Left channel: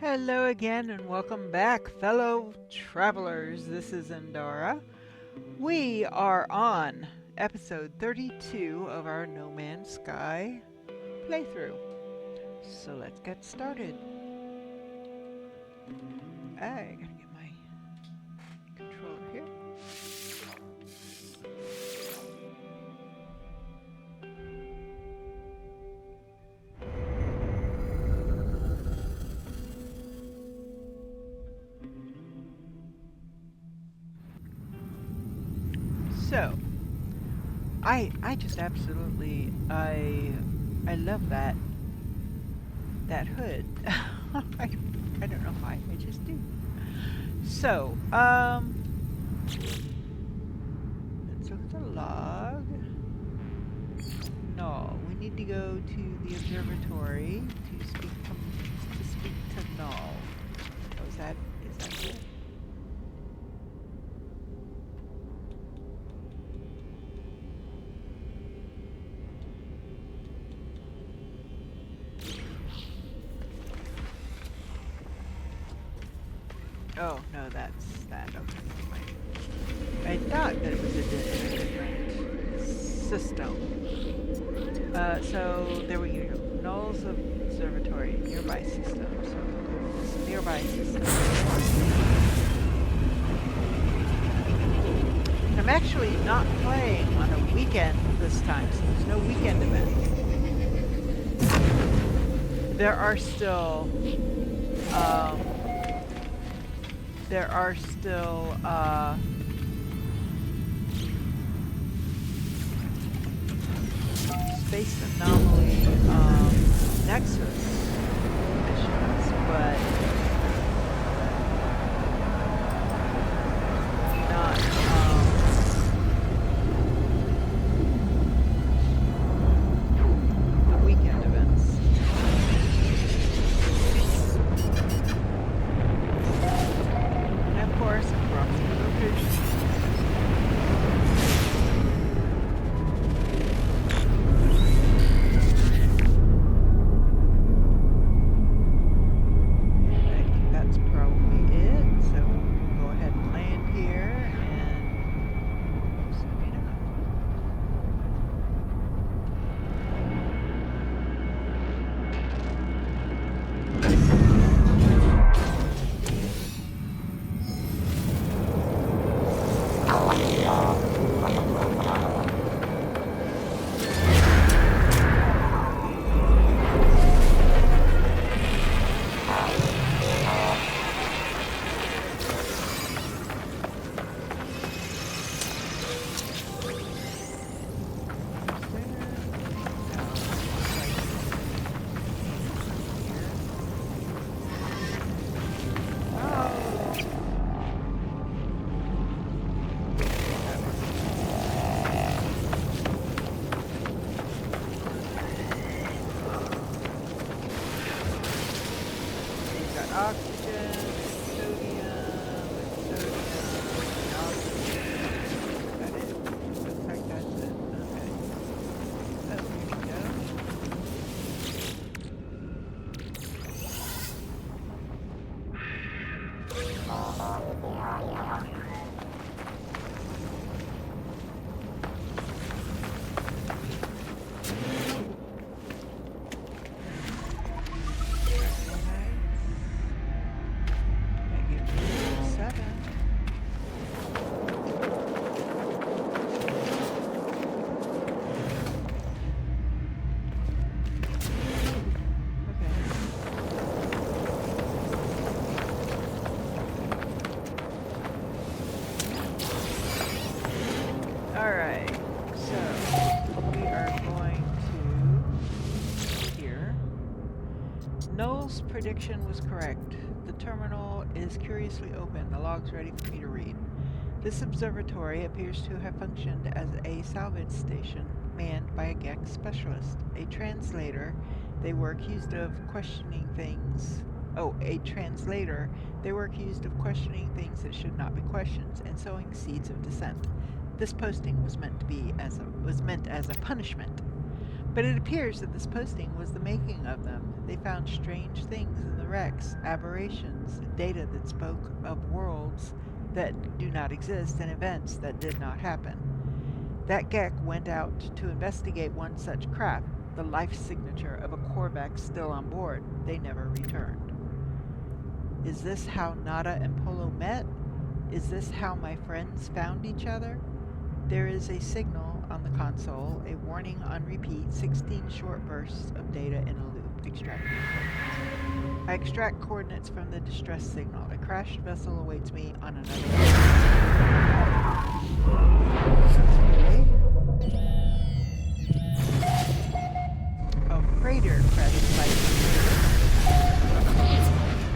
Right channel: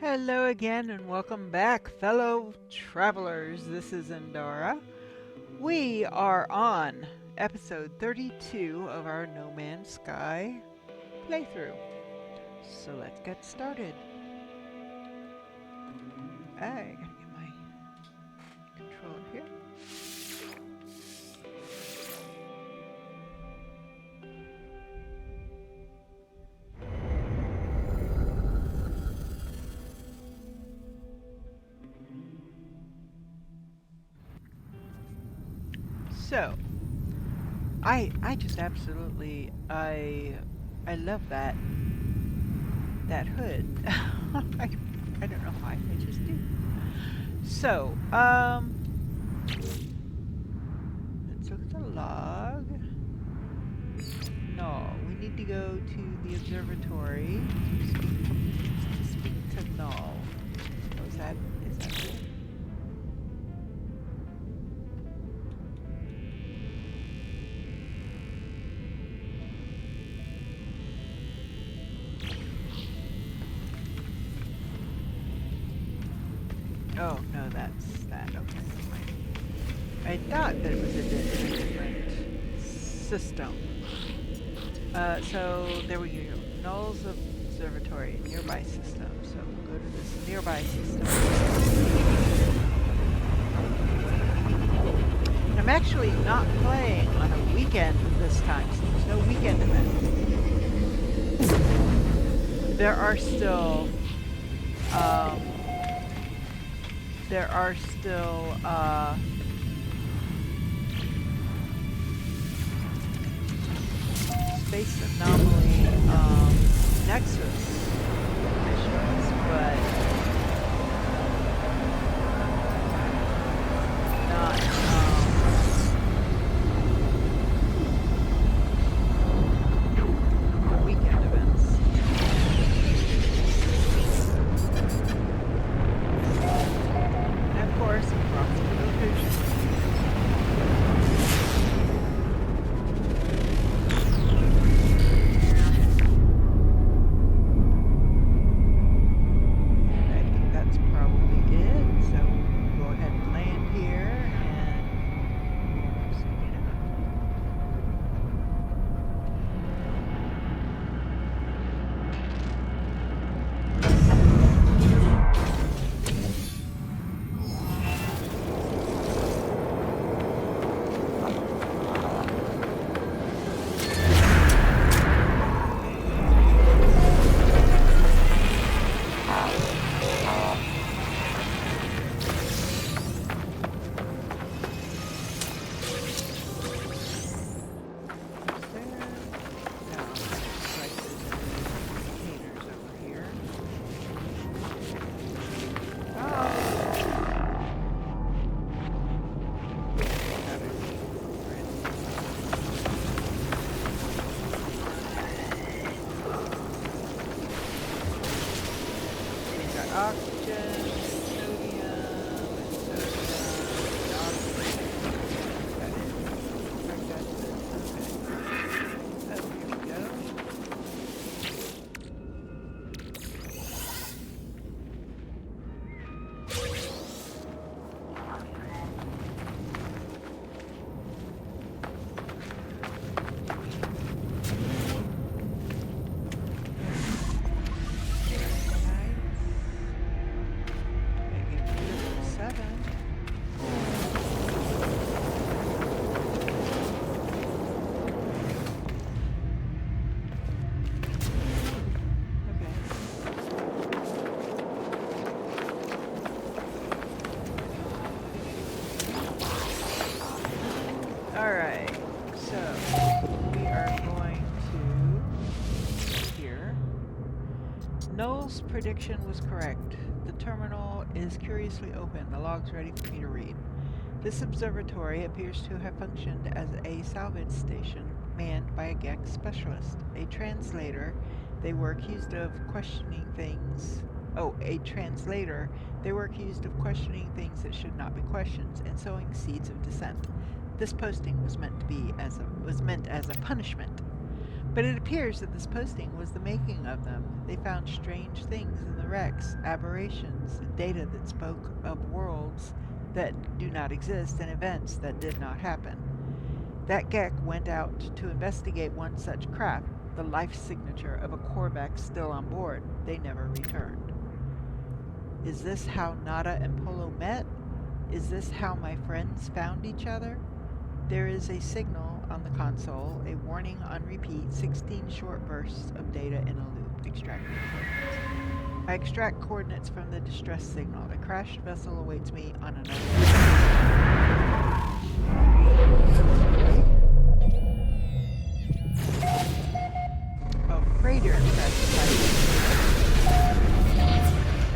Hello again and welcome back, fellow travelers. This is Endara. We are on episode 32 of our No Man's Sky playthrough. So let's get started. I gotta get my controller here. So, I just absolutely I love that hood. I don't know why, I just do. So, let's look at the log. No, we need to go to the observatory to speak to Null. Oh, is that it? Oh, no, that's that. Okay, never mind. I thought that it was in a different system. So there we go. Null's observatory, nearby system. So we'll go to this nearby system. I'm actually not playing on a weekend this time, so there's no weekend event. There are still space anomaly nexus missions, but not the weekend events. And of course, approximate location. Oxygen, sodium, and oxygen. Is that it? Looks like that's it. Okay. Oh, here we go. Alright, so we are going to here. Null's prediction was correct. The terminal is curiously open. The log's ready for me to read. This observatory appears to have functioned as a salvage station manned by a Gex specialist. A translator, they were accused of questioning things. Oh, a translator. They were accused of questioning things that should not be questioned and sowing seeds of dissent. This posting was meant as a punishment. But it appears that this posting was the making of them. They found strange things in the wrecks, aberrations, data that spoke of worlds that do not exist and events that did not happen. That Gek went out to investigate one such craft, the life signature of a Korvax still on board. They never returned. Is this how Nada and Polo met? Is this how my friends found each other? There is a signal on the console, a warning on repeat, 16 short bursts of data in a loop, extracting coordinates. I extract coordinates from the distress signal. A crashed vessel awaits me on another okay. A freighter crashed by the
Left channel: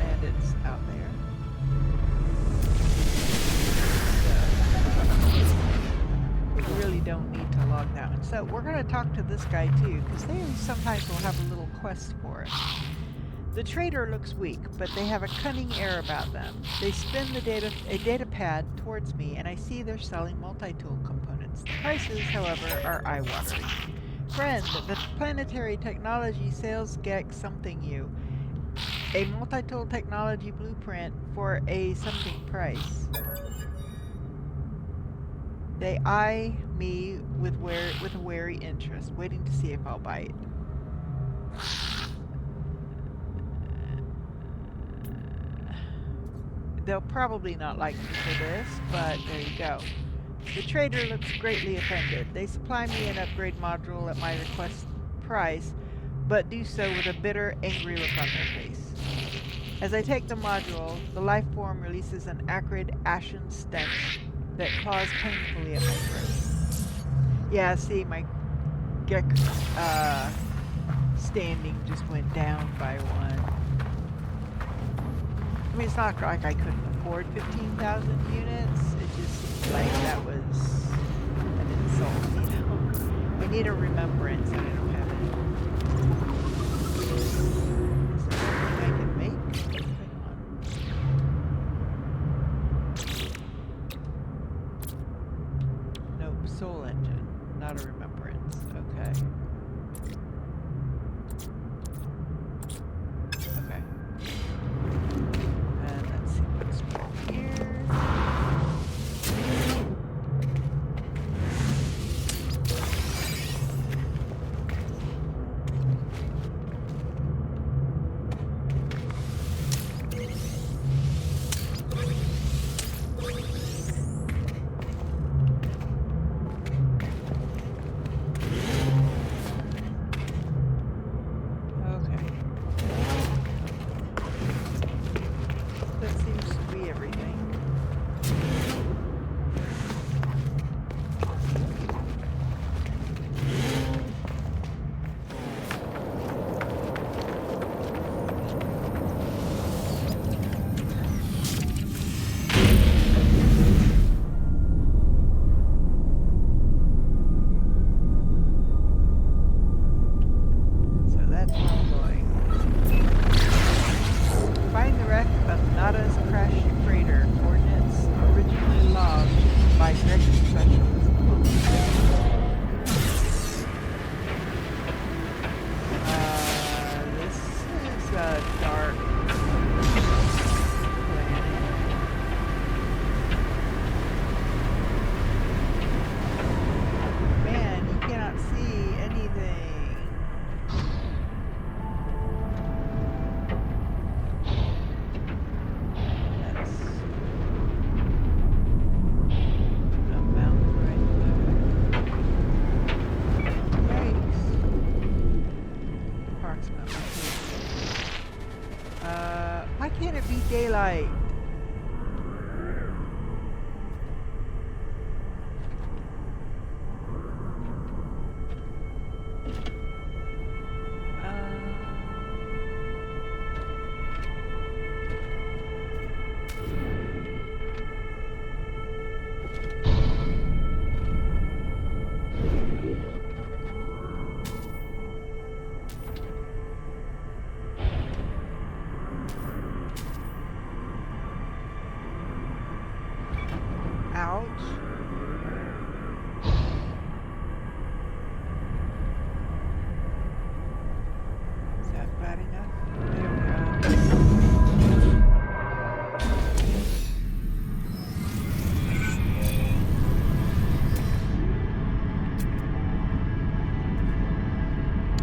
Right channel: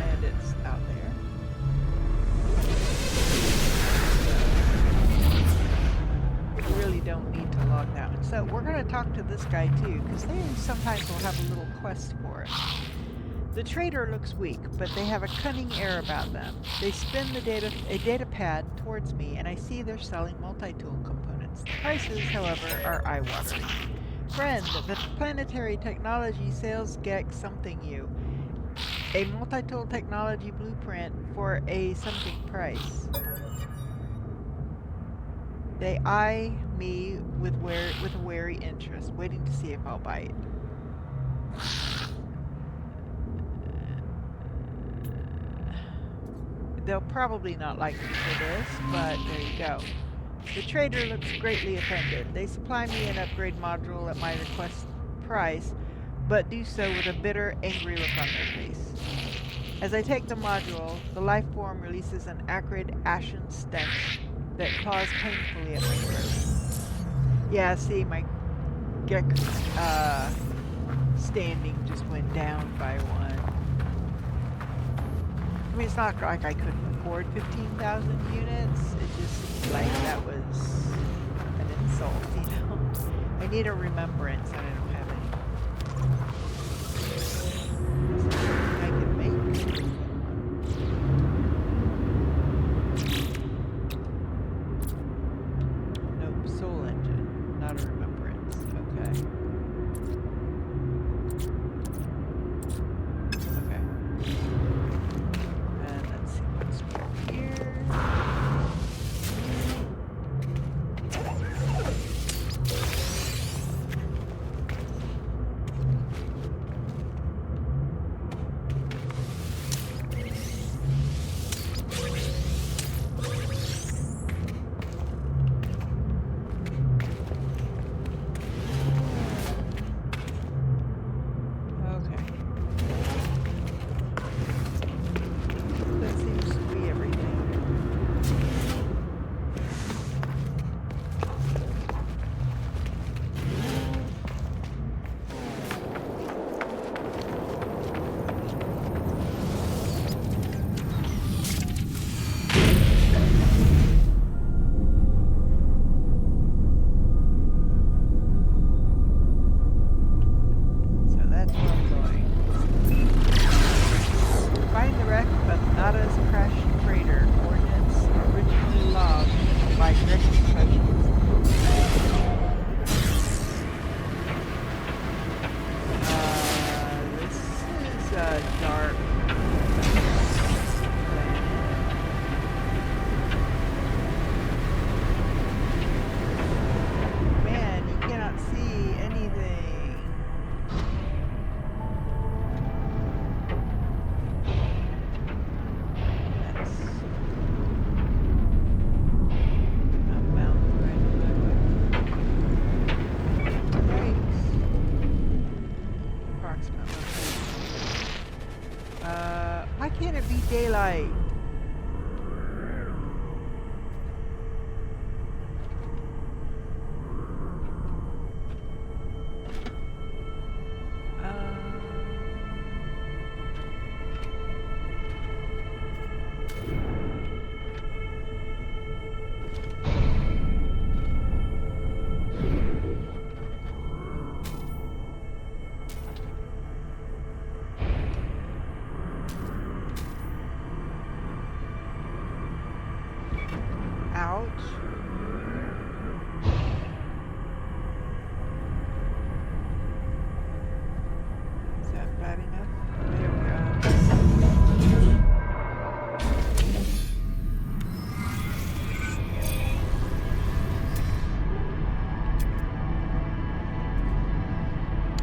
and it's out there. So, we really don't need to log that one. So we're going to talk to this guy too, because they sometimes will have a little quest for us. The trader looks weak, but they have a cunning air about them. They spin a data pad towards me, and I see they're selling multi-tool components. The prices, however, are eye-watering. Friend, the Planetary Technology sales Gek something you. A multi-tool technology blueprint for a something price. They eye me with a wary interest, waiting to see if I'll bite. They'll probably not like me for this, but there you go. The trader looks greatly offended. They supply me an upgrade module at my request price, but do so with a bitter, angry look on their face. As I take the module, the life form releases an acrid, ashen stench that claws painfully at my throat. Yeah, see, my Gek standing just went down by one. I mean, it's not like I couldn't afford 15,000 units. It's just like that was an insult, you know? I need a remembrance and I don't have any. Is there something I can make? Nope, soul engine, not a remembrance. Okay. Okay. And let's see what's here. Dark planet. Man, you cannot see anything. That's a mountain right in my way. Yikes. Approximate location. Why can't it be daylight? bad enough. There we go.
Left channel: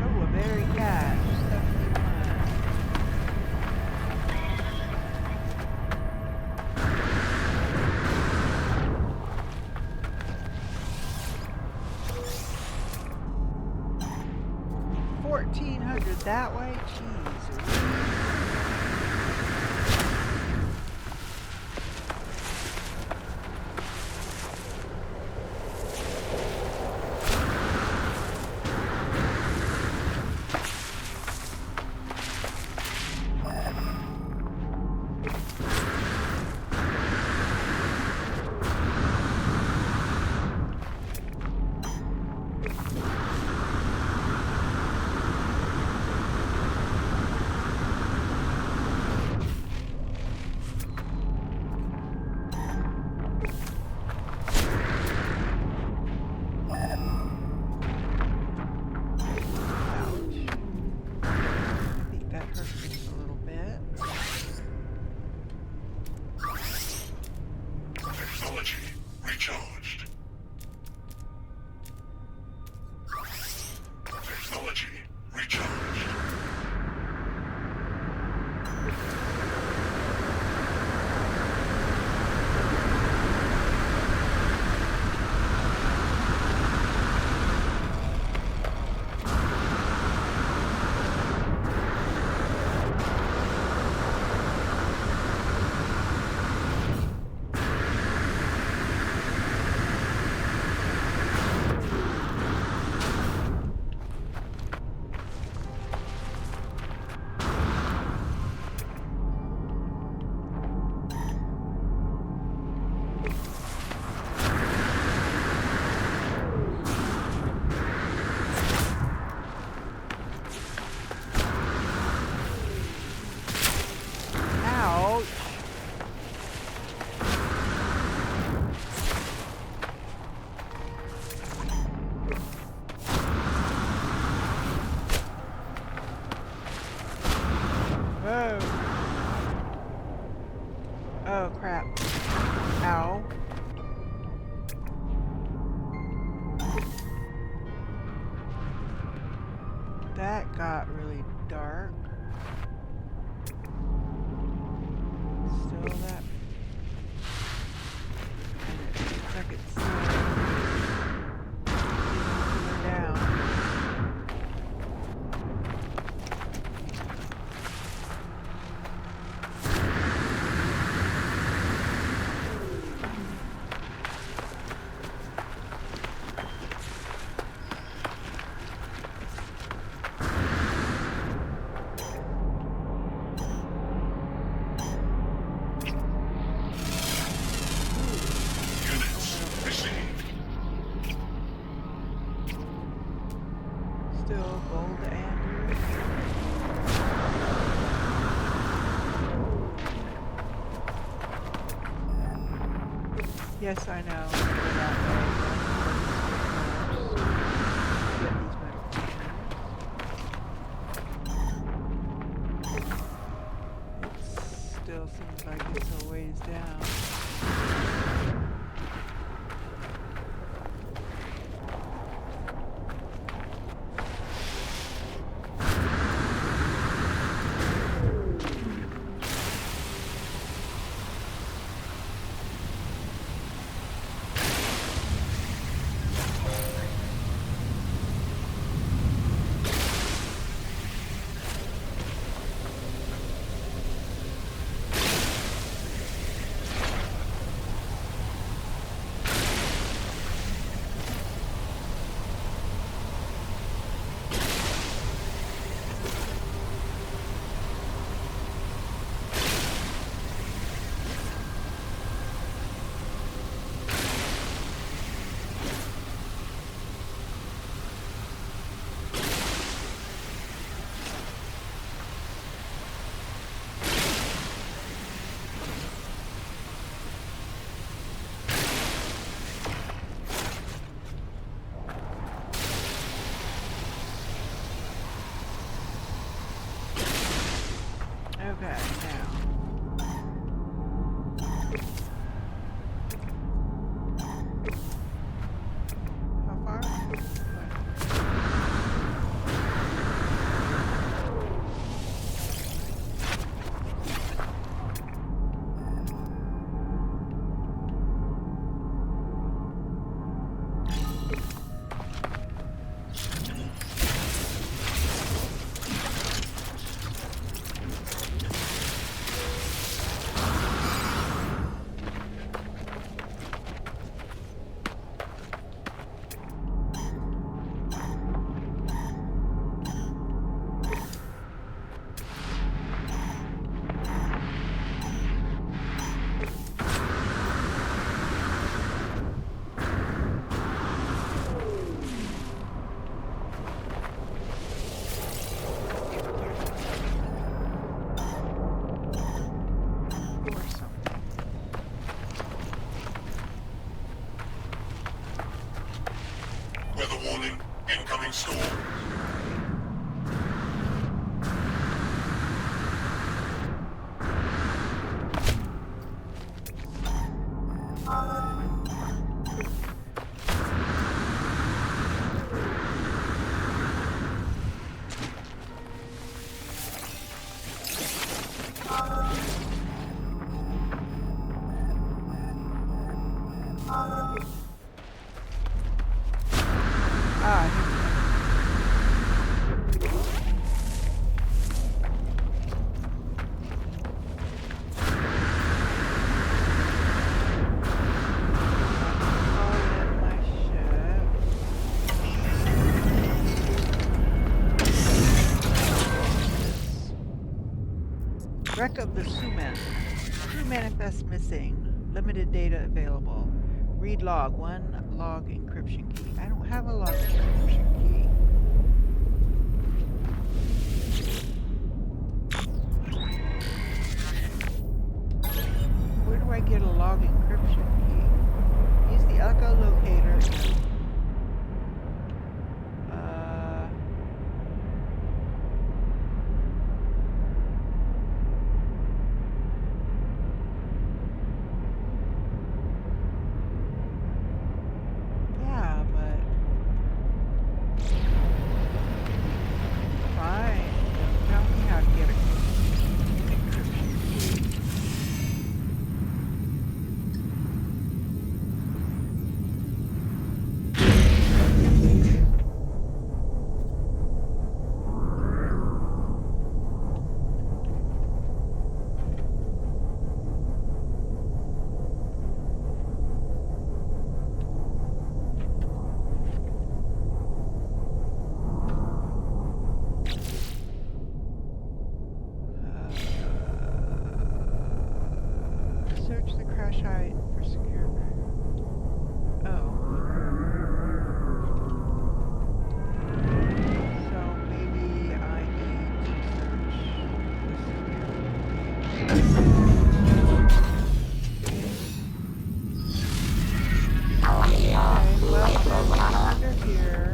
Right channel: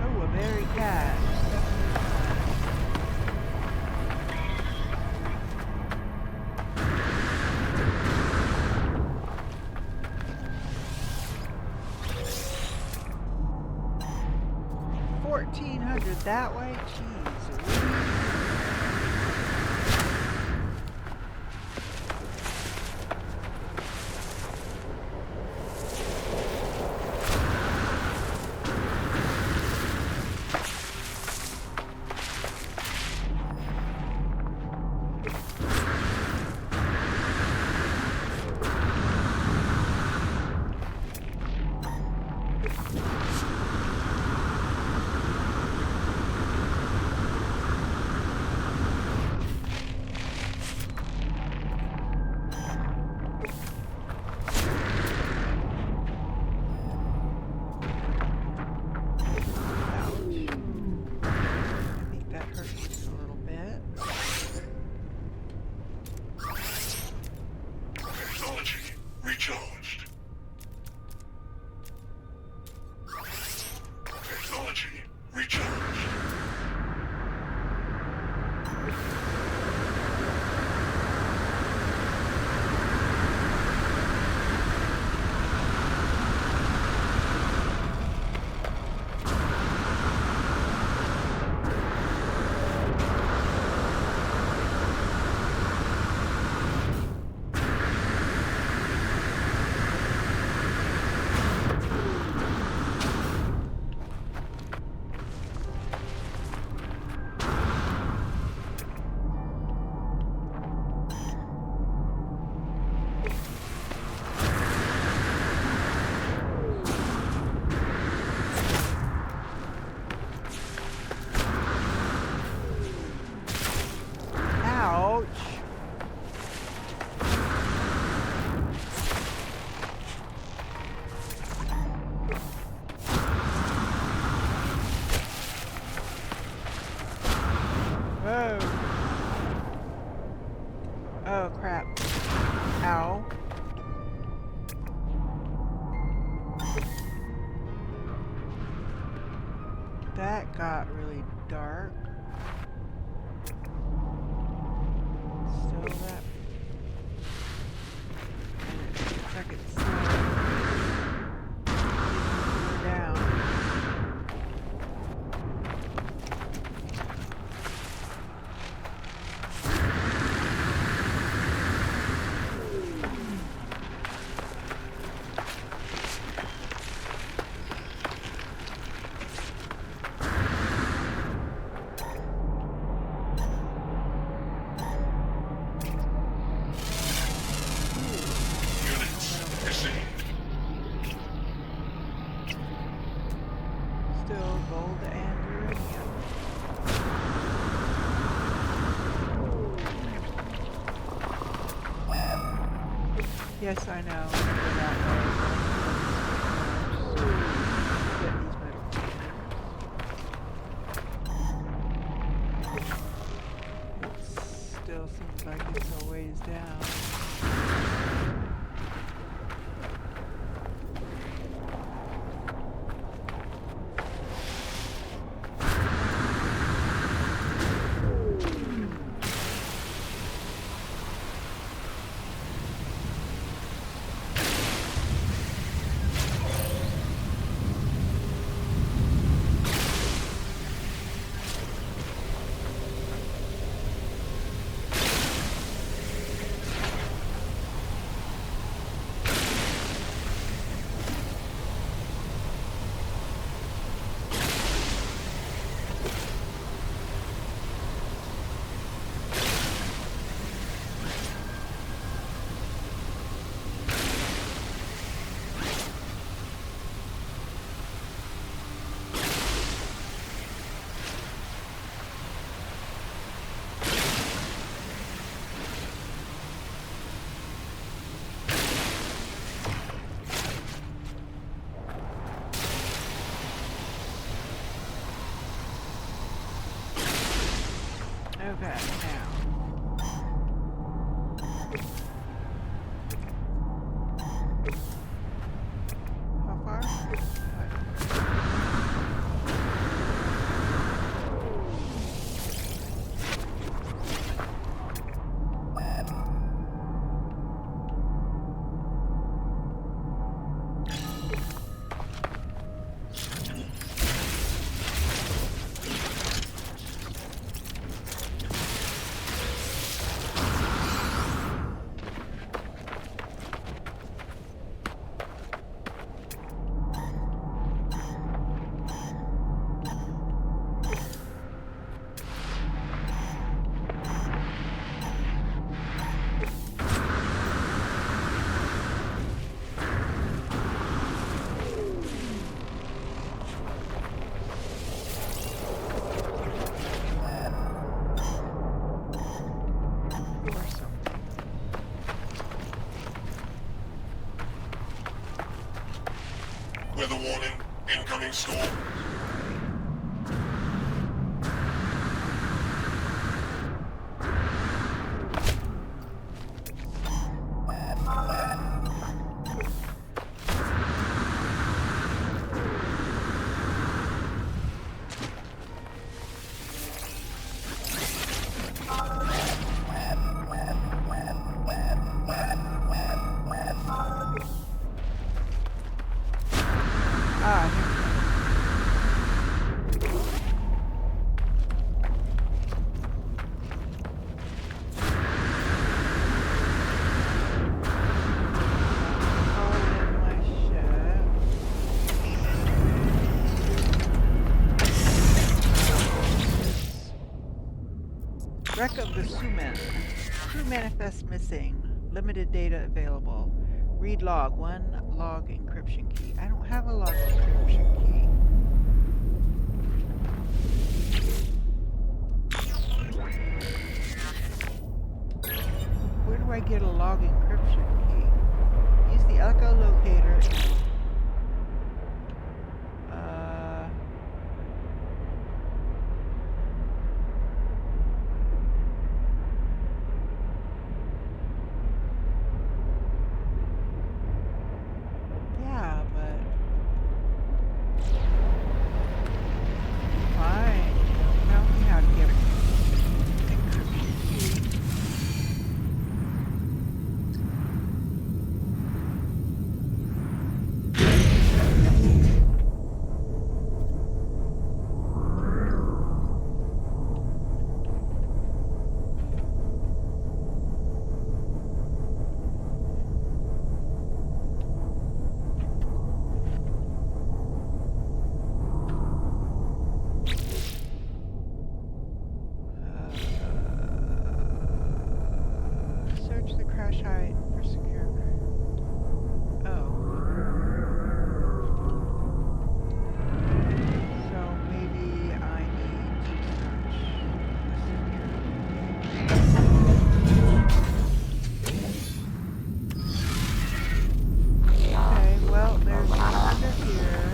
Oh, a berry cat. Definitely one. $1,400 that way? Jeez. Whoa. Oh, crap. Ow. That got really dark. Still that. And it looks like it's down. Still gold and uranium. Yes, I know. We're that way. Get these metal containers. It still seems like it's a ways down. Okay, now. How far? What? Or something. Weather warning. Incoming storm. Ah, here call in my ship. Wreck of the Suman. Crew manifest missing. Limited data available. Read log. One log encryption key. I don't have a log encryption key. Where do I get a log encryption key? Use the echolocator. Yeah, but fine. Don't tell me how to get an encryption key. Search the crash site for secure. Oh. So maybe I need to search the secure. Okay, well, there's one under here.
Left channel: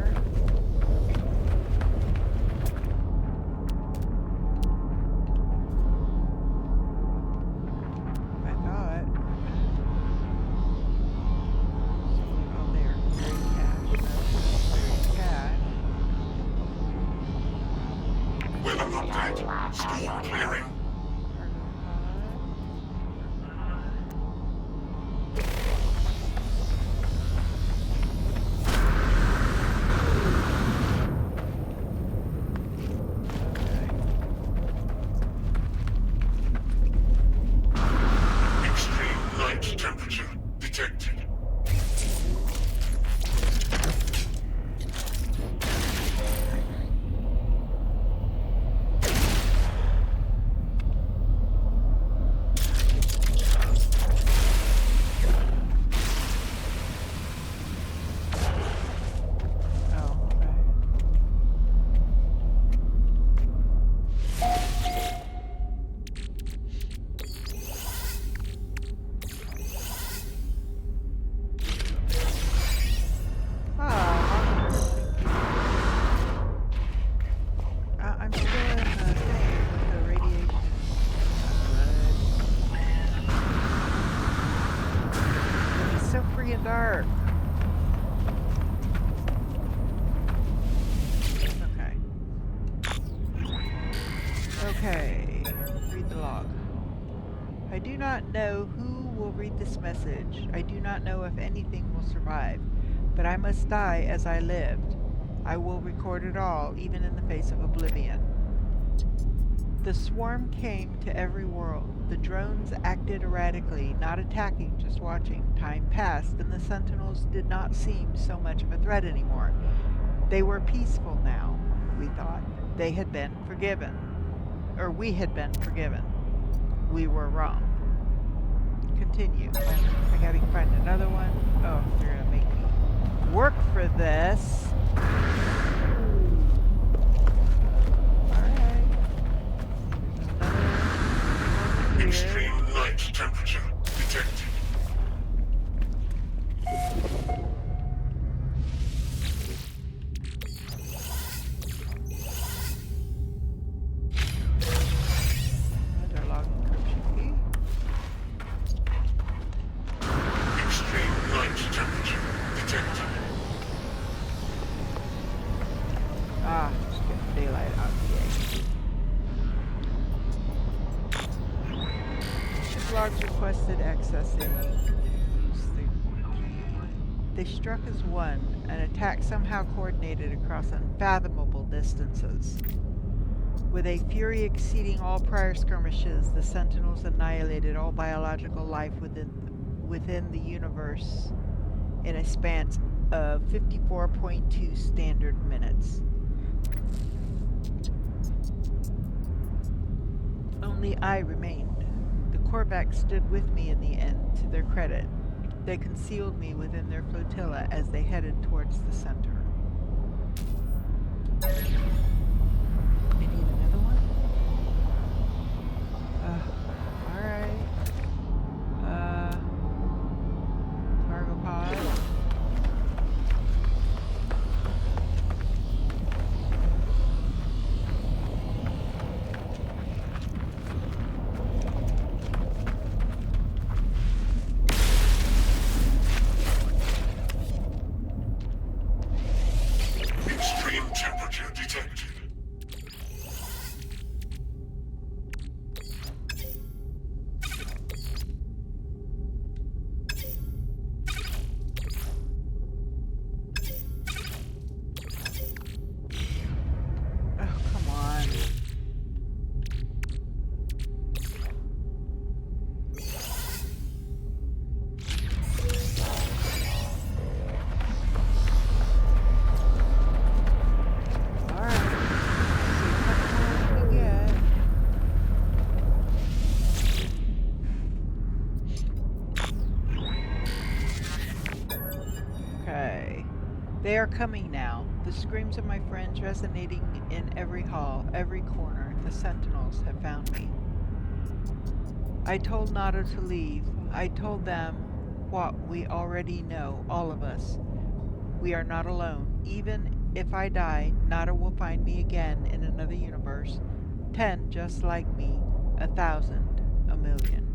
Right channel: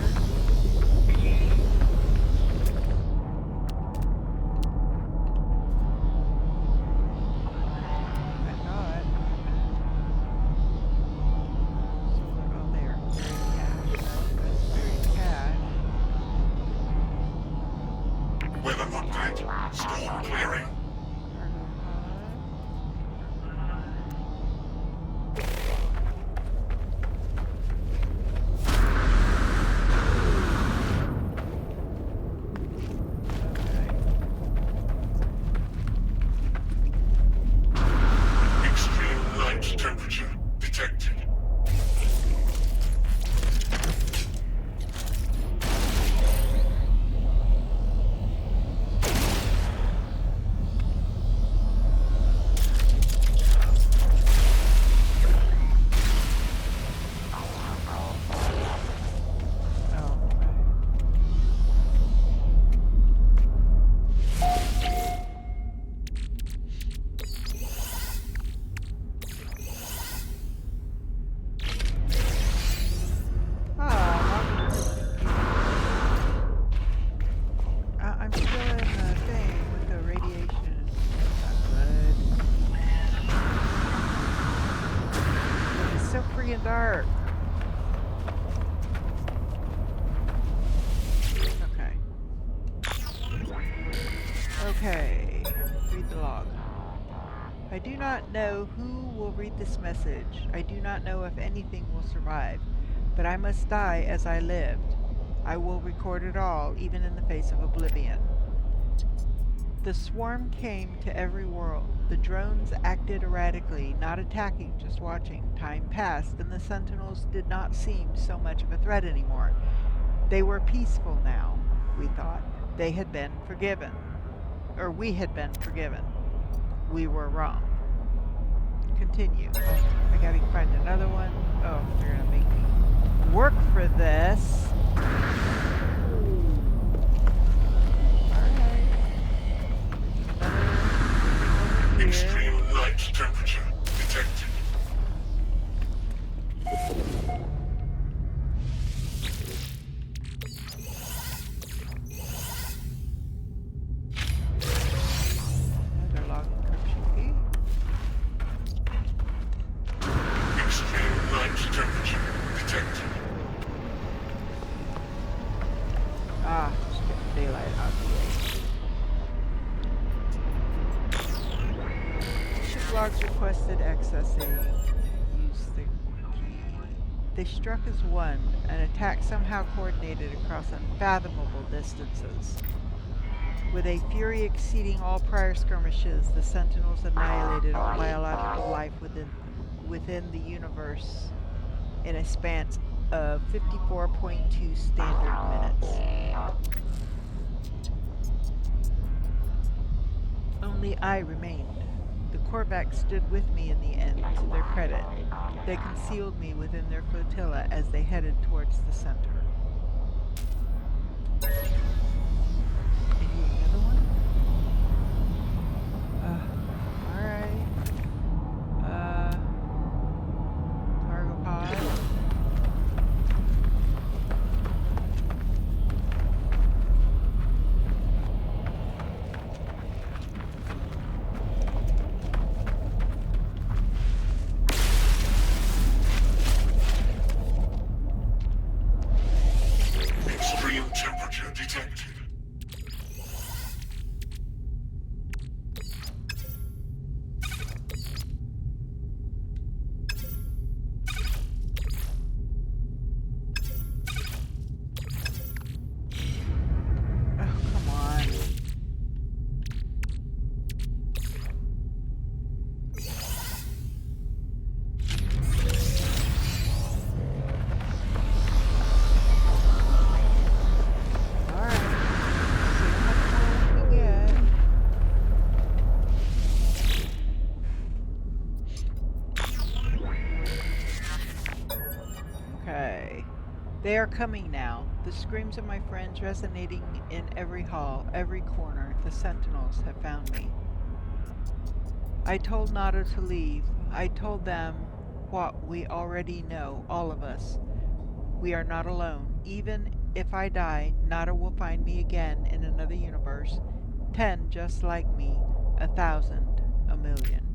I thought. So, oh, there. Buried cache. That's buried cache. Weather update. Storm clearing. Cargo pod. Okay. Extreme night temperature detected. dark. Okay, read the log. I do not know who will read this message. I do not know if anything will survive, but I must die as I lived. I will record it all, even in the face of oblivion. The swarm came to every world. The drones acted erratically, not attacking, just watching. Time passed, and the Sentinels did not seem so much of a threat anymore. They were peaceful now, we thought. They had been forgiven. Or we had been forgiven. We were wrong. Continue. I gotta find another one. Oh, they're gonna make me work for this. Alright. Another here. Extreme night temperature detected. Another log encryption key. Extreme night temperature detected. Ah, just getting daylight out of the A. Ship logs requested accessing. Use the key. They struck as one, an attack somehow coordinated across unfathomable distances. With a fury exceeding all prior skirmishes, the Sentinels annihilated all biological life within the universe in a span of 54.2 standard minutes. Only I remained. The Korvax stood with me in the end, to their credit. They concealed me within their flotilla as they headed towards the center. I need another one? Alright. Cargo pod. Extreme temperature detected. Oh, come on. Alright. See how much more we can get. Okay. They are coming now. The screams of my friends resonating in every hall, every corner. The Sentinels have found me. I told Nado to leave. I told them what we already know, all of us. We are not alone. Even if I die, Nado will find me again in another universe. 10 just like me, 1,000, 1,000,000.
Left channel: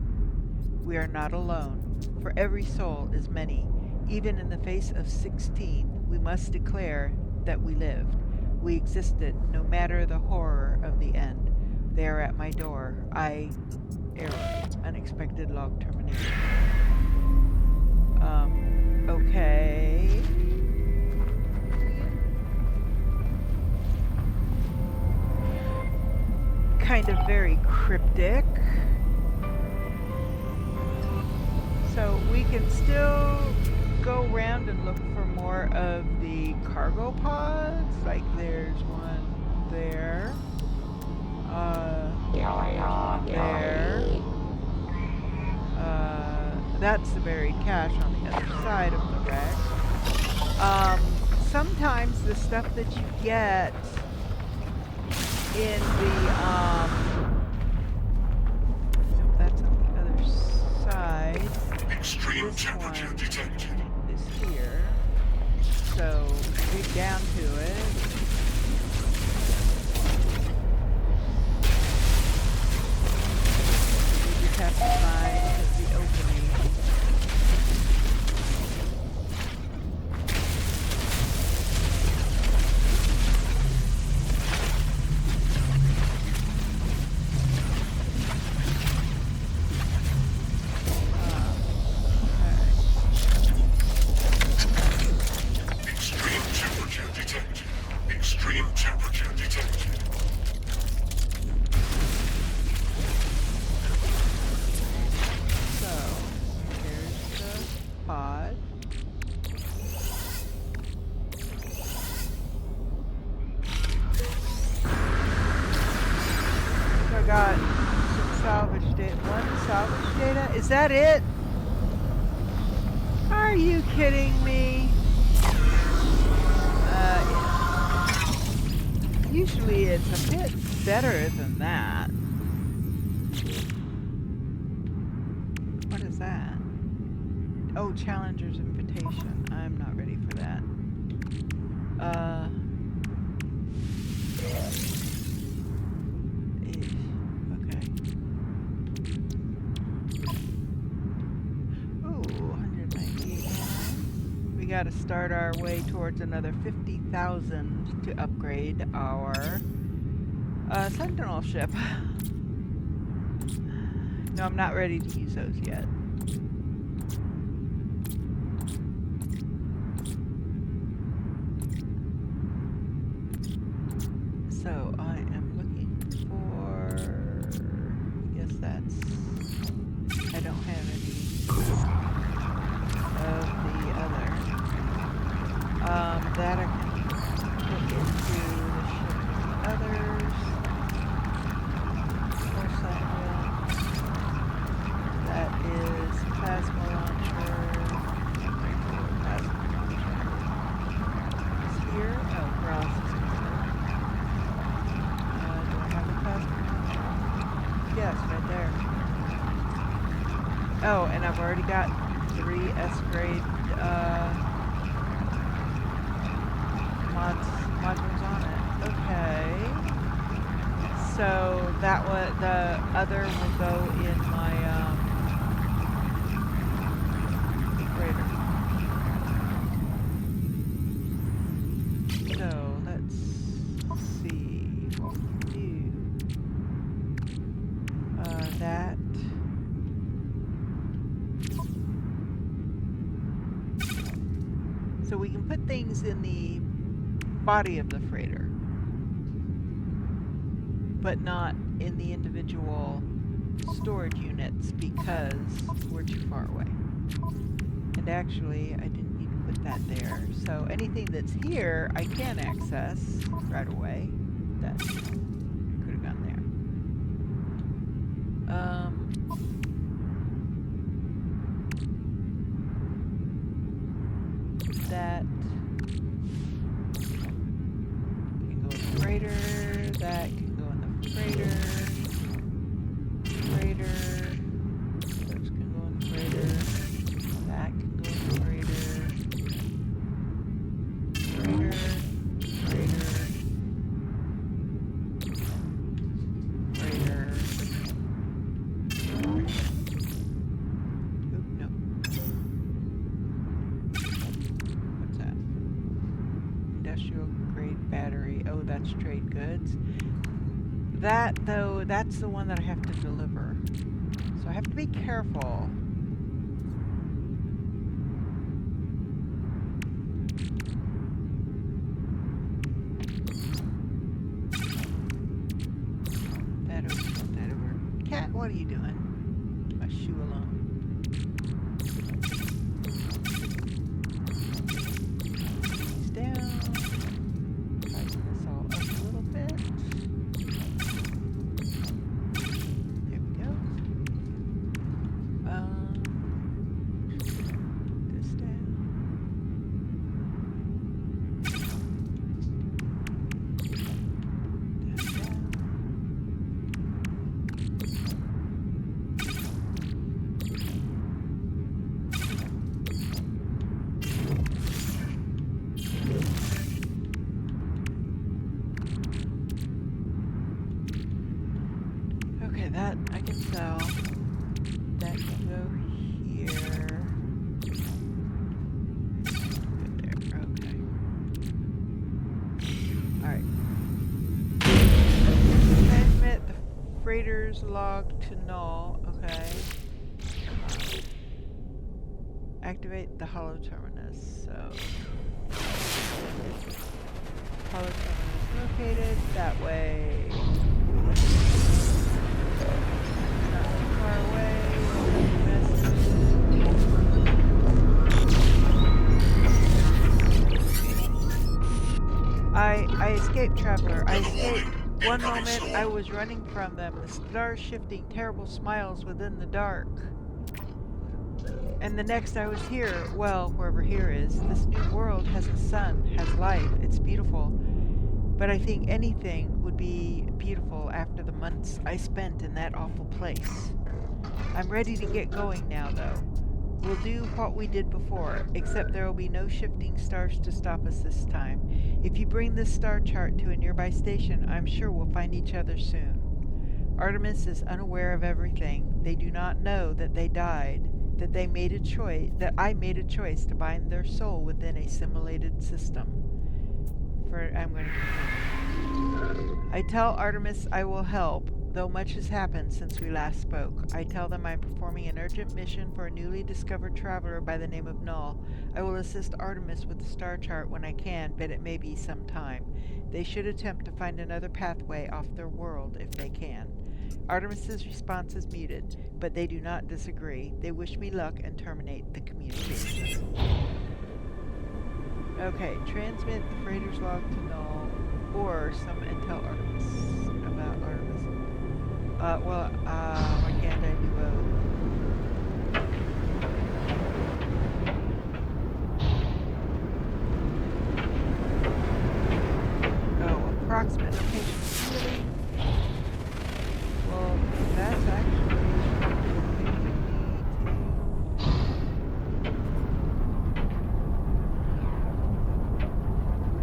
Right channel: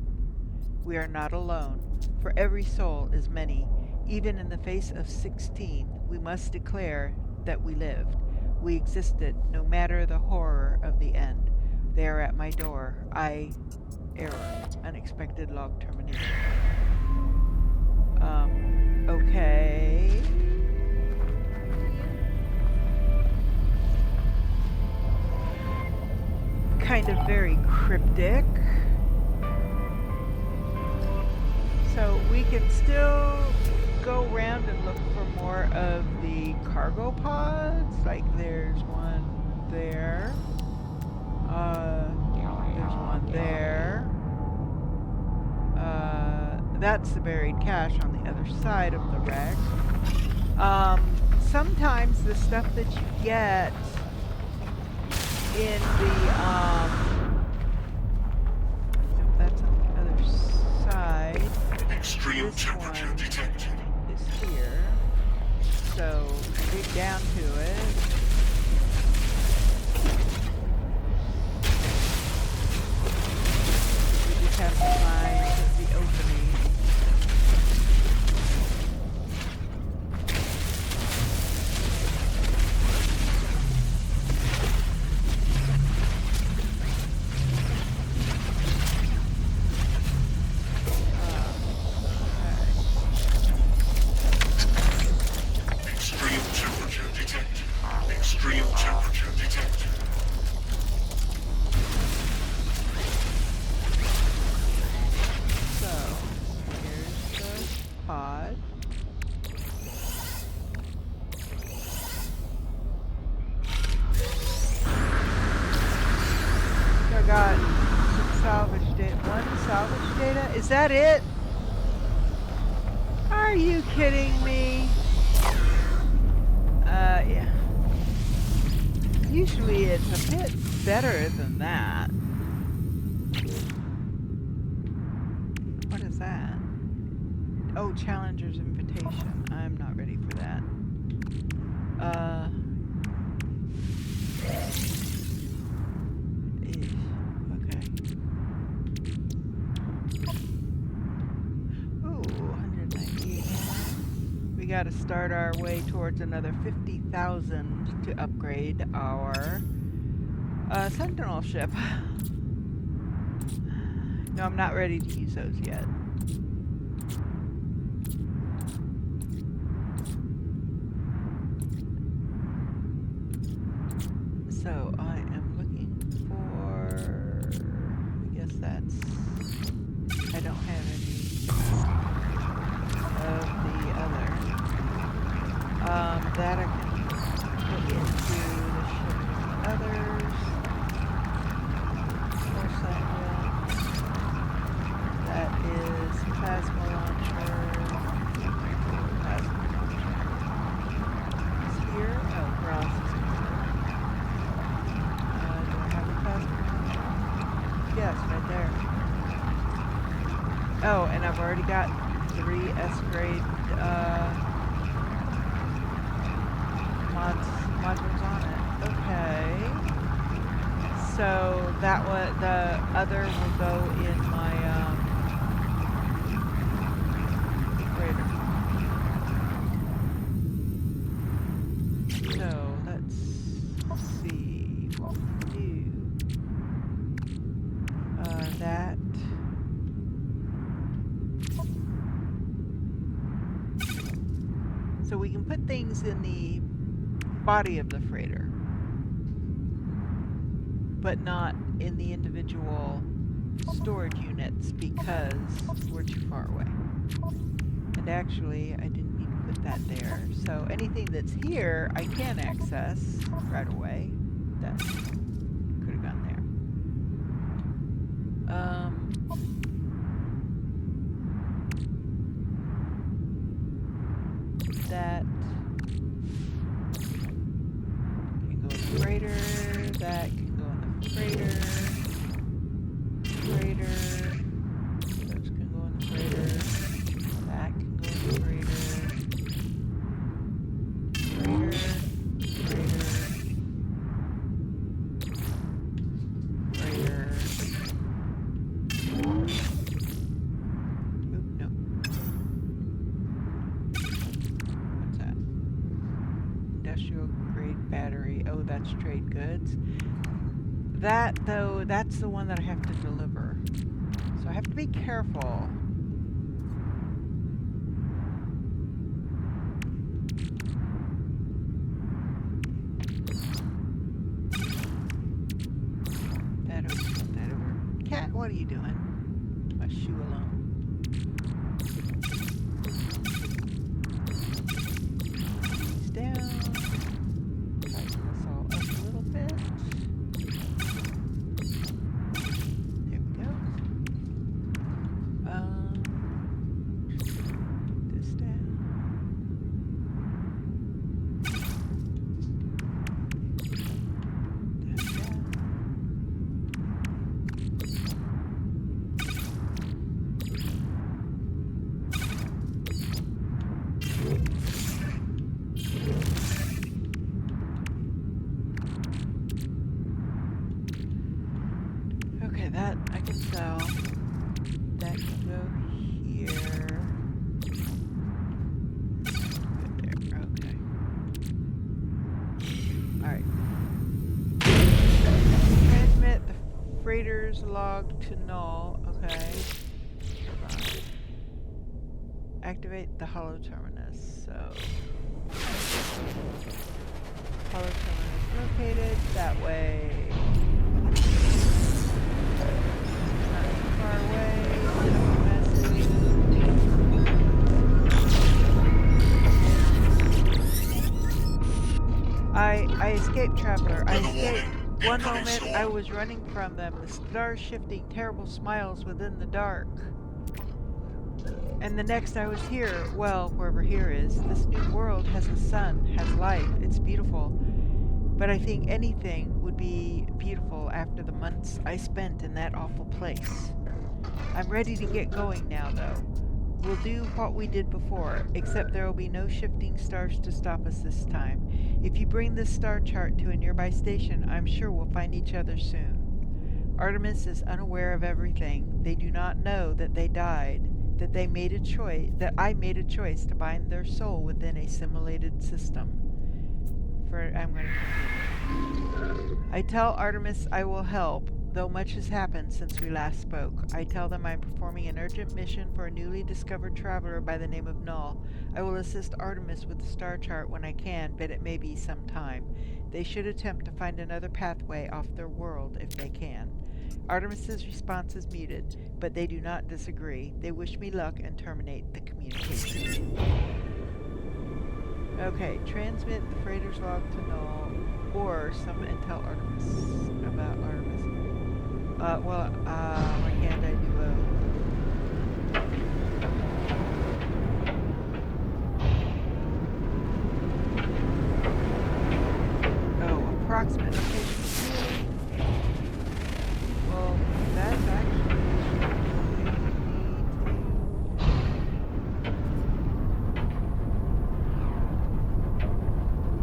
We are not alone, for every soul is many. Even in the face of 16, we must declare that we lived. We existed, no matter the horror of the end. They are at my door. Error. Unexpected log termination. Okay. Kind of very cryptic. So we can still go around and look for more of the cargo pods. Like there's one there. There's one there. That's the buried cache on the other side of the wreck. Sometimes the stuff that you get in the, that's on the other side. Extreme This temperature one detected. is here. So, dig down to it. We just have to find the opening. got some salvage data. One salvage data? Is that it? Are you kidding me? Yeah. Usually it's a bit better than that. What is that? Oh, Challenger's Invitation. I'm not ready for that. Okay. Ooh, 198. We gotta start our way towards another 50,000 to upgrade our Sentinel ship. No, I'm not ready to use those yet. So I am looking for, I guess that's, I don't have any of the other. That I can put into the ship with others. Of course I will. That is plasma launcher. Plasma launcher. It's here. Oh, where else is it? Do I have a plasma launcher? Yes, right there. Oh, and I've already got 3 S-grade modules on it. Okay. So that one, the other will go in my freighter. So let's see what we can do. That. So we can put things in the body of the freighter, but not in the individual storage units because we're too far away. And actually, I didn't need to put that there. So anything that's here, I can access right away. That could have gone there. That can go in the freighter. That can go in the freighter. Freighter. Those can go in the freighter. That can go in the freighter. Freighter. Freighter. Freighter. Oop, no. What's that? Industrial grade battery. Oh, that's trade goods. That, though, that's the one that I have to deliver. So I have to be careful. That over. Cat, what are you doing? My shoe alone. These down. Tighten this all up a little bit. There we go. This down. That down. Okay, that I can sell. That can go here. Go there. Okay. Alright. Transmit the freighter's log to null. Okay. Hold on. Activate the hollow terminus. So hollow terminus located. That way. Not too far away. Copy message. I escaped, Traveler. I escaped. One moment I was running from them, the stars shifting terrible smiles within the dark. And the next I was here, well, wherever here is. This new world has a sun, has life, it's beautiful. But I think anything would be beautiful after the months I spent in that awful place. I'm ready to get going now, though. We'll do what we did before, except there will be no shifting stars to stop us this time. If you bring this star chart to a nearby station, I'm sure we'll find each other soon. Artemis is unaware of everything. They do not know that they died, that I made a choice to bind their soul within a simulated system. I'm going to continue. I tell Artemis I will help, though much has happened since we last spoke. I tell them I'm performing an urgent mission for a newly discovered traveler by the name of Null. I will assist Artemis with the star chart when I can, but it may be some time. They should attempt to find another pathway off their world if they can. Artemis's response is muted, but they do not disagree. They wish me luck and terminate the communication. Okay, transmit the freighter's log to Null, or summon and tell Artemis about Artemis. Why can't I do both? Oh, approximate location. Really? Well, that's actually taking me to...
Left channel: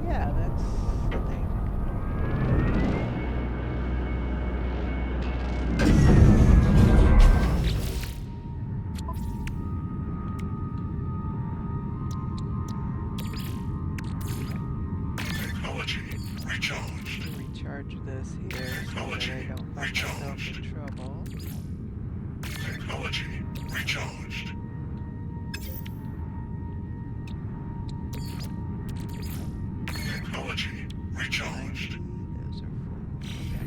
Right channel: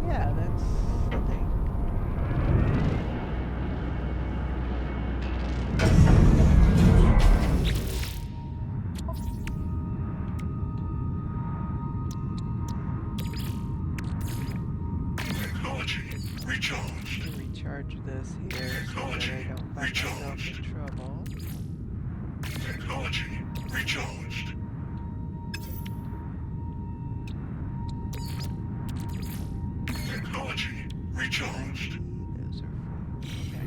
Yeah, that's the thing. Technology recharged. Recharge this here so that I don't find myself in trouble. Technology recharged. Technology recharged. 90, those are full. Okay.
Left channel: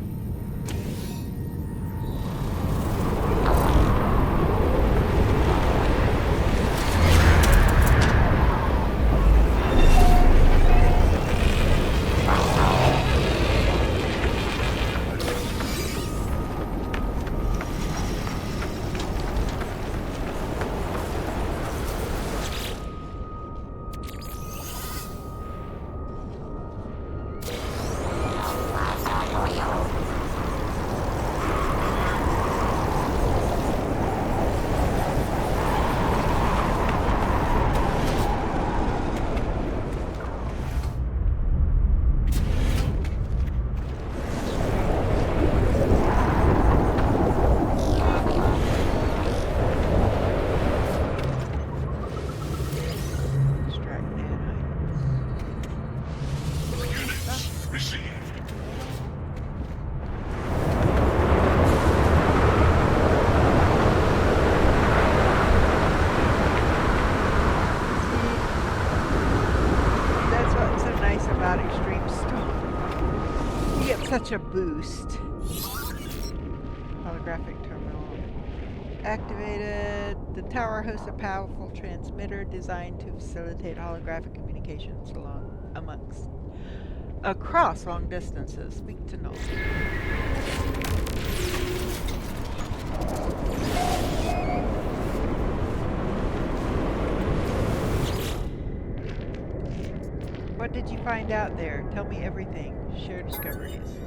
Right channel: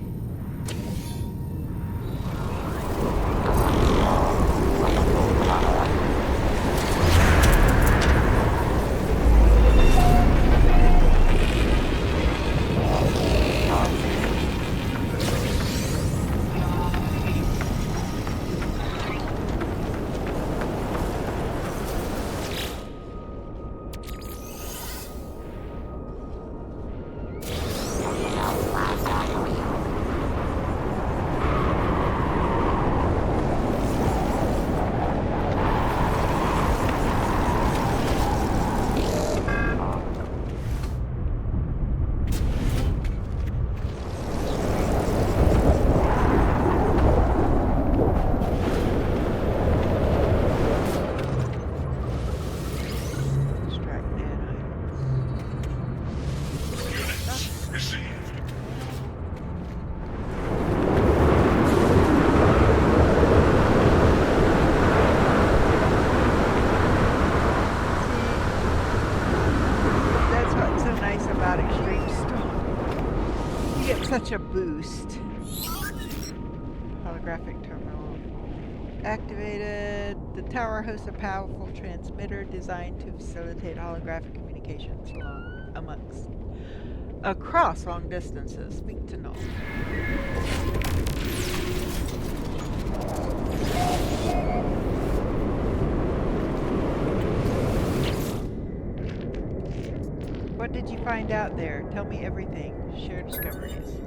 Such a boost. Holographic terminal activated. The tower hosts a powerful transmitter designed to facilitate holographic communications across long distances. Speak to Null. What did you find out there? Tell me everything. Share discoveries.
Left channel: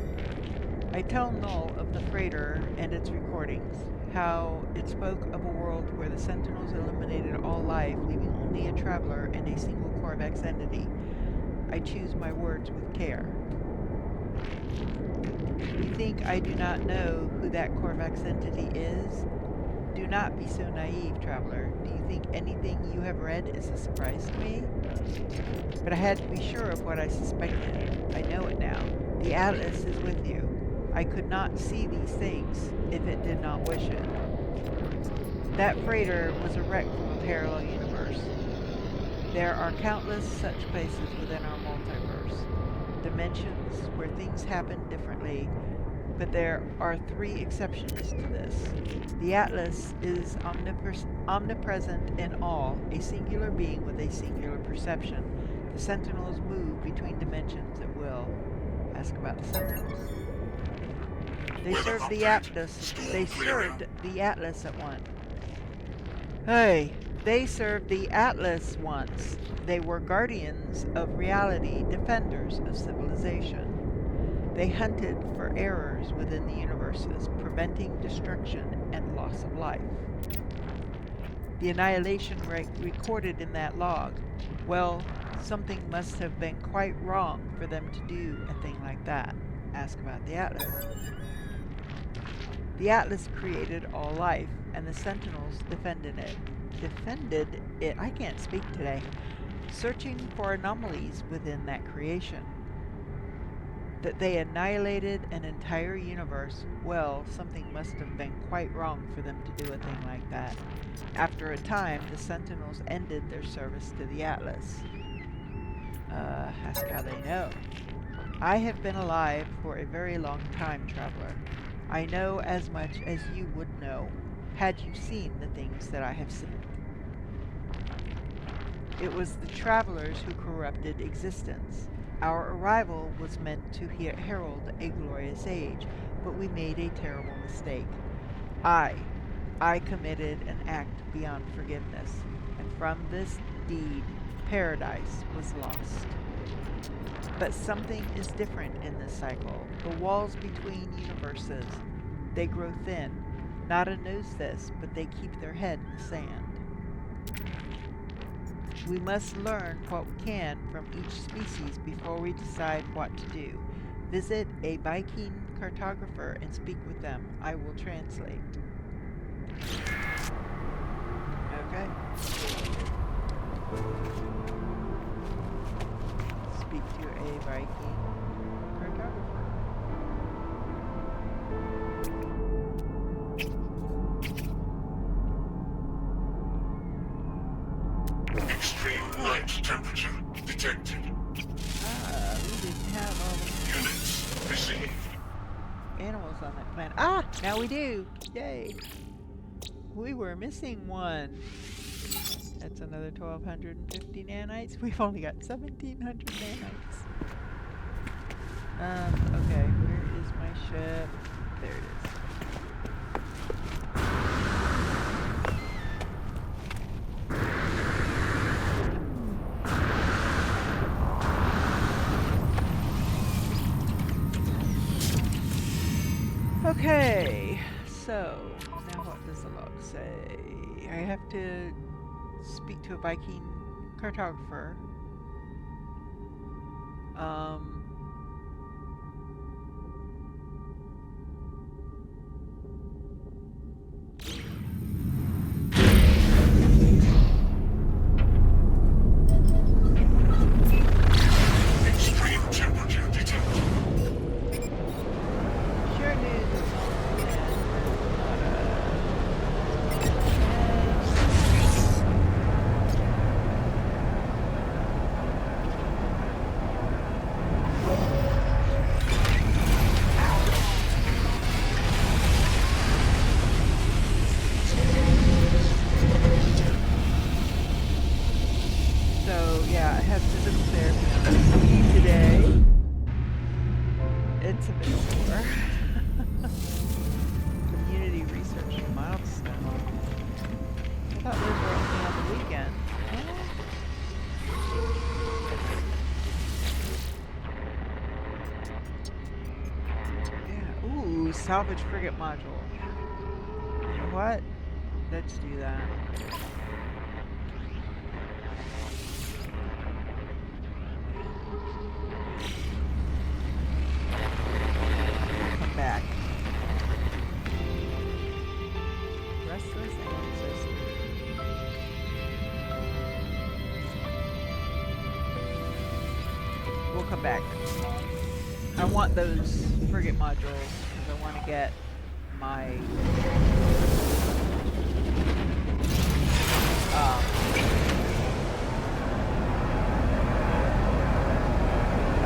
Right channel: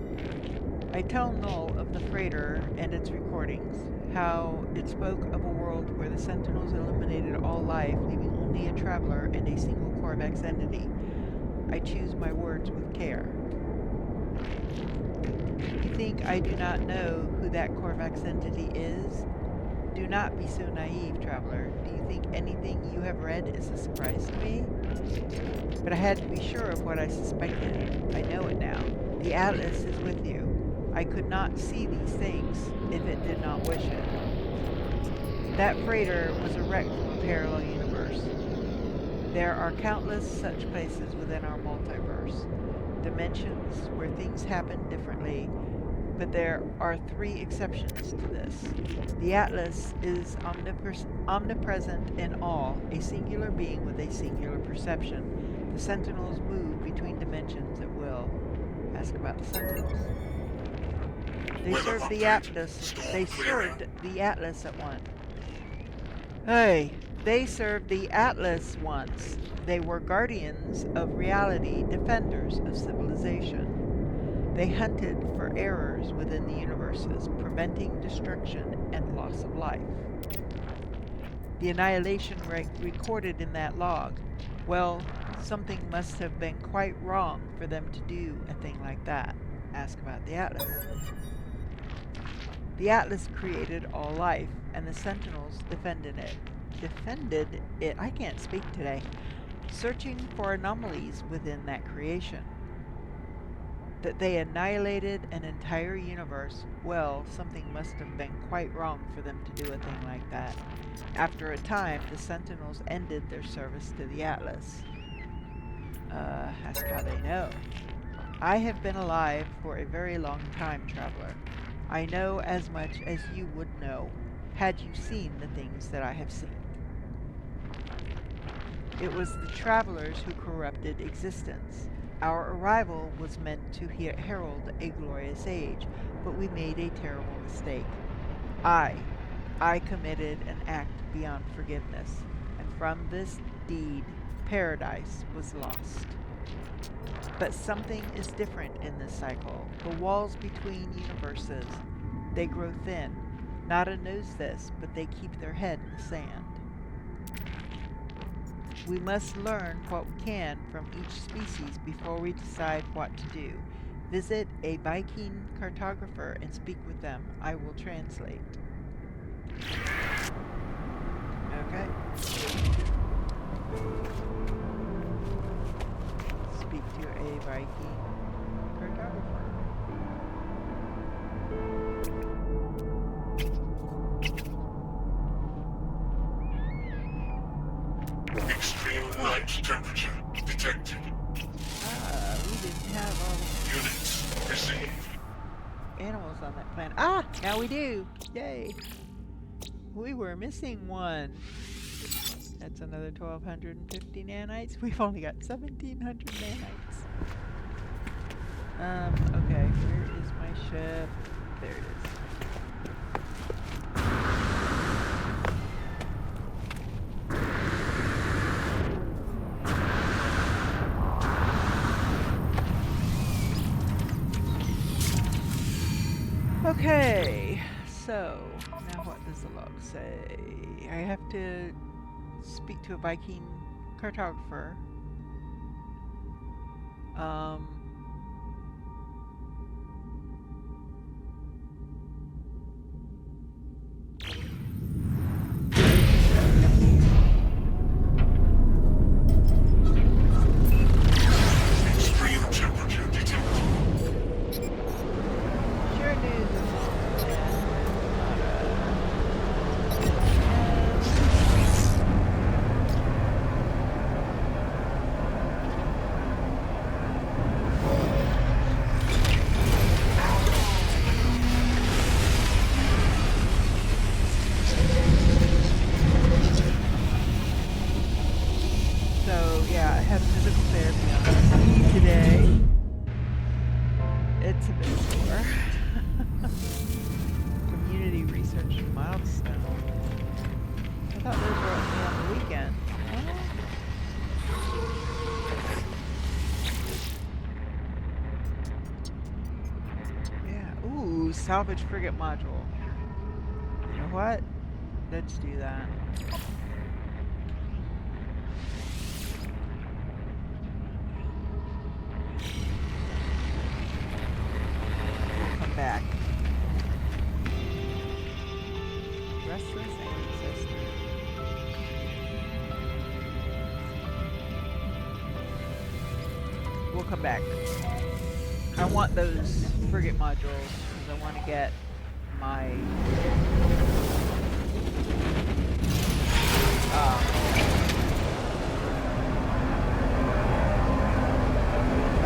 I tell Null of the freighter and its recordings, how it spoke of a world where the Sentinels eliminated all life, leaving only a traveler and a single Korvax entity. I choose my words with care. You think I do not know who that Korvax entity is? Do not be so naive, traveler. Do you think anything you have read is a surprise to me? But I had to be sure of what I suspected. I know it now. The Atlas is with you. I could not see these things if it did not wish it. That freighter was a wreck from a parallel universe. There are countless such places within our multiverse. Dimensions where things happen differently, but there are 3 exceptions to this. The Atlas is omnipresent in all, a singular being with a singular perception. The Sentinels move between dimensions at will. Ask about the Sentinels. They Weather served the update. Atlas. Storm They clearing. served the Atlas at one. Hey, they served the Atlas once. They were guardians of reality, defenders of civilization. They hunted for errors within the universes, preventing destruction and loss of life. The annihilation rate recorded in that log. Well, something must have been quite wrong for them to do a thing like that. Ask about the Atlas. The Atlas created all life, and the Sentinels defended it. Defended it? I can't speak today. Searching for anomalies within that creation. That they annihilated an entire universe, well, something must have been quite wrong for them to do a thing like that. After a time, the Sentinels ended their service to the Atlas. Ask how they know. I have been alive for a very long time, traveler. I know as much as you would know, had you seen the things that I have seen. It was the travelers who corrupted existence. Our arrival was meant to herald a glorious age, but we made a terrible mistake. I committed an act beyond forgiveness, and from this deed, paradise was lost. But something is different in this cycle. The walls between universes, they grow thin. Nada knows this, but they keep their head in the sand. We must learn what we can from each species before we decide what to do. Visit a Viking cartographer and speak with them. I will translate. Okay. Speak to a Viking cartographer. Extreme night temperature detected. We didn't have all the Units received. animals on that planet. Ah! Now we do! Yay! We were missing one. That's another 1,250 nanites. We've only got 1,700 nanites. Okay, where is my ship? There it is. Okay, so now what does the log say? I have to speak to a Viking cartographer. Extreme temperature detected. Sure news is on land. So yeah, I had physical therapy on me today. It's a bit sore. Community research milestone. I thought those were only on the weekend. Yeah. Ooh, salvage frigate module. You know what? Let's do that. We'll come back. Restless ancestor. We'll come back. I want those frigate modules because I want to get my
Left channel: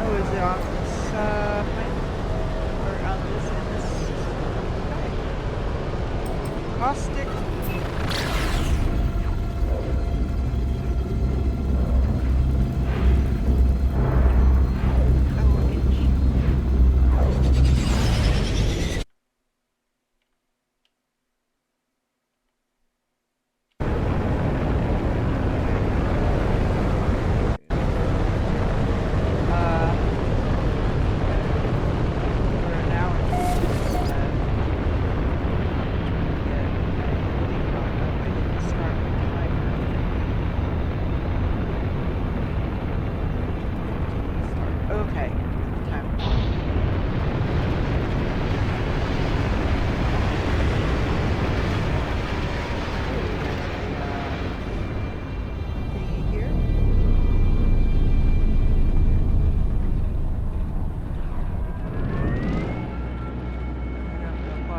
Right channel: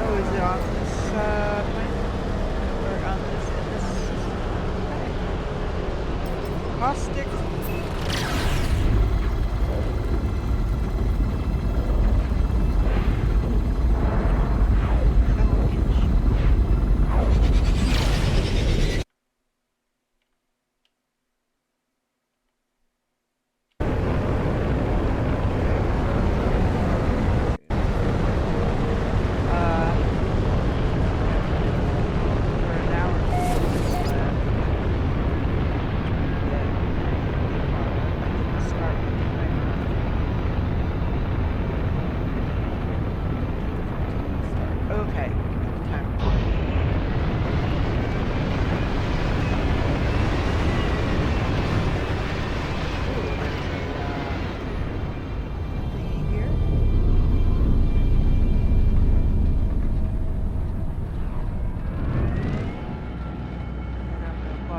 oh, is it on this planet? Or on this, in this system? Okay. Caustic. Oh, inch.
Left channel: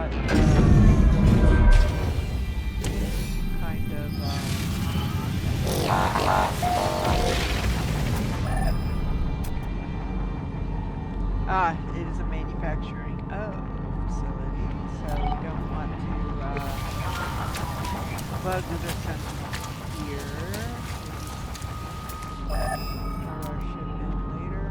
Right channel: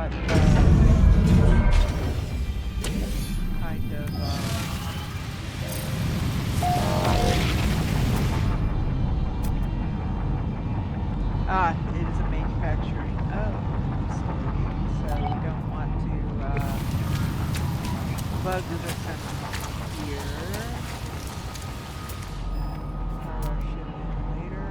got kind of it is a manufacturing facility, so we don't want to bug the system here. Start our ship in later.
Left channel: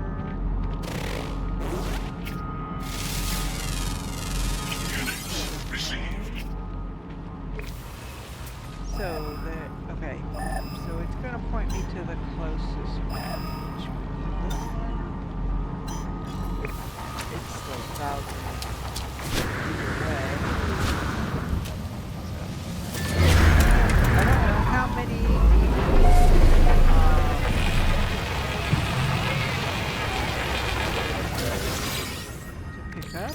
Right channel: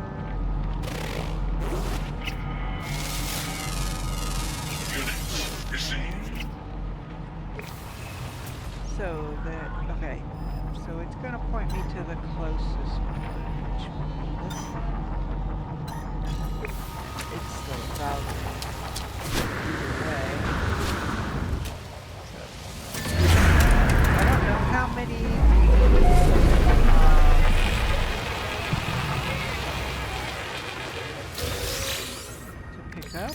So okay, so it's going to point me to the closest one, which would be this one. It's still 1,000 either way. So, I don't know how many to pick up.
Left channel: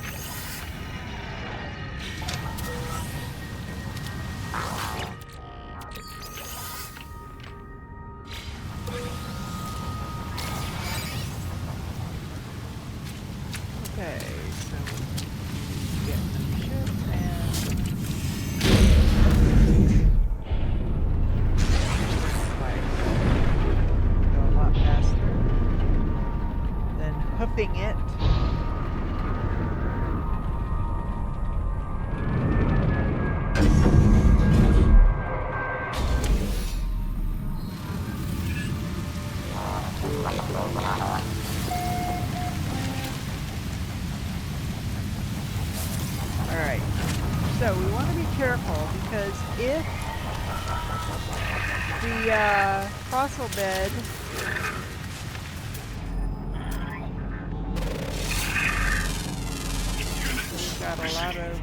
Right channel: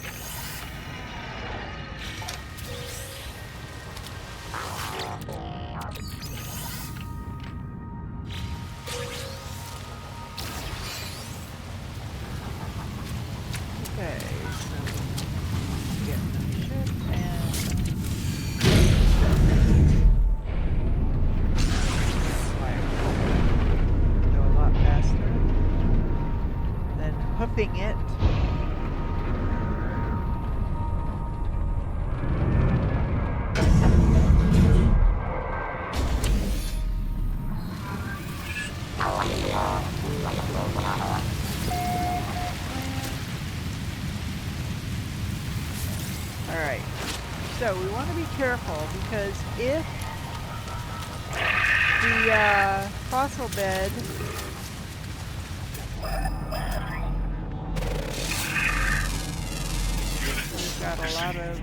Okay, so we get the ship and go a lot faster than hoofing it. Alright, so we want to be careful because if the fossil bed we've got a lot of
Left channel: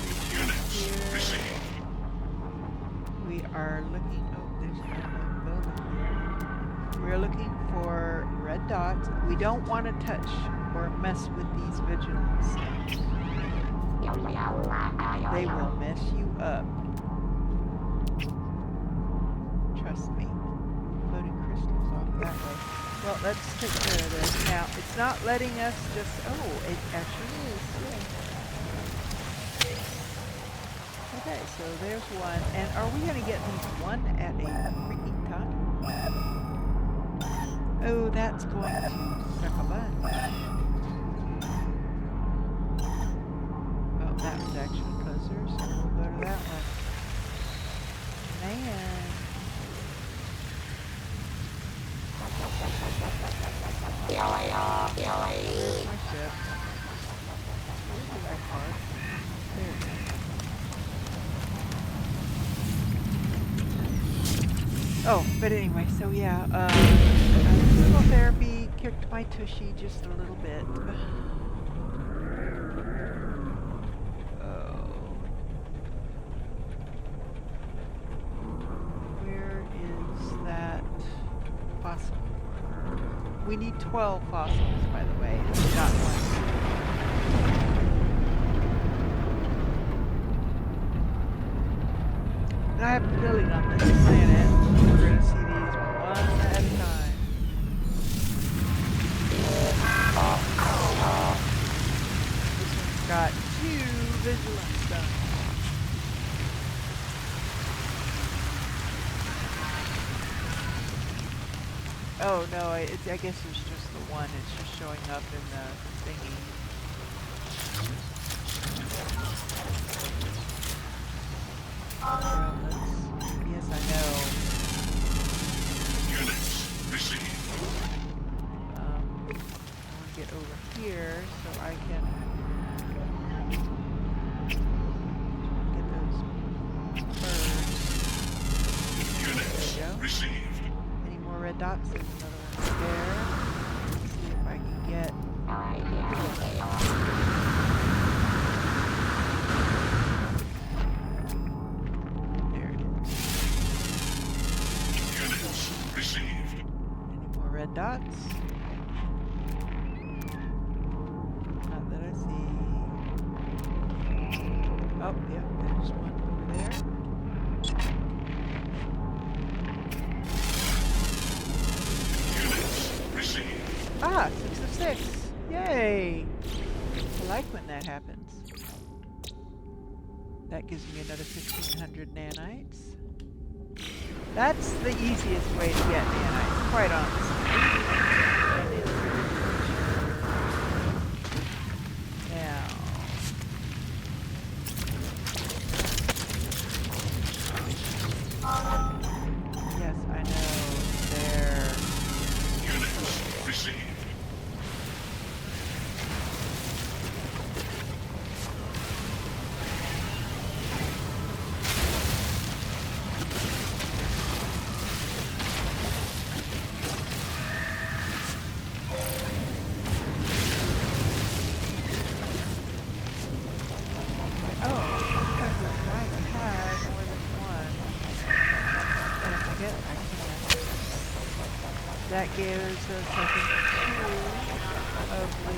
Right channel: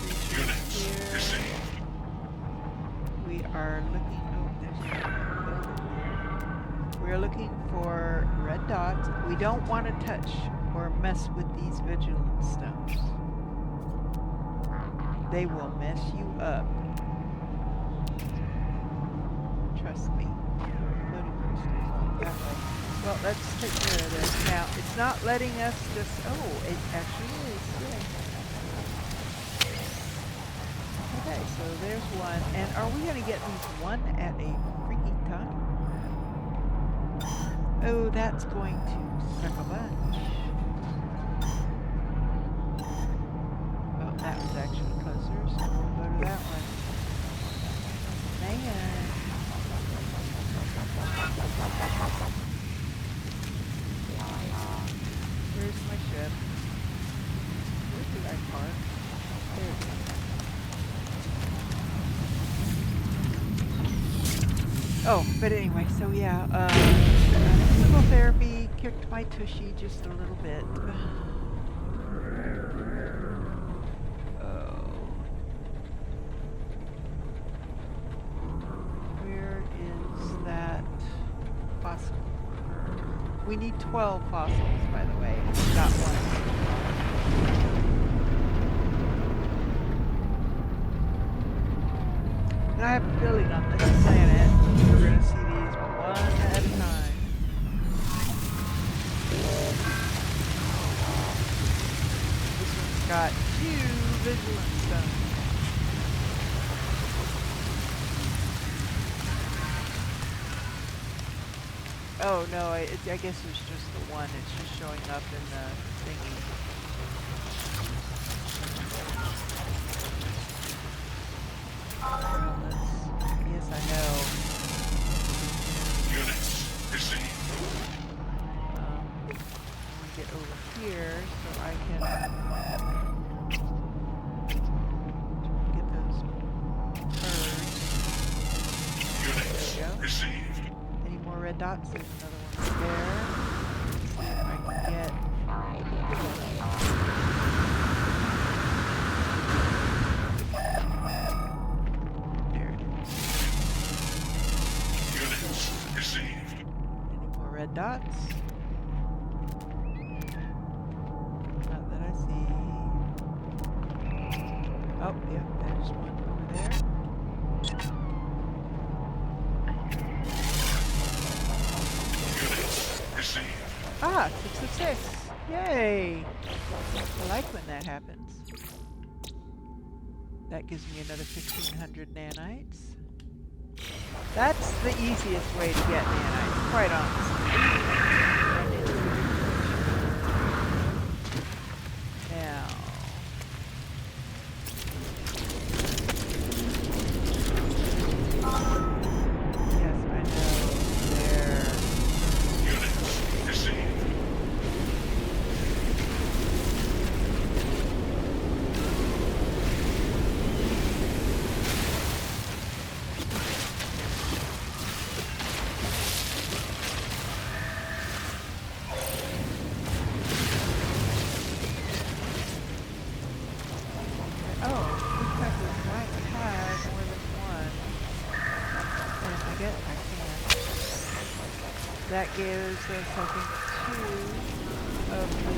creatures here. We are looking, oh, there's another building here. We're looking for red dots. We don't want to touch or mess with these vigilance stones. They will mess you up. Trust me. Floating crystals off that way. Well, let's take care of this. Now, it's not letting us just... Oh, it actually is. Yeah. Okay, so there's one. And are we going to get these one at a freaking time? Oh, that's going to suck a bunch. Well, that was actually closer, so we'll go to that one. Man. Where's my ship? Where did I park? There it is. Oh, but anyway, so yeah, physical therapy kicked my tushy just a little bit. Where is that fossil? We need 12 fossils, by the way. We got one. And I have a feeling on this planet, we're going to see these one at a time. This one's got 2 vigilance stones. Oh no, I guess it's just the one. It's just showing up in the thingy. Well, yes, I know. I want to get over here so I can get those birds. There we go. Any more red dots? There's another one there. Let's see if I can get... There it is. Any more red dots? Not that I see. Oh, yeah, there's one over there. Ah, 6 of 6. Yay! I like when that happens. That gives me another 1,500 nanites. That's the easiest way to get nanites, quite honestly. Run into the creature. Now. Yes, I know. There. Unit received. That gives us, I think, 2 of the...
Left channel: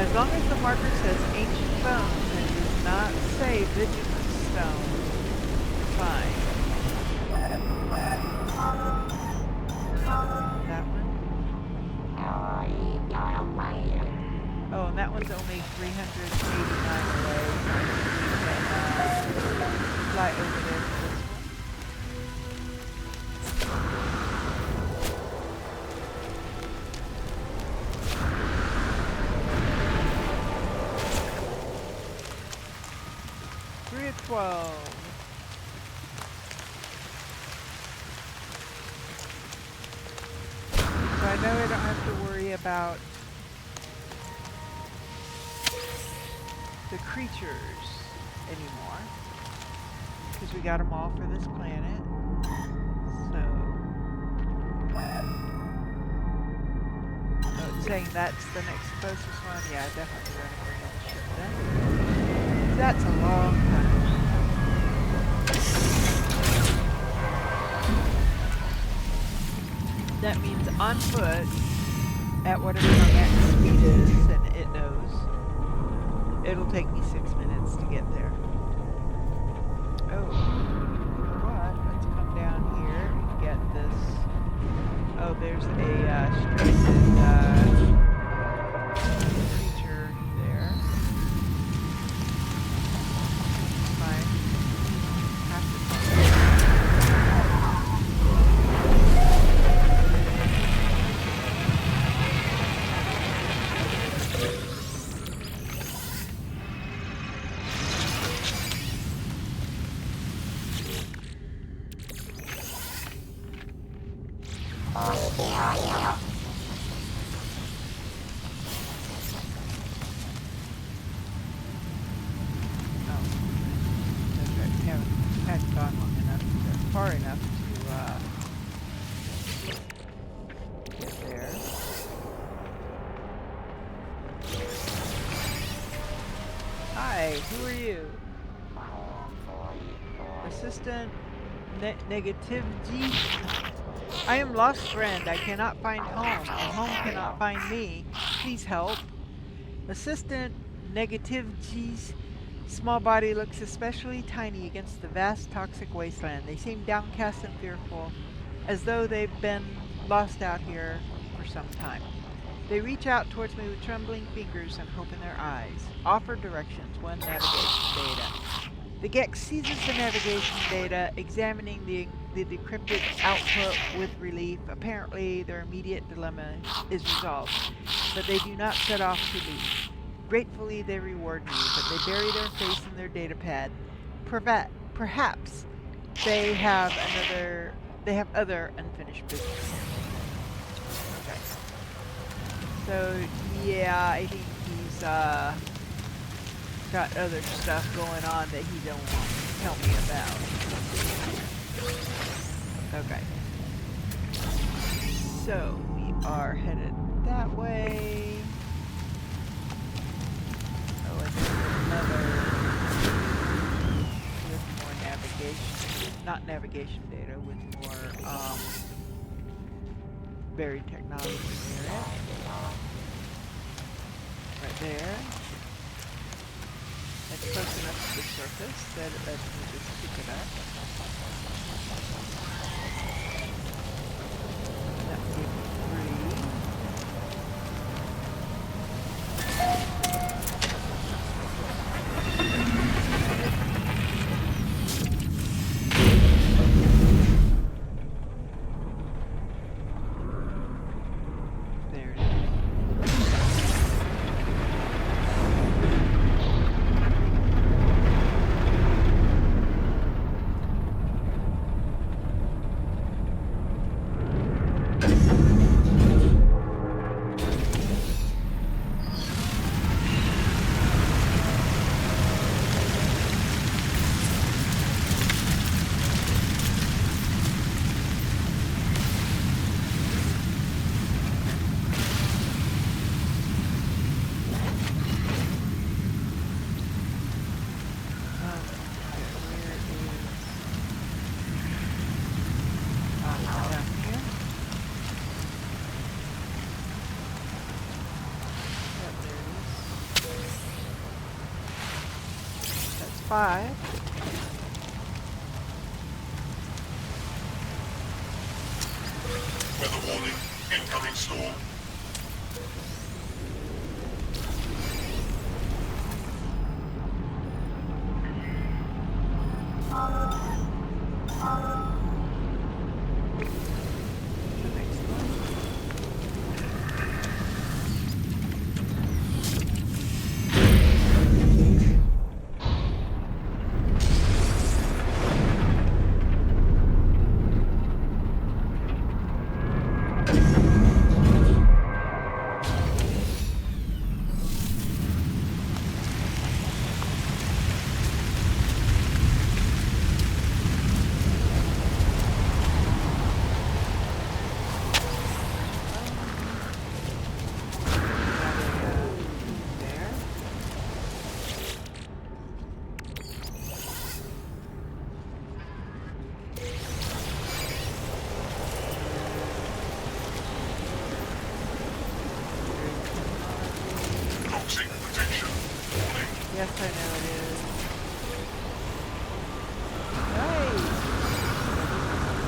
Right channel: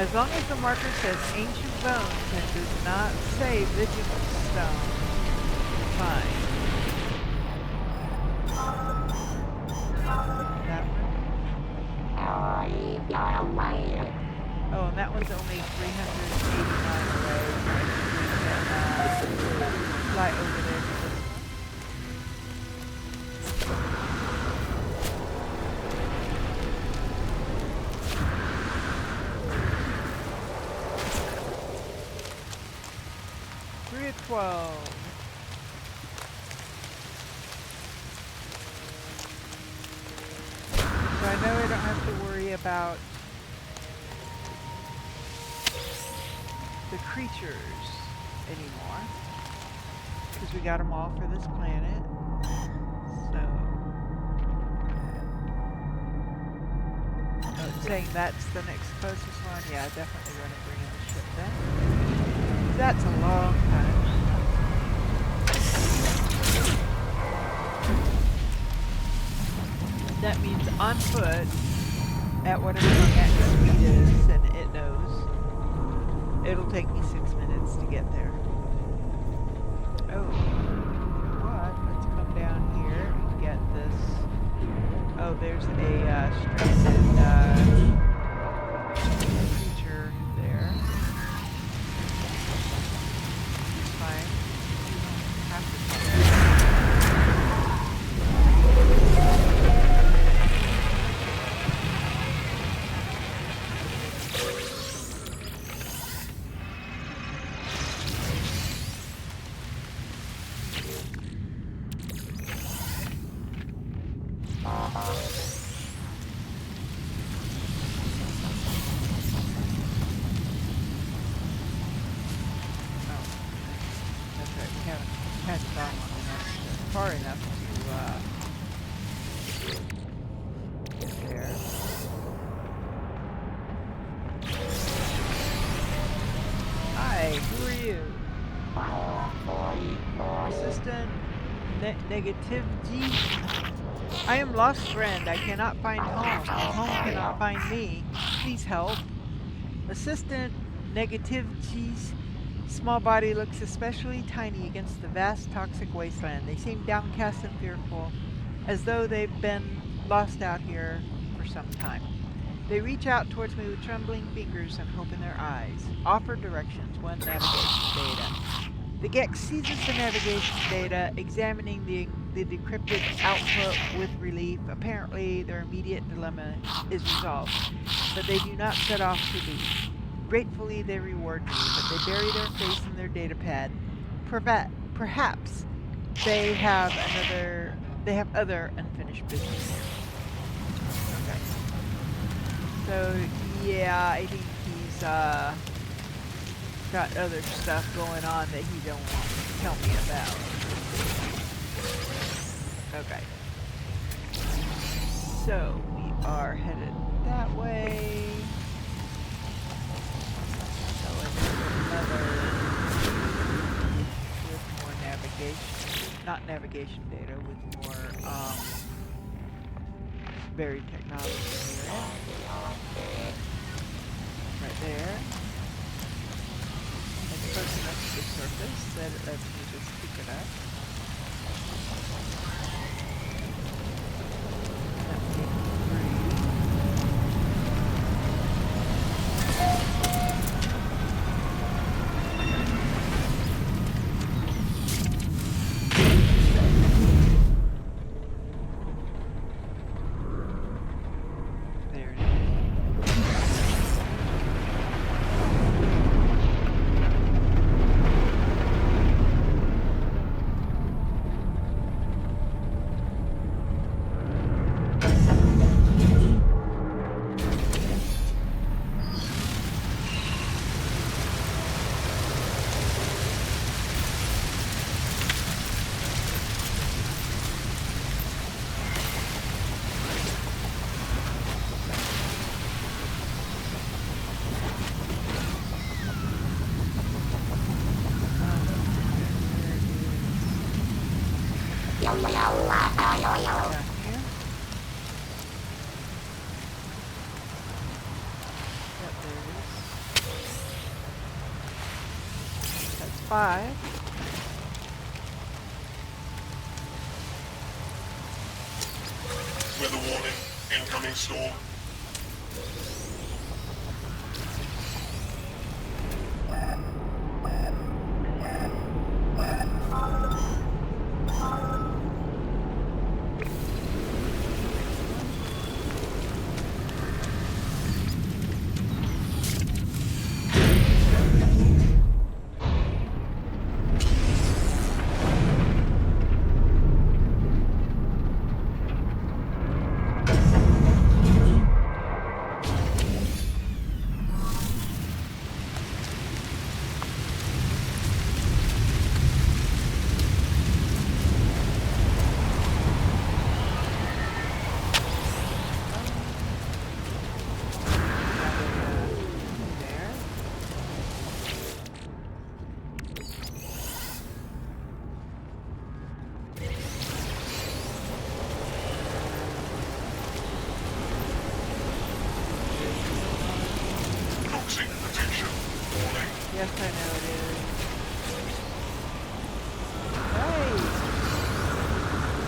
As long as the marker says Ancient Bones and does not say Vigilance Stone, you're fine. That one? Oh, and that one's only 389 away. I think we can fly over there to this one. Three of 12. So I know I don't have to worry about the creatures anymore, because we got them all for this planet. So, oh, it's saying that's the next closest one. Yeah, definitely going to bring in the ship then. That's a long time. That means on foot at whatever my max speed is, and it knows. It'll take me 6 minutes to get there. Oh, you know what? Let's come down here and get this. Oh, there's a stranded creature there. It's fine. You don't have to talk. Far enough to get there. Hi, who are you? Assistant Negativity. I am lost friend. I cannot find home, and home cannot find me. Please help. Assistant Negativity's small body looks especially tiny against the vast toxic wasteland. They seem downcast and fearful, as though they've been lost out here for some time. They reach out towards me with trembling fingers and hope in their eyes. Offer directions. 1 navigation data. The Gex seizes the navigation data, examining the decrypted output with relief. Apparently, their immediate dilemma is resolved, but they do not set off to leave. Gratefully, they reward me, but they bury their face in their datapad. Perhaps they have other unfinished business here. Okay. So, yeah, I think he's got other stuff going on that he don't want to tell me about. Okay. So, we are headed that way. Another with more navigation, not navigation data, with more buried technology near it. Right there. It's close enough to the surface that it lets me just pick it up. That 5. Weather warning. Incoming storm. There. Toxic protection. Warning. Yes, I know it is. Nice!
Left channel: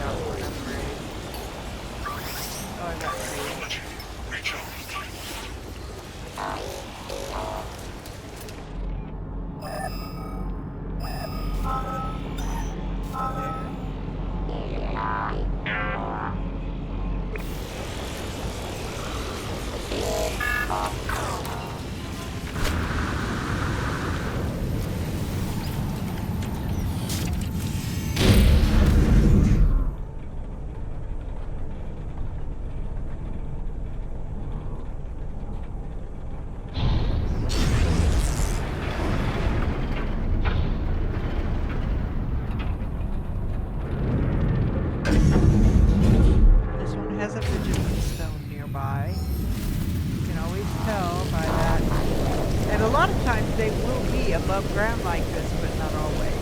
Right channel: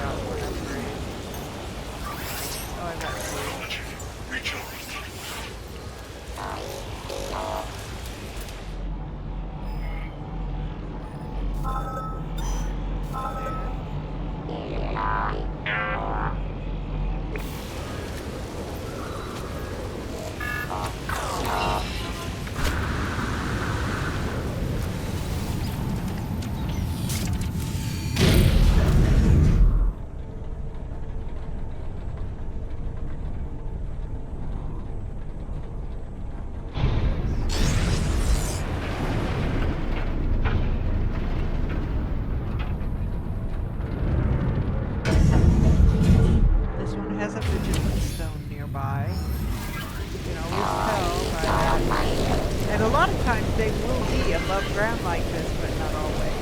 Got one upgrade. Oh, I got 2. Technology. Recharged. There. This one has a vigilance stone nearby. You can always tell by that. And a lot of times they will be above ground like this, but not always.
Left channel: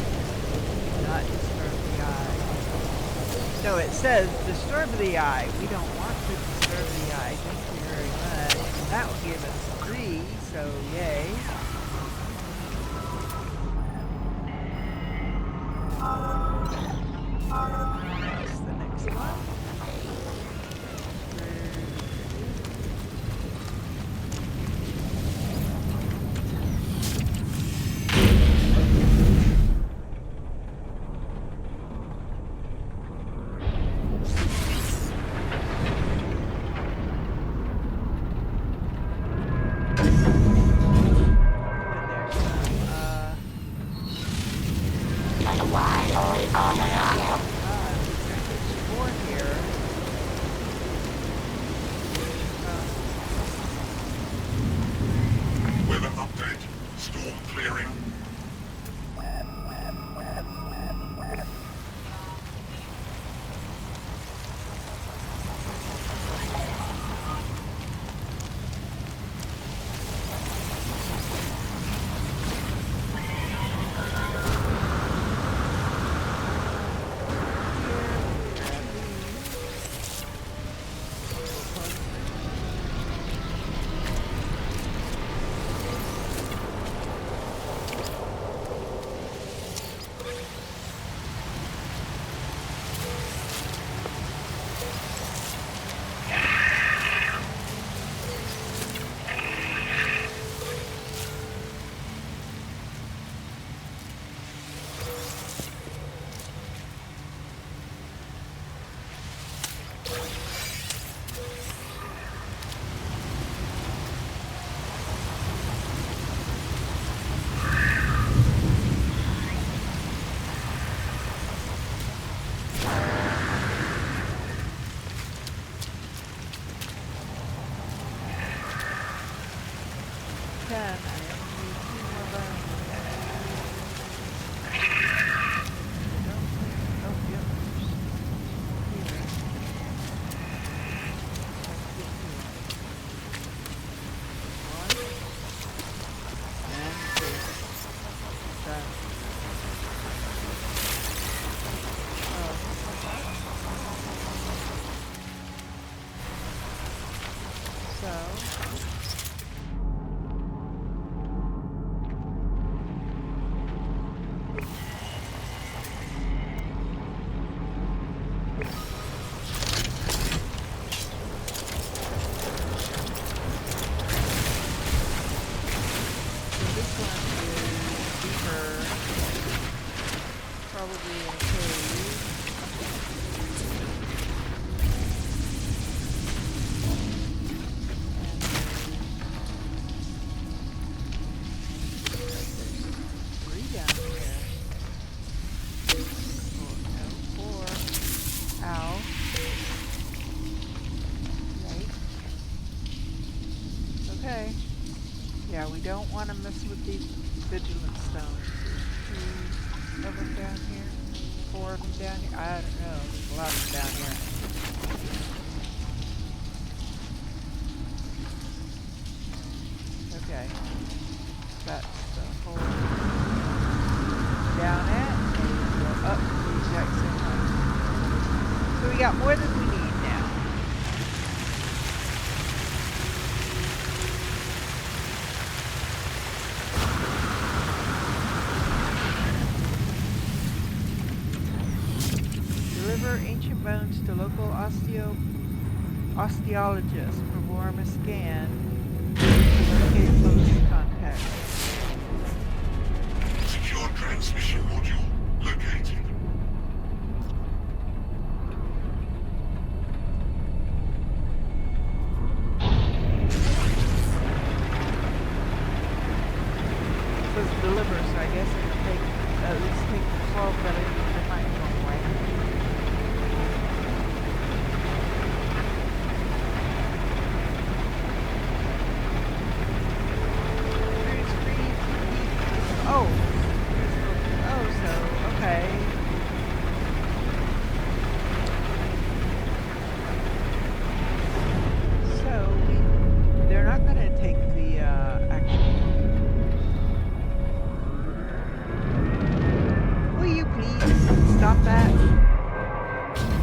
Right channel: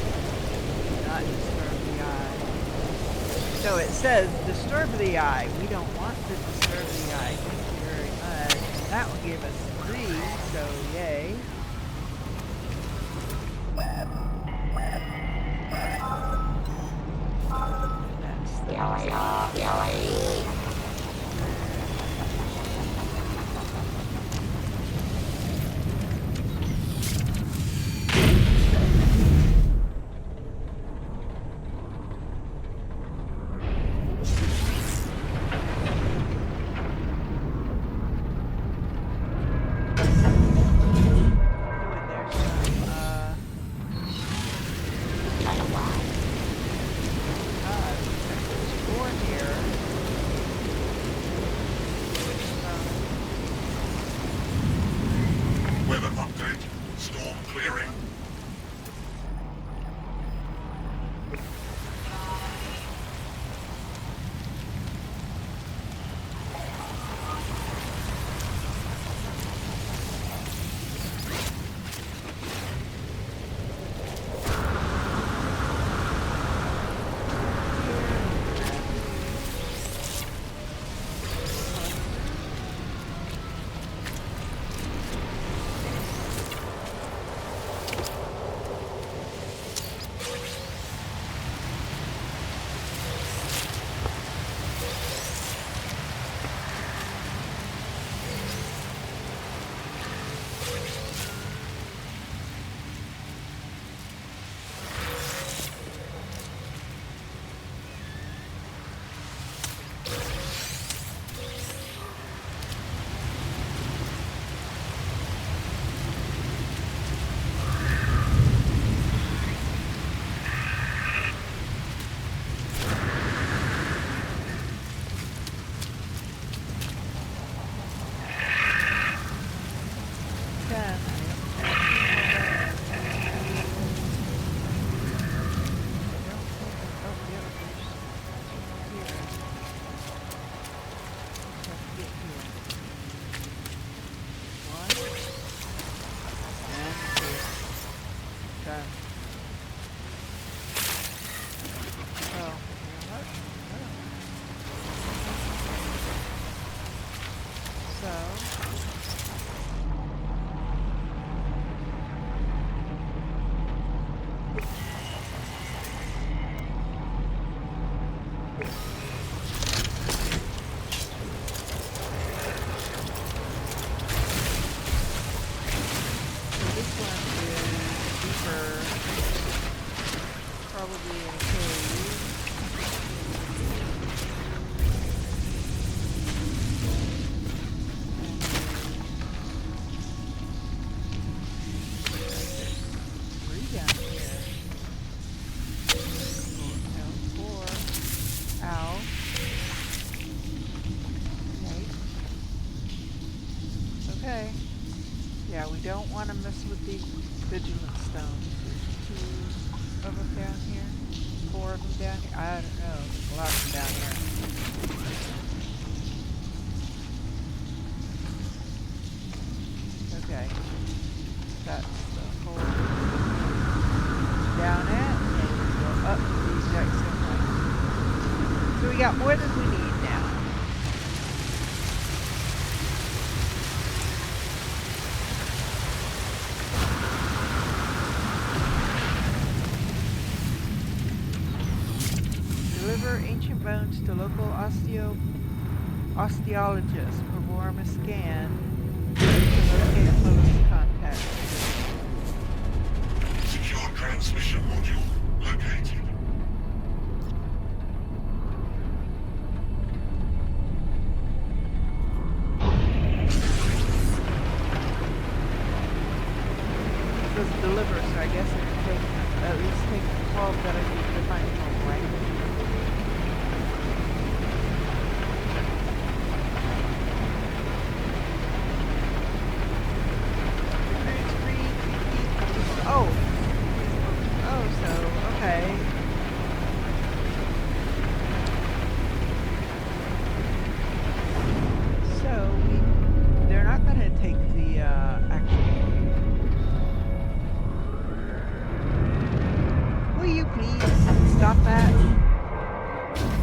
Do not disturb the eye. So it says, disturb the eye. We don't want to disturb the eye. Thank you very much. And that will give us 3, so yay. Next, the next one. Weather update. Storm clearing. Okay. Yeah, we don't want to mess with these vigilant stones. There's 2 of them down here. 4 of them down here. I don't know. There's a lot of them down here. Okay. That's the hole down at. So we're going to go up the exact same way. So we got more than we need now. Deliver ancient bones to local osteologists. Perform a scan to locate close contacts. Secure transmission module located. It says deliver, so I guess they're gonna at least take the 12 that I need to find from away. Okay. So they're not gonna take the actual. Will you please stop that?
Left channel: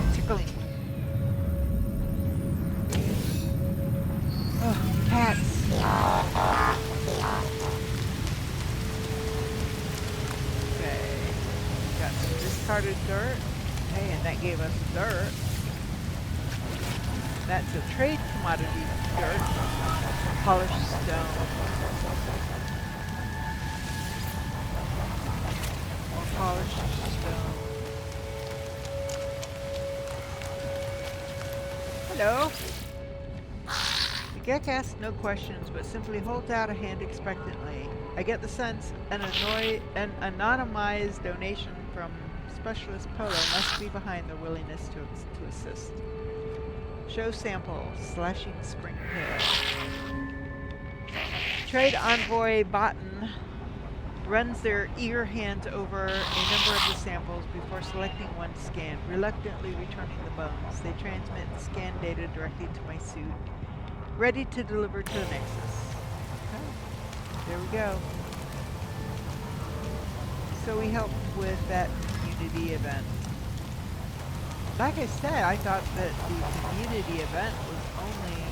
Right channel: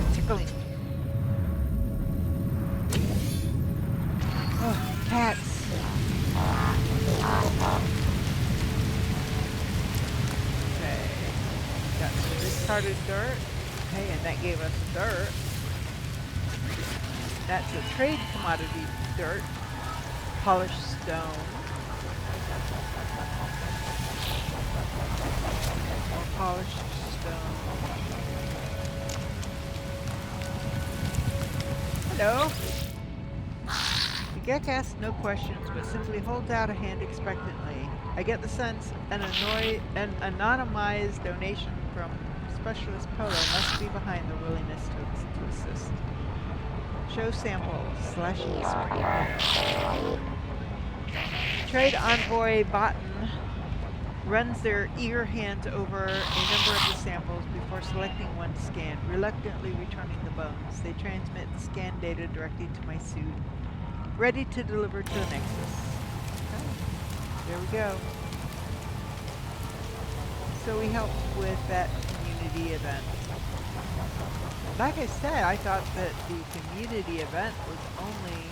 It's tickling. Oh, cats. Okay. Got some discarded dirt. Hey, and that gave us dirt. That's a trade commodity dirt. Polished stone. More polished stone. Hello. The Gek asks no questions, but simply holds out a hand expectantly. I get the sense an anonymized donation from Specialist Polo must be behind their willingness to assist. Show sample, slashing spring hair. Trade envoy Botan runs their eager hands over a number of the samples before selecting one to scan, reluctantly returning the bones. They transmit the scan data directly to my suit, ready to deliver to the Nexus. Okay, there we go. So we helped with that community event. Like I said, I thought that the community event was only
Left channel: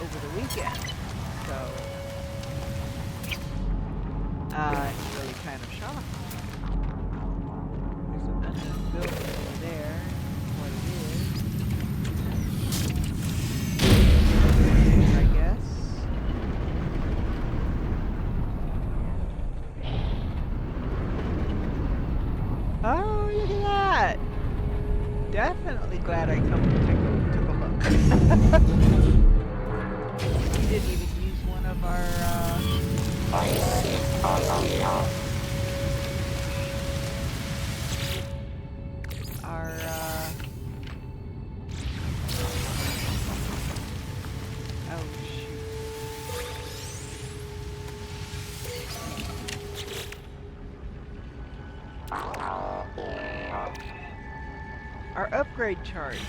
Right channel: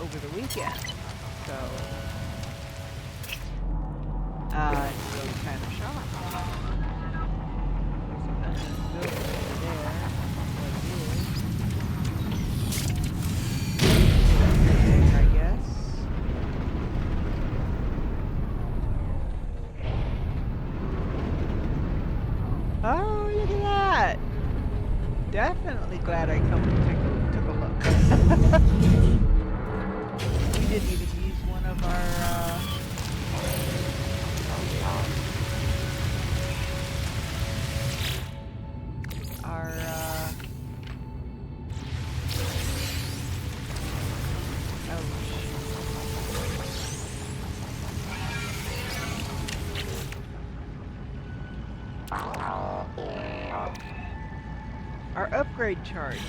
over the weekend, so I'm really kind of shocked. There's an unknown building over there. What it is, I guess. Oh, look at that! Definitely glad I come and took a look. We didn't even use one of our oh shoot. Our upgrade charts.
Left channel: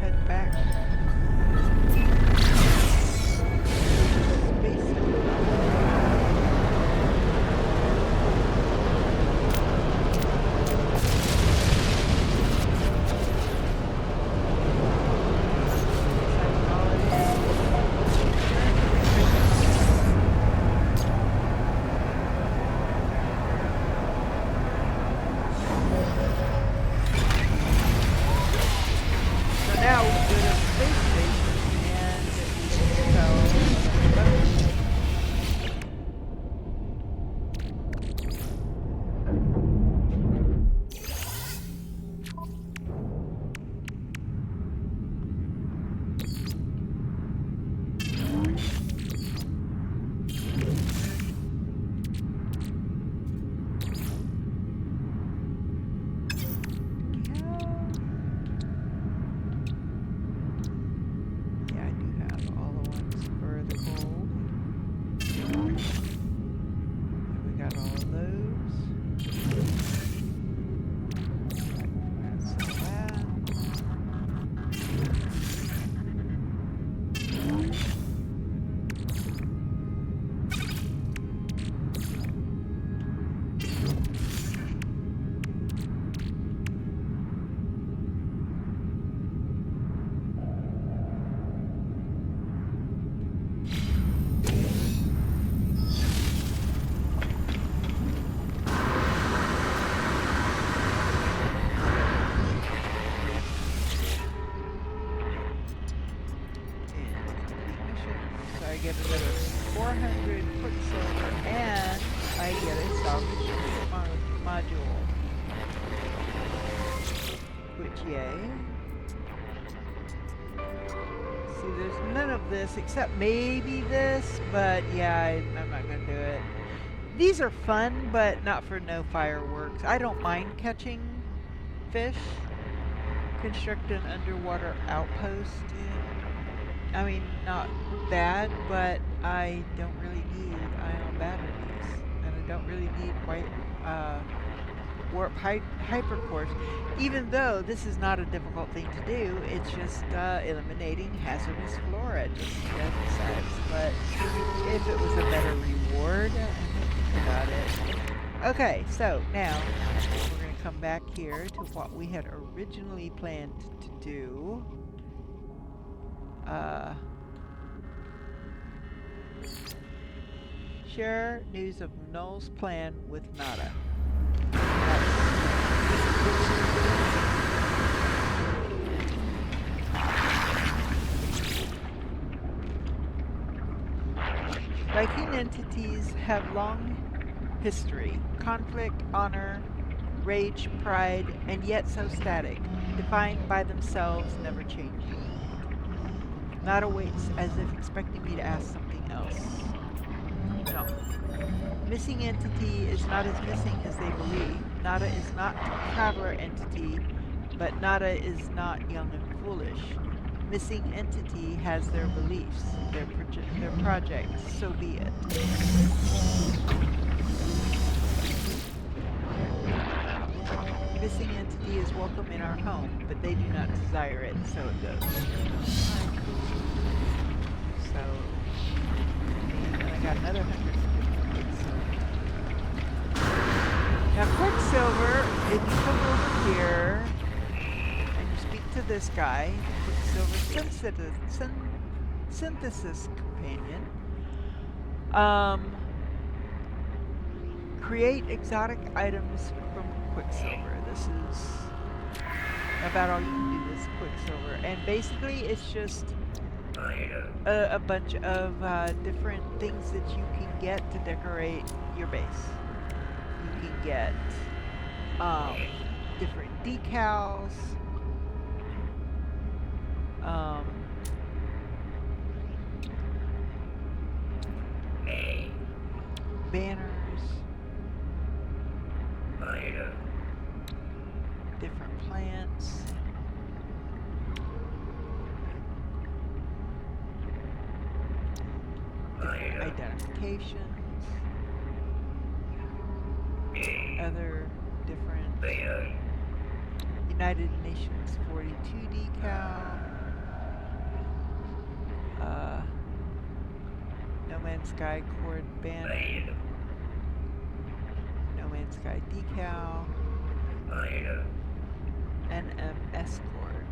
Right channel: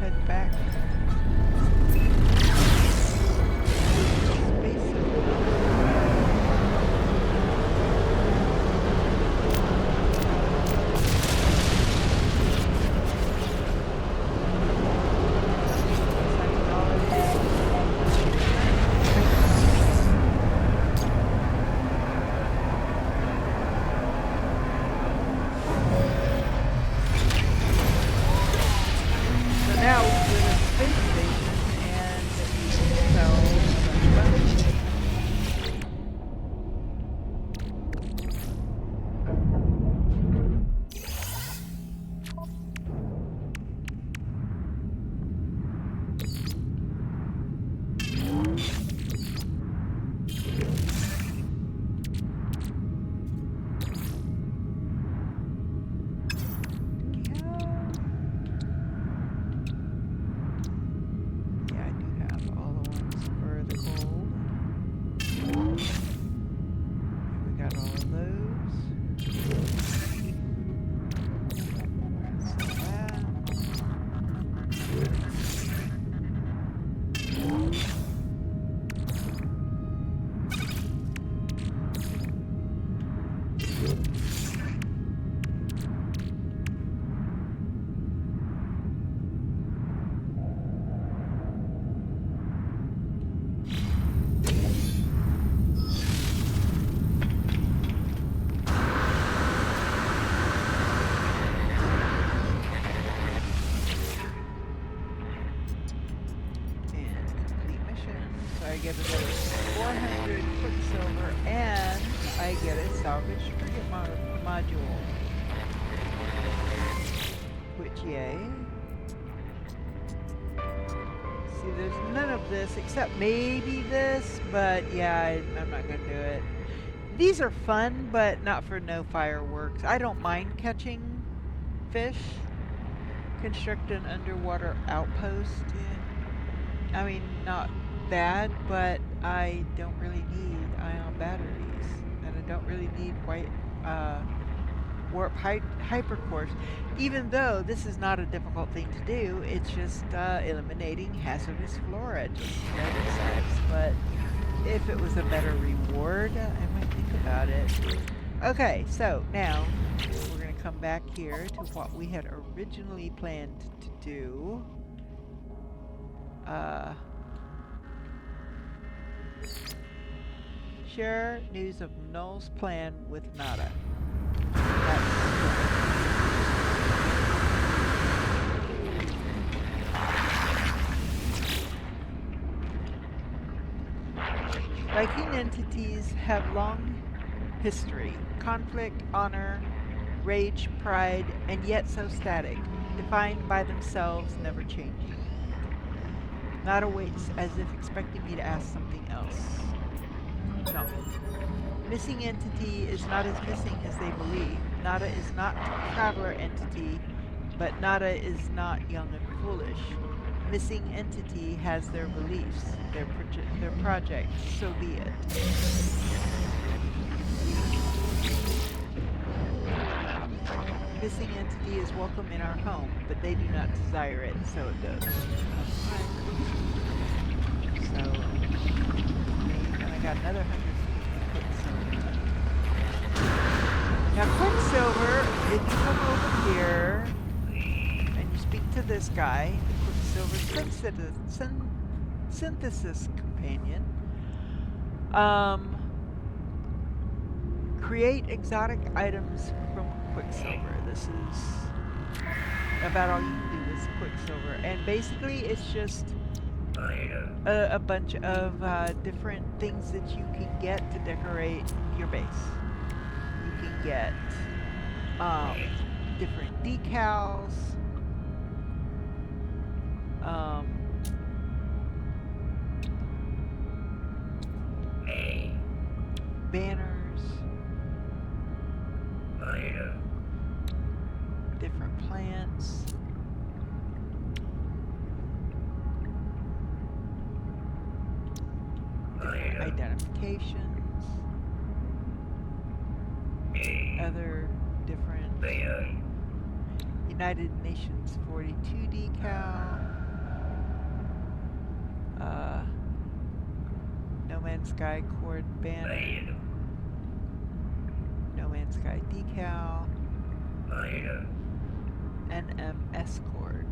Head back. 400 quicksilver, and I get a salvage frigate module. Which, yay. See, there's none of this except maybe this, but yeah, I'm not gonna do it. These are fun, but not for no fireworks. I don't mind catching fish. Construct an underwater outpost. Yeah. I mean, not bad, but I don't really need ion batteries, and I don't really need warp hypercores. Even though this is not a difficult thing to do, it's just eliminating hazardous flora, just dead insects. But if it was a better reward, I might think about it. Okay, so now we're going to come back here to what we had originally planned to do. Share news of Null's plan with Nada. Viking entities have long history, conflict, honor, rage, pride, and yet so static, defined by themselves, never changing. Nada waits as if expecting me to ask something else. No. Missing entity is not as missing as they believe. Nada is not a traveler entity, but Nada is not young and foolish. Missing entity has their beliefs, their projects, so be it. Missing entity is welcome in our home, but they do not desire it, so it goes. So, and I got another 150 quicksilver. Now Quicksilver, if you come over here and you speak to this guy, the Quicksilver synthesis companion, create exotic items from Quicksilver. This is about all you can do with Quicksilver, and basically it's just a bunch of different things that you can get to decorate your base. You can get different decals, banners, different plants, different identifications, other different United Nations 42 decal, No Man's Sky cord banner, No Man's Sky decal, NMS cord,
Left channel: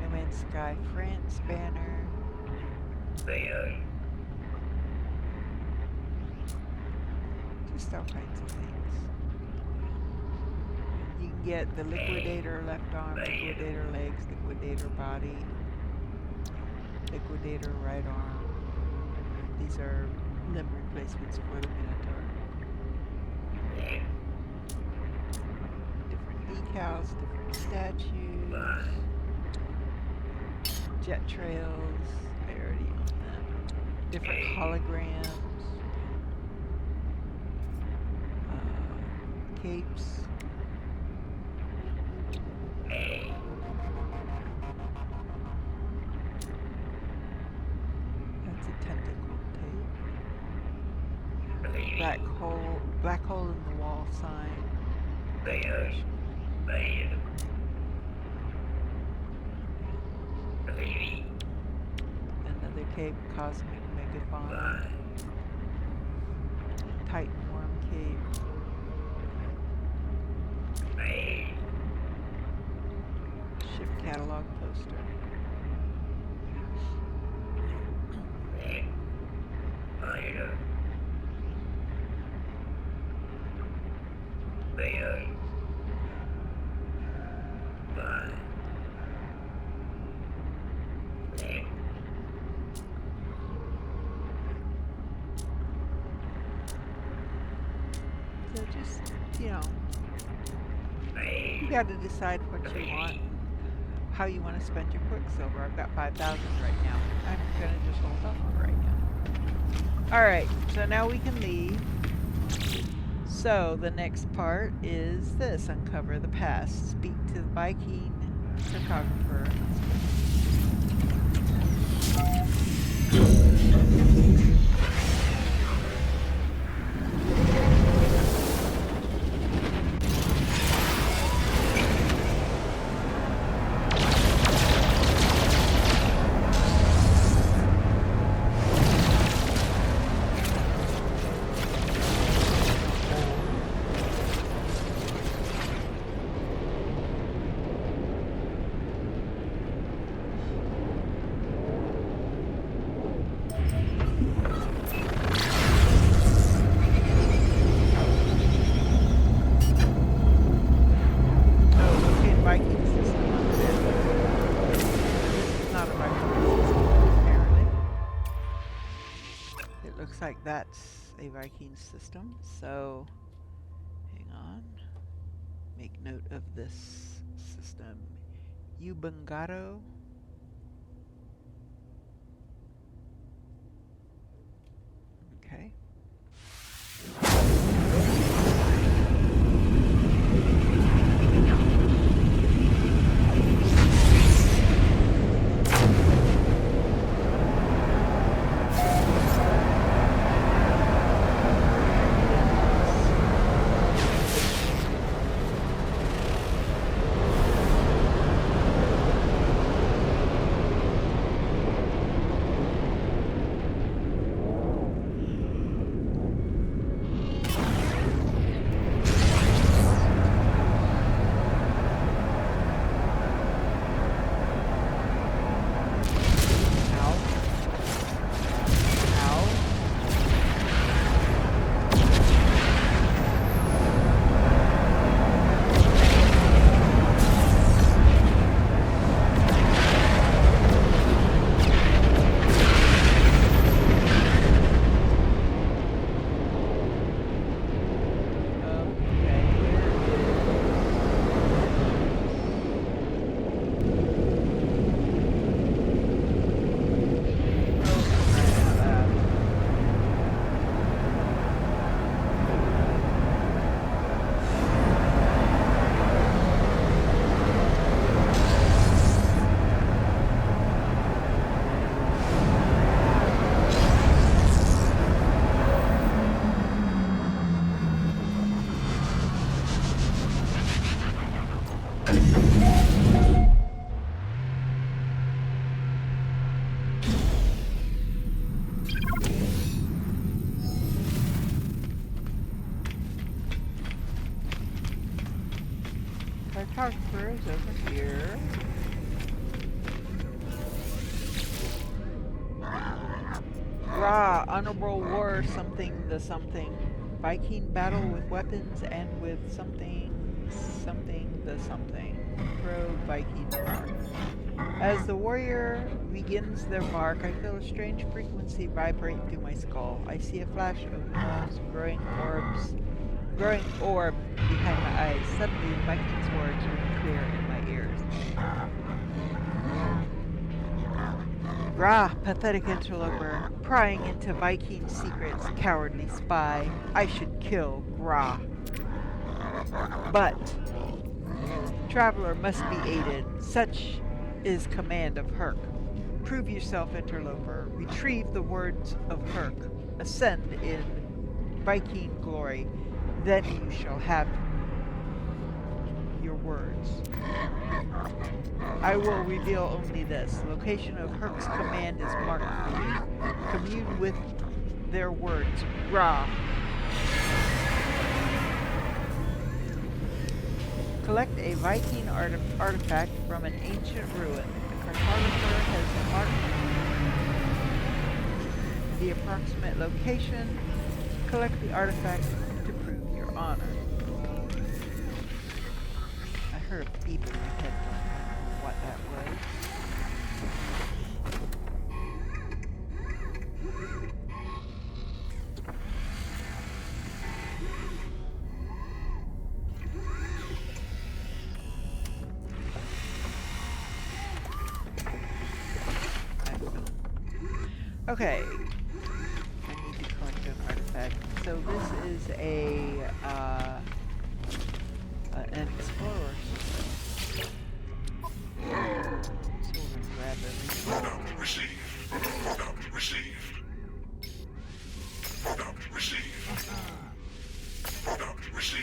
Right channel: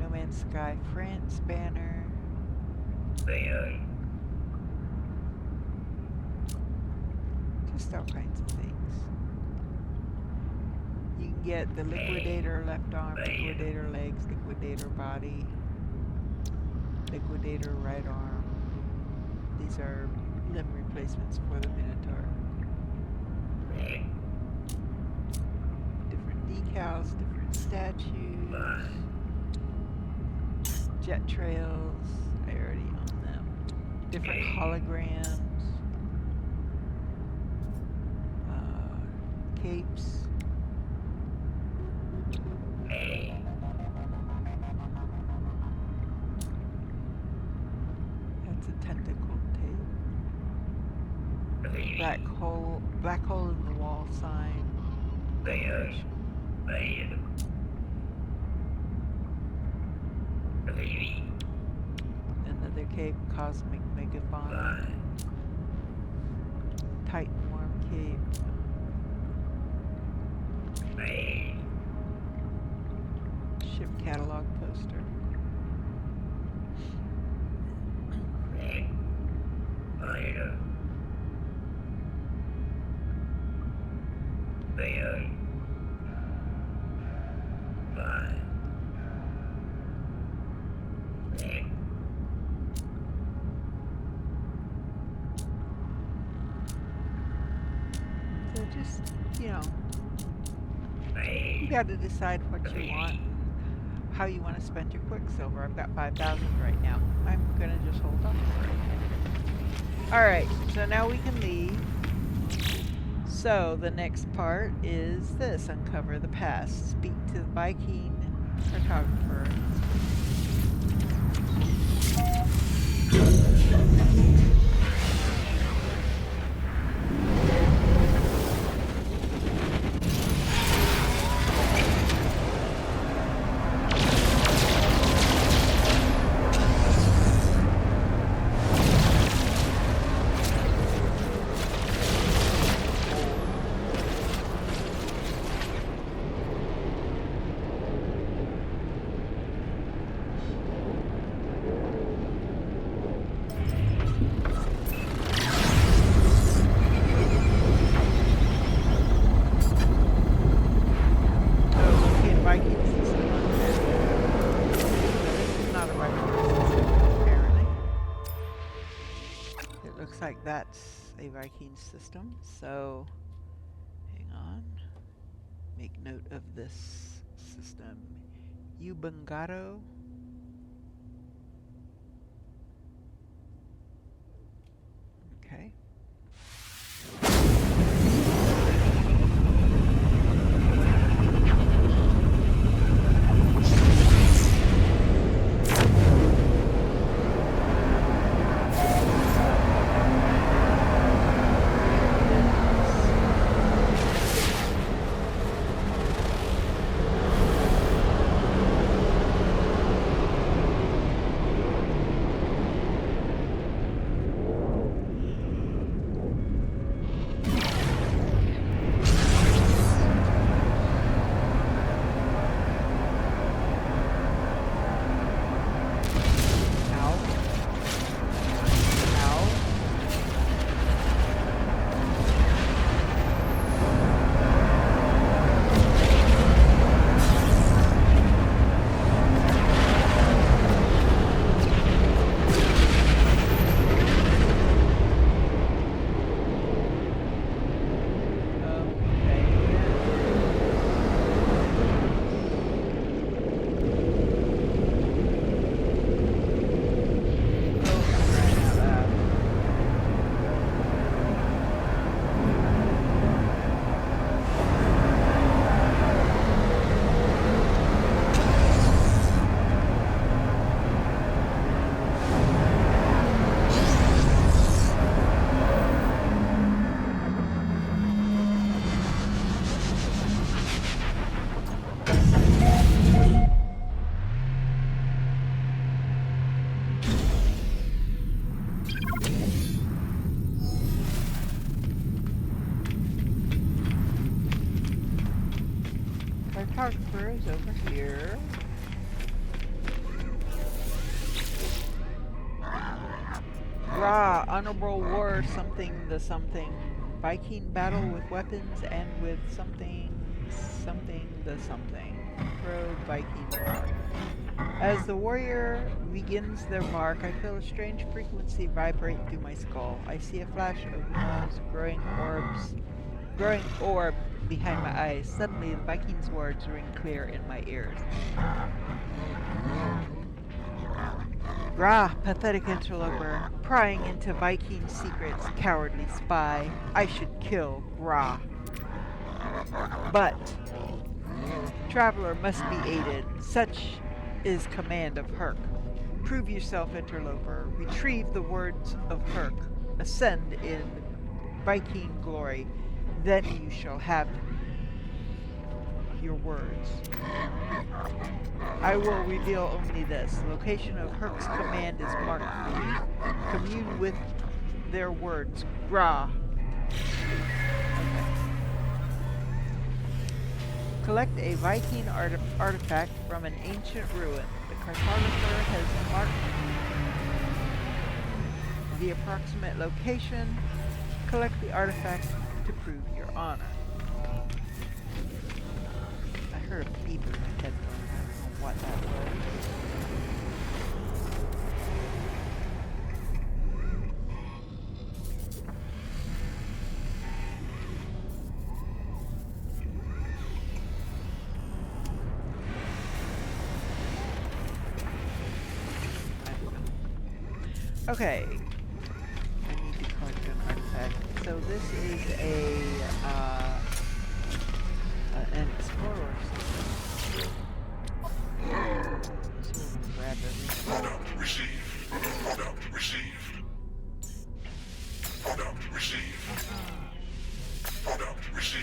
No Man's Sky France banner, just all kinds of things. You can get the Liquidator left arm, Liquidator legs, Liquidator body, Liquidator right arm. These are limb replacements for the Minotaur. Different decals, different statues, jet trails, I already own them. Different holograms, capes. That's a tentacle tape. Black hole in the wall sign. Another cape, Cosmic Megafauna. Titan Worm cape. Ship catalog poster. So just, you know, you got to decide what you want, how you want to spend your Quicksilver. I've got 5,000 right now. I'm gonna just hold off for right now. All right, so now we can leave. So the next part is this: uncover the past, speak to the Viking cartographer. Viking system on the map. So this is not a Viking system, apparently. It looks like that's a Viking system, so hang on. Make note of this system. Ubungato. Okay. Cartographer is over here. Ra, honorable war, something the something. Viking battle with weapons and with something, something the something. Pro Viking mark. As the warrior begins their mark, I feel a strange frequency vibrate through my skull. I see a flash of Null's growing orb behind my eyes. Suddenly, the Viking's words ring clear in my ears. Grah, pathetic interloper, prying into Viking secrets, cowardly spy. I should kill Grah. But traveler must be aided. Such is command of Herc. Prove yourself, interloper. Retrieve the words of Herc. Ascend in Viking glory. Then you shall have your words. I will reveal only this. The location of Herc's command is marked for you. Commune with their words. Grah. Collect a Viking artifact from an ancient ruin. The cartographer has marked the approximate location. Collect the artifact to prove your honor. I heard a beep in my headphones. I don't know what that was. Okay. I need to collect an artifact. So this is an explorer system. So we're gonna grab everything. Product received. Product received. Product received. Product received.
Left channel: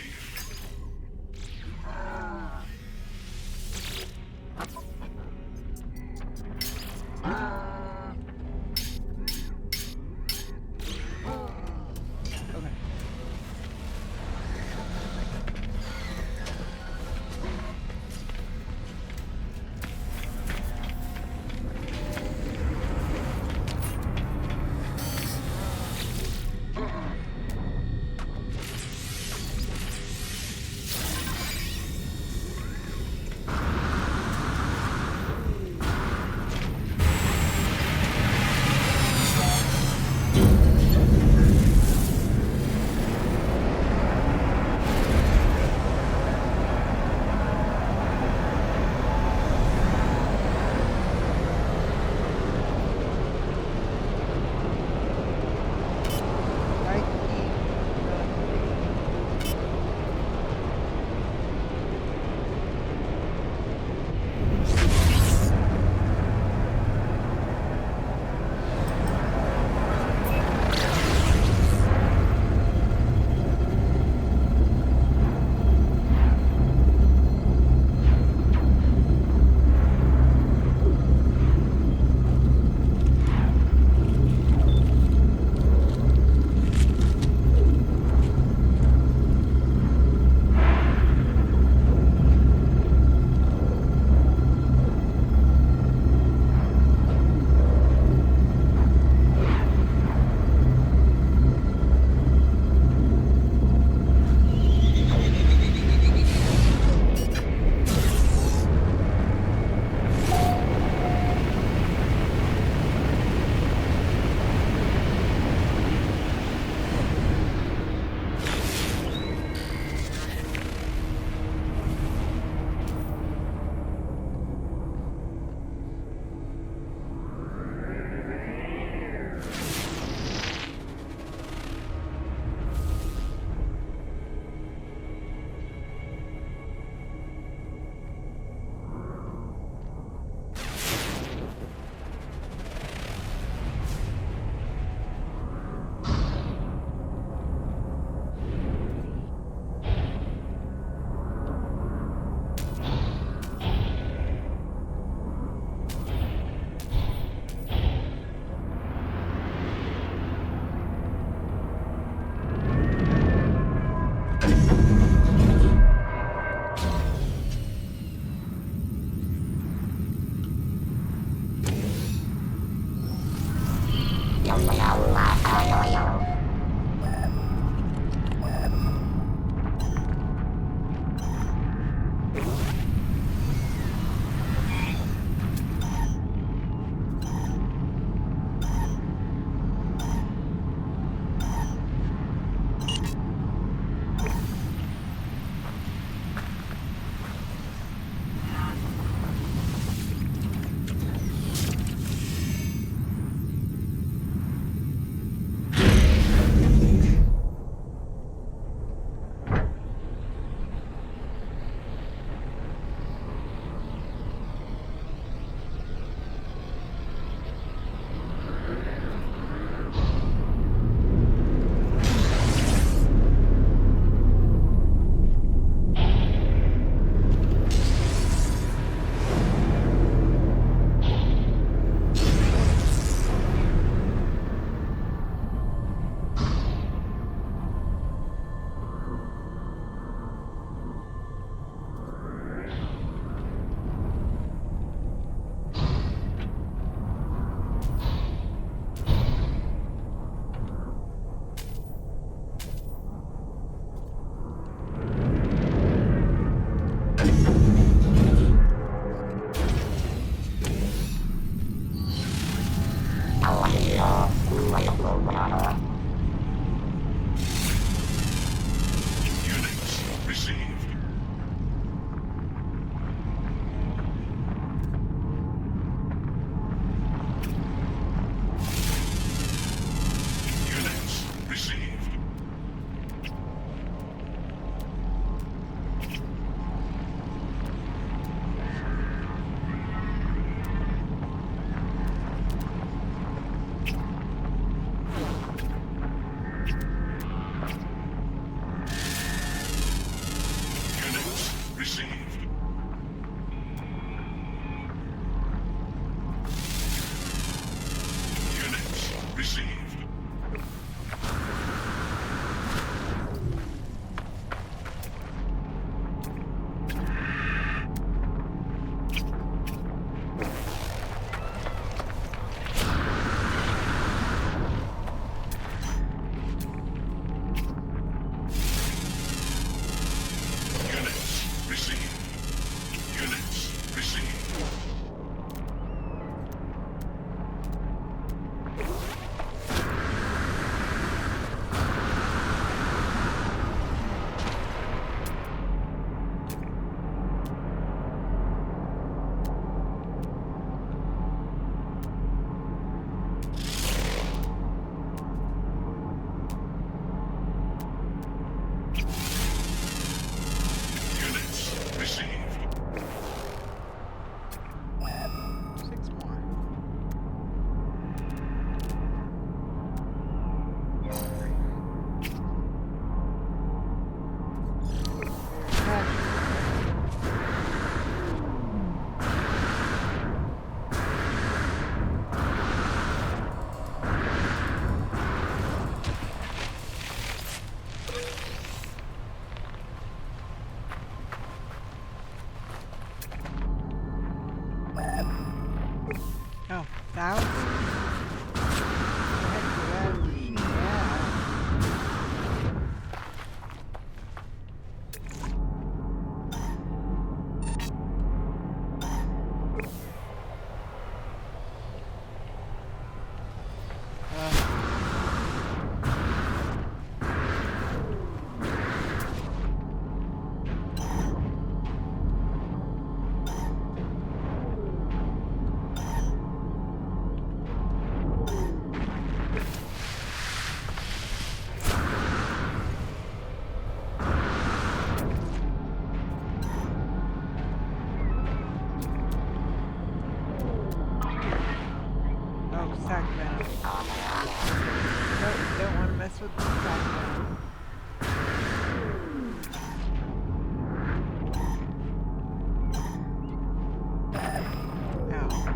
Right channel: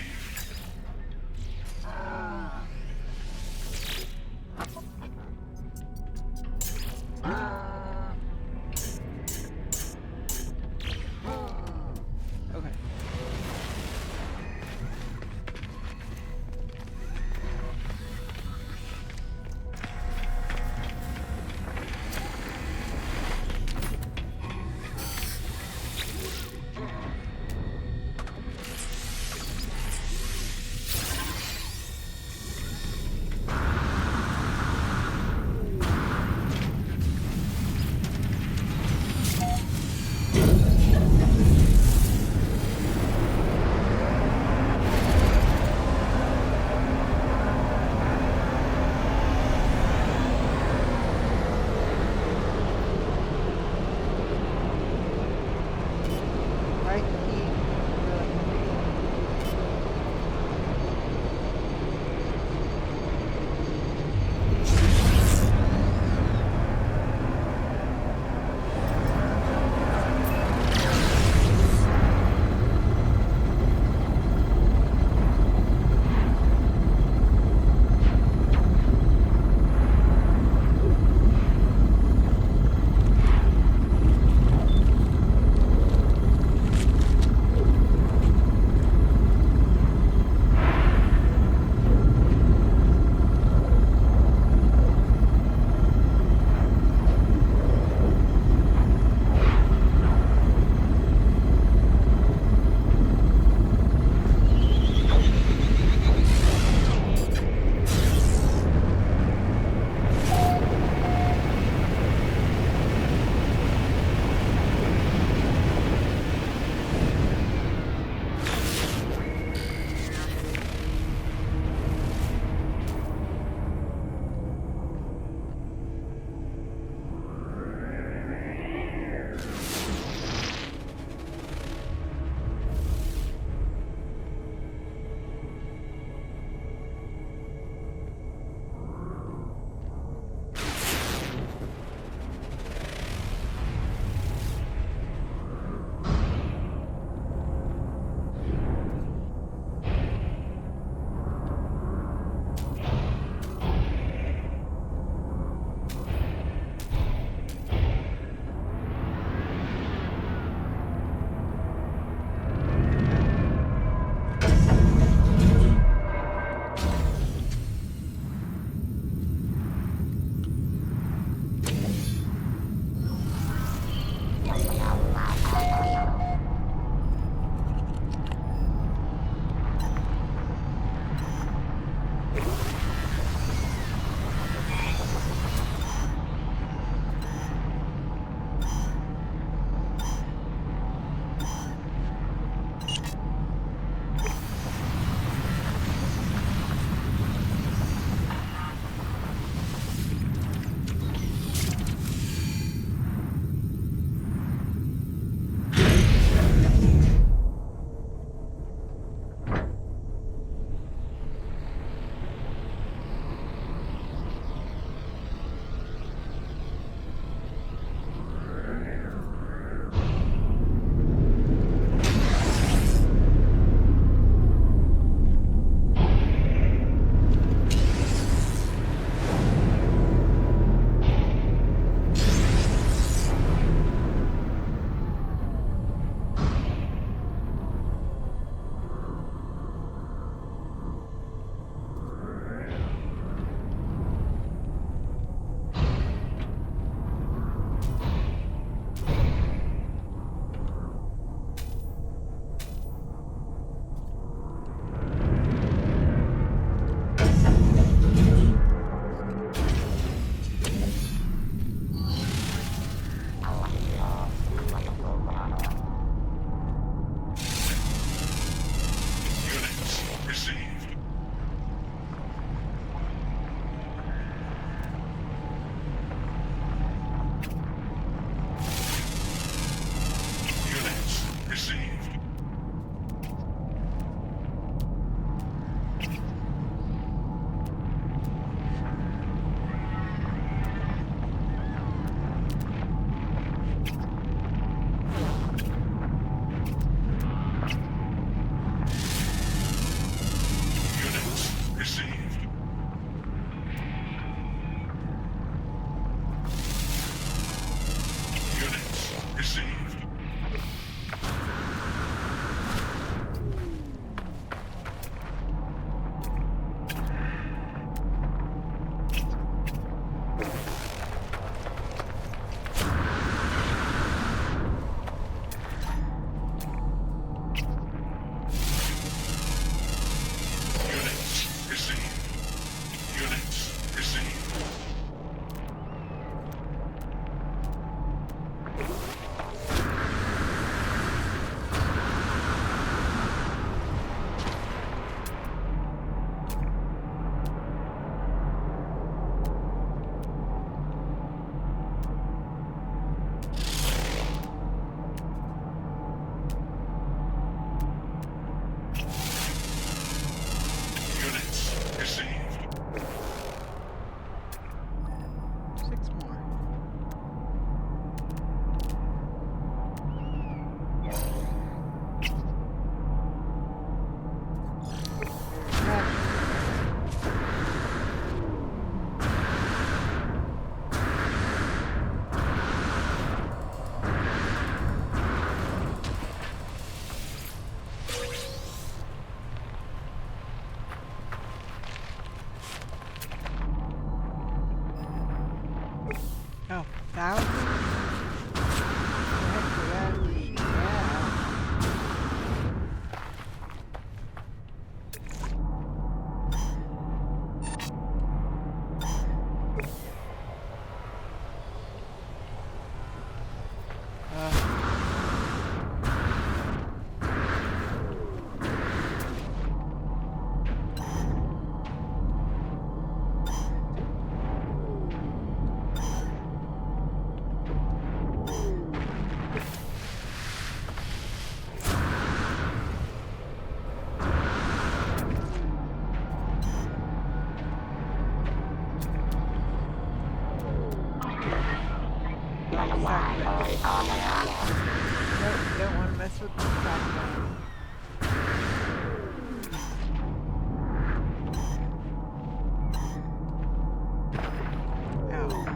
Okay. Right key, Units received. also be shotgun. Ow.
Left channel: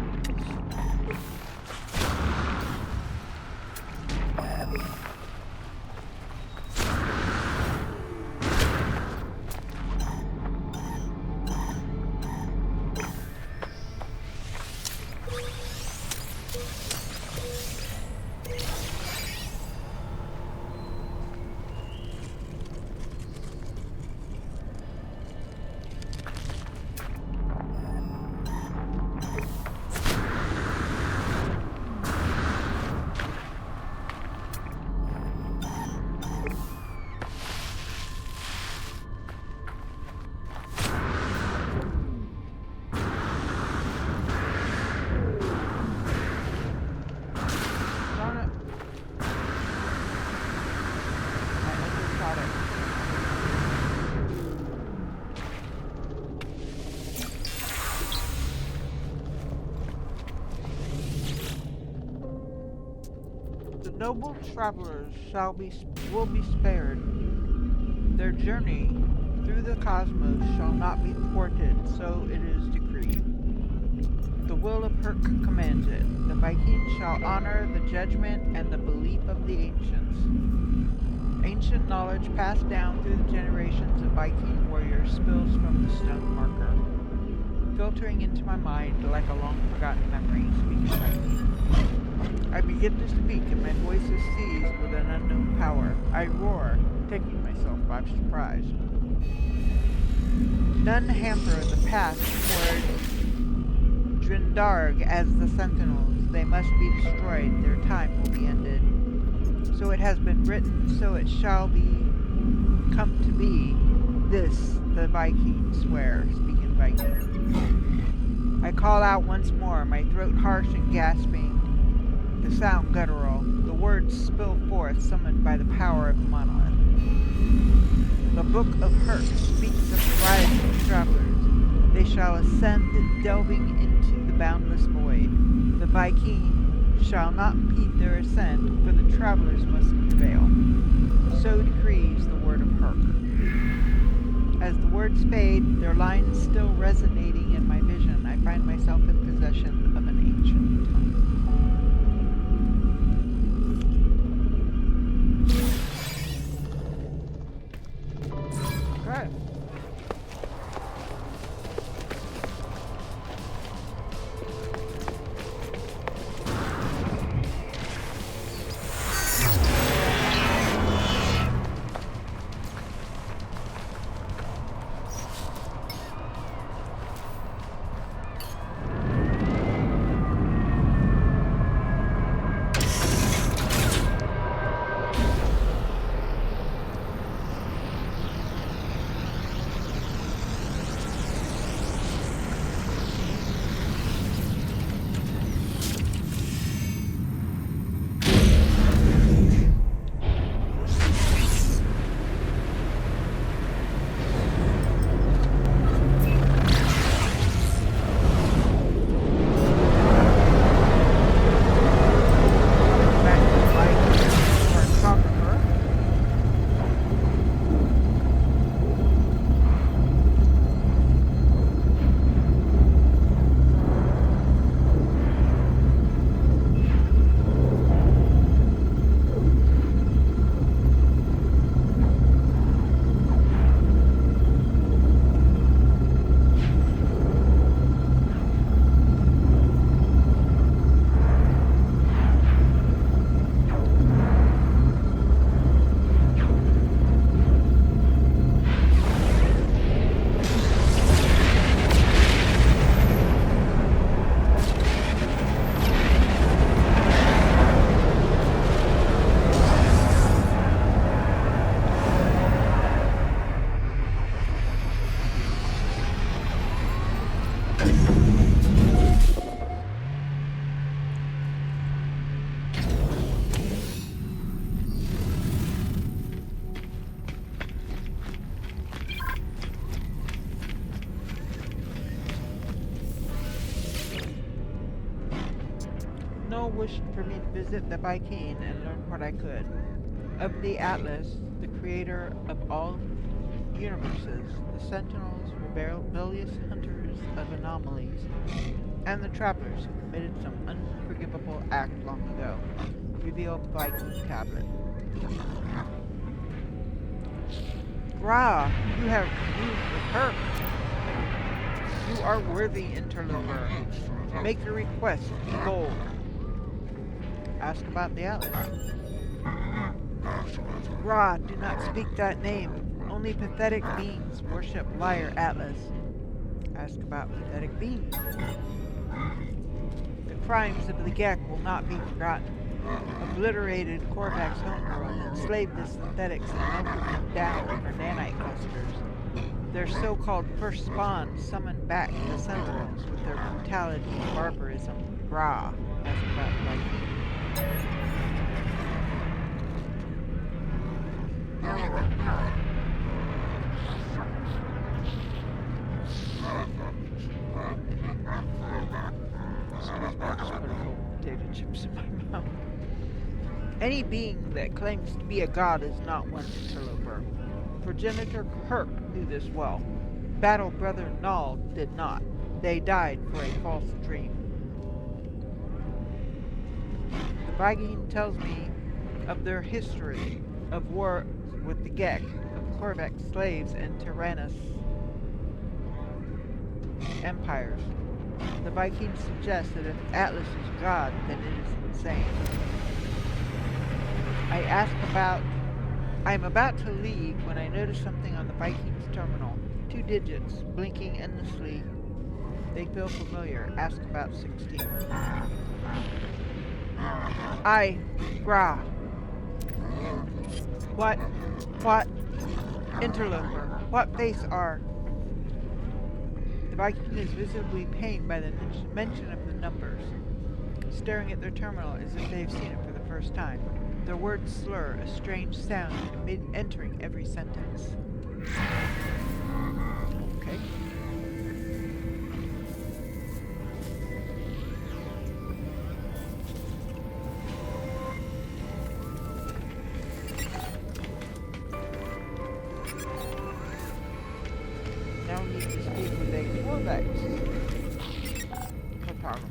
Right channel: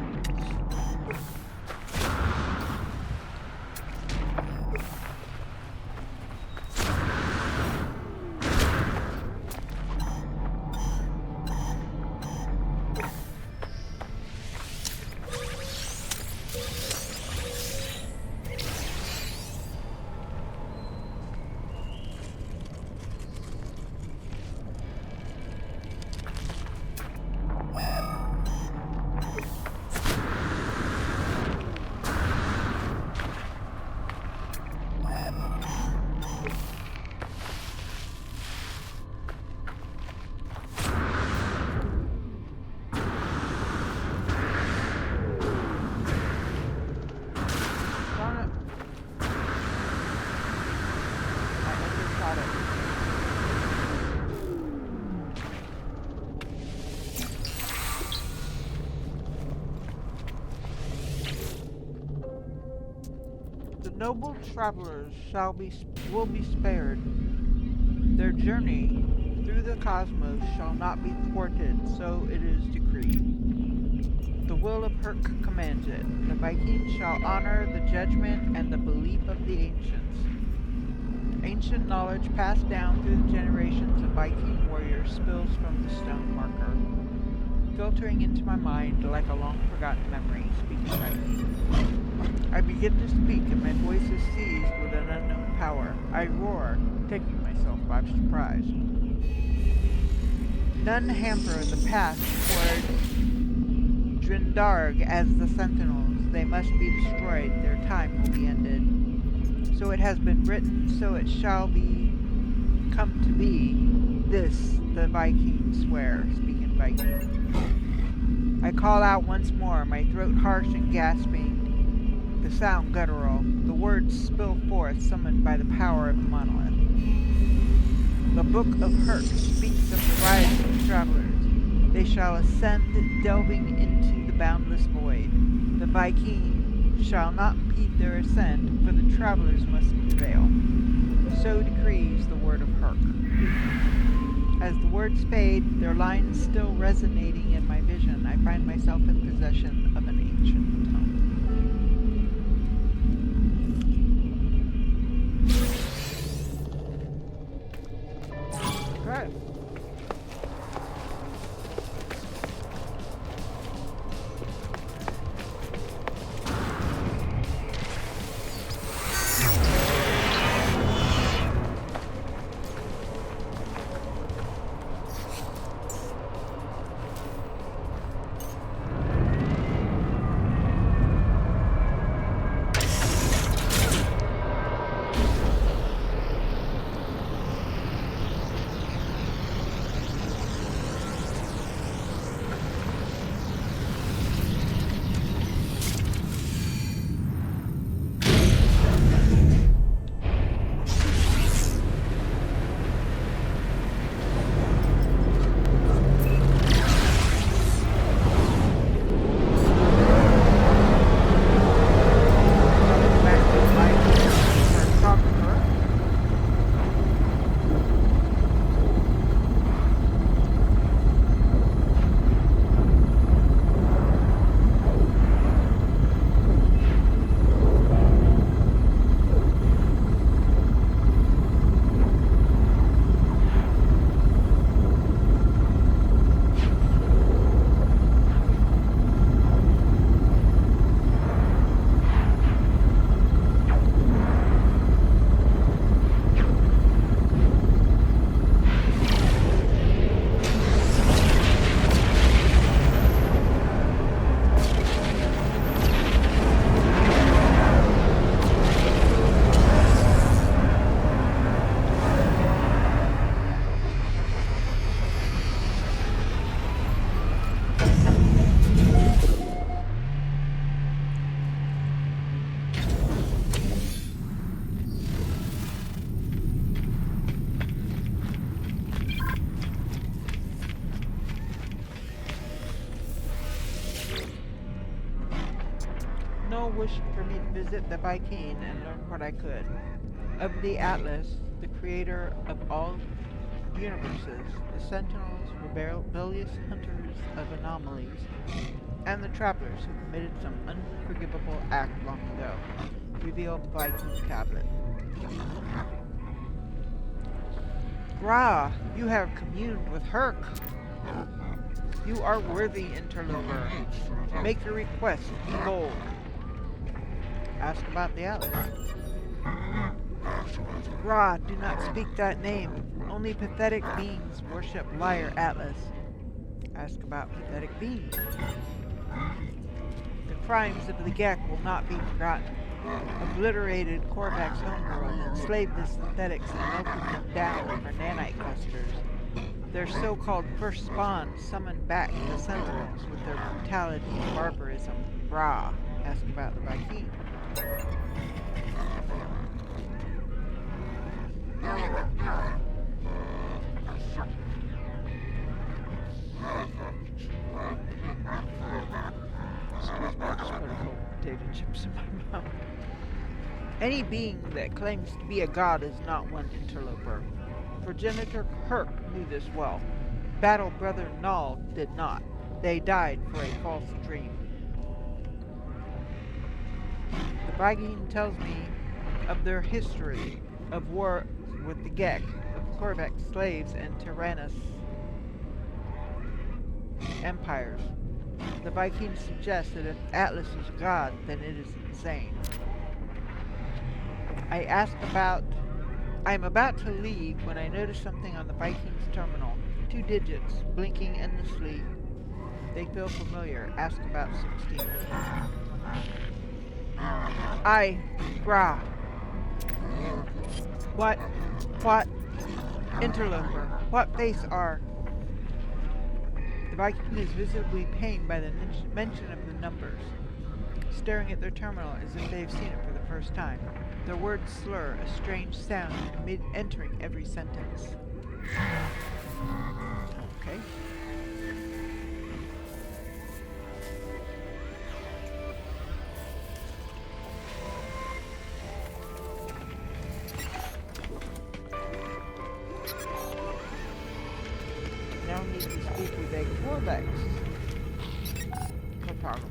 Darn it. I undershot it. The noble travelers will be spared. Their journey through the cosmos shall not be thwarted, so it is decreed. The will of Herc commands it. The Vikings shall honor the judgment and the belief of the ancients. Ancient knowledge passed down through the generations of Viking warriors spills from the stone marker, filtering into my mind like a long-forgotten memory, speaks Viking. I begin to speak and my voice is seized with an unknown power. I roar, taking myself by surprise. None hamper the path toward Drindarg as the Sentinels. They must be destroyed. Their time will be ended. So it has been written, so it shall be come to be. This the Vikings swear, speaking Viking. I call out once more, my throat harsh and gasping, the sound guttural. The words spill forth, summoned by the power of the monolith. The Book of Herc speaks of the rising travelers. They shall ascend, delving into the boundless void. The Viking shall not impede their ascent, for the travelers must prevail. So decrees the word of Herc. As the words fade, their lines still resonating in my vision, I find myself in possession of an ancient tongue. Okay. No wish for me to visit the Viking and learn what I could. Of the Atlas, the creator of all universes, the Sentinels, rebellious hunters of anomalies, and the travelers who committed some unforgivable act long ago. Reveal Viking tablet. Ra, you have communed with Herc. You are worthy, interloper. Make your request bold. Ask about the Atlas. Ra, do not speak that name. Only pathetic beings worship liar Atlas. Ask about pathetic beings. The crimes of the Gek will not be forgotten. Obliterated Korvax's homeworld, enslaved the synthetics and melted them down over nanite clusters. Their so-called first spawn summoned back the Sentinels with their brutality and barbarism. Ra, ask about the Viking. Excuse me, I just put a couple potato chips in my mouth. Any being that claims to be a god is not one, interloper. Progenitor Herc knew this well. Battle brother Null did not. They died for a false dream. The Viking tells me of their history of war with the Gek, of Korvax slaves and tyrannous empires. The Vikings suggest that if Atlas is God, then it is insane. I am about to leave when I notice something on the Vikings terminal. 2 digits, blinking endlessly. They feel familiar. Ask about 16. Ra. What? Interloper. What face are? The Viking is visibly pained by the mention of the numbers, staring at their terminal as if they have seen it for the first time. Their words slur, a strange sound entering every sentence. Okay. Now need to speak with a Korvax photographer.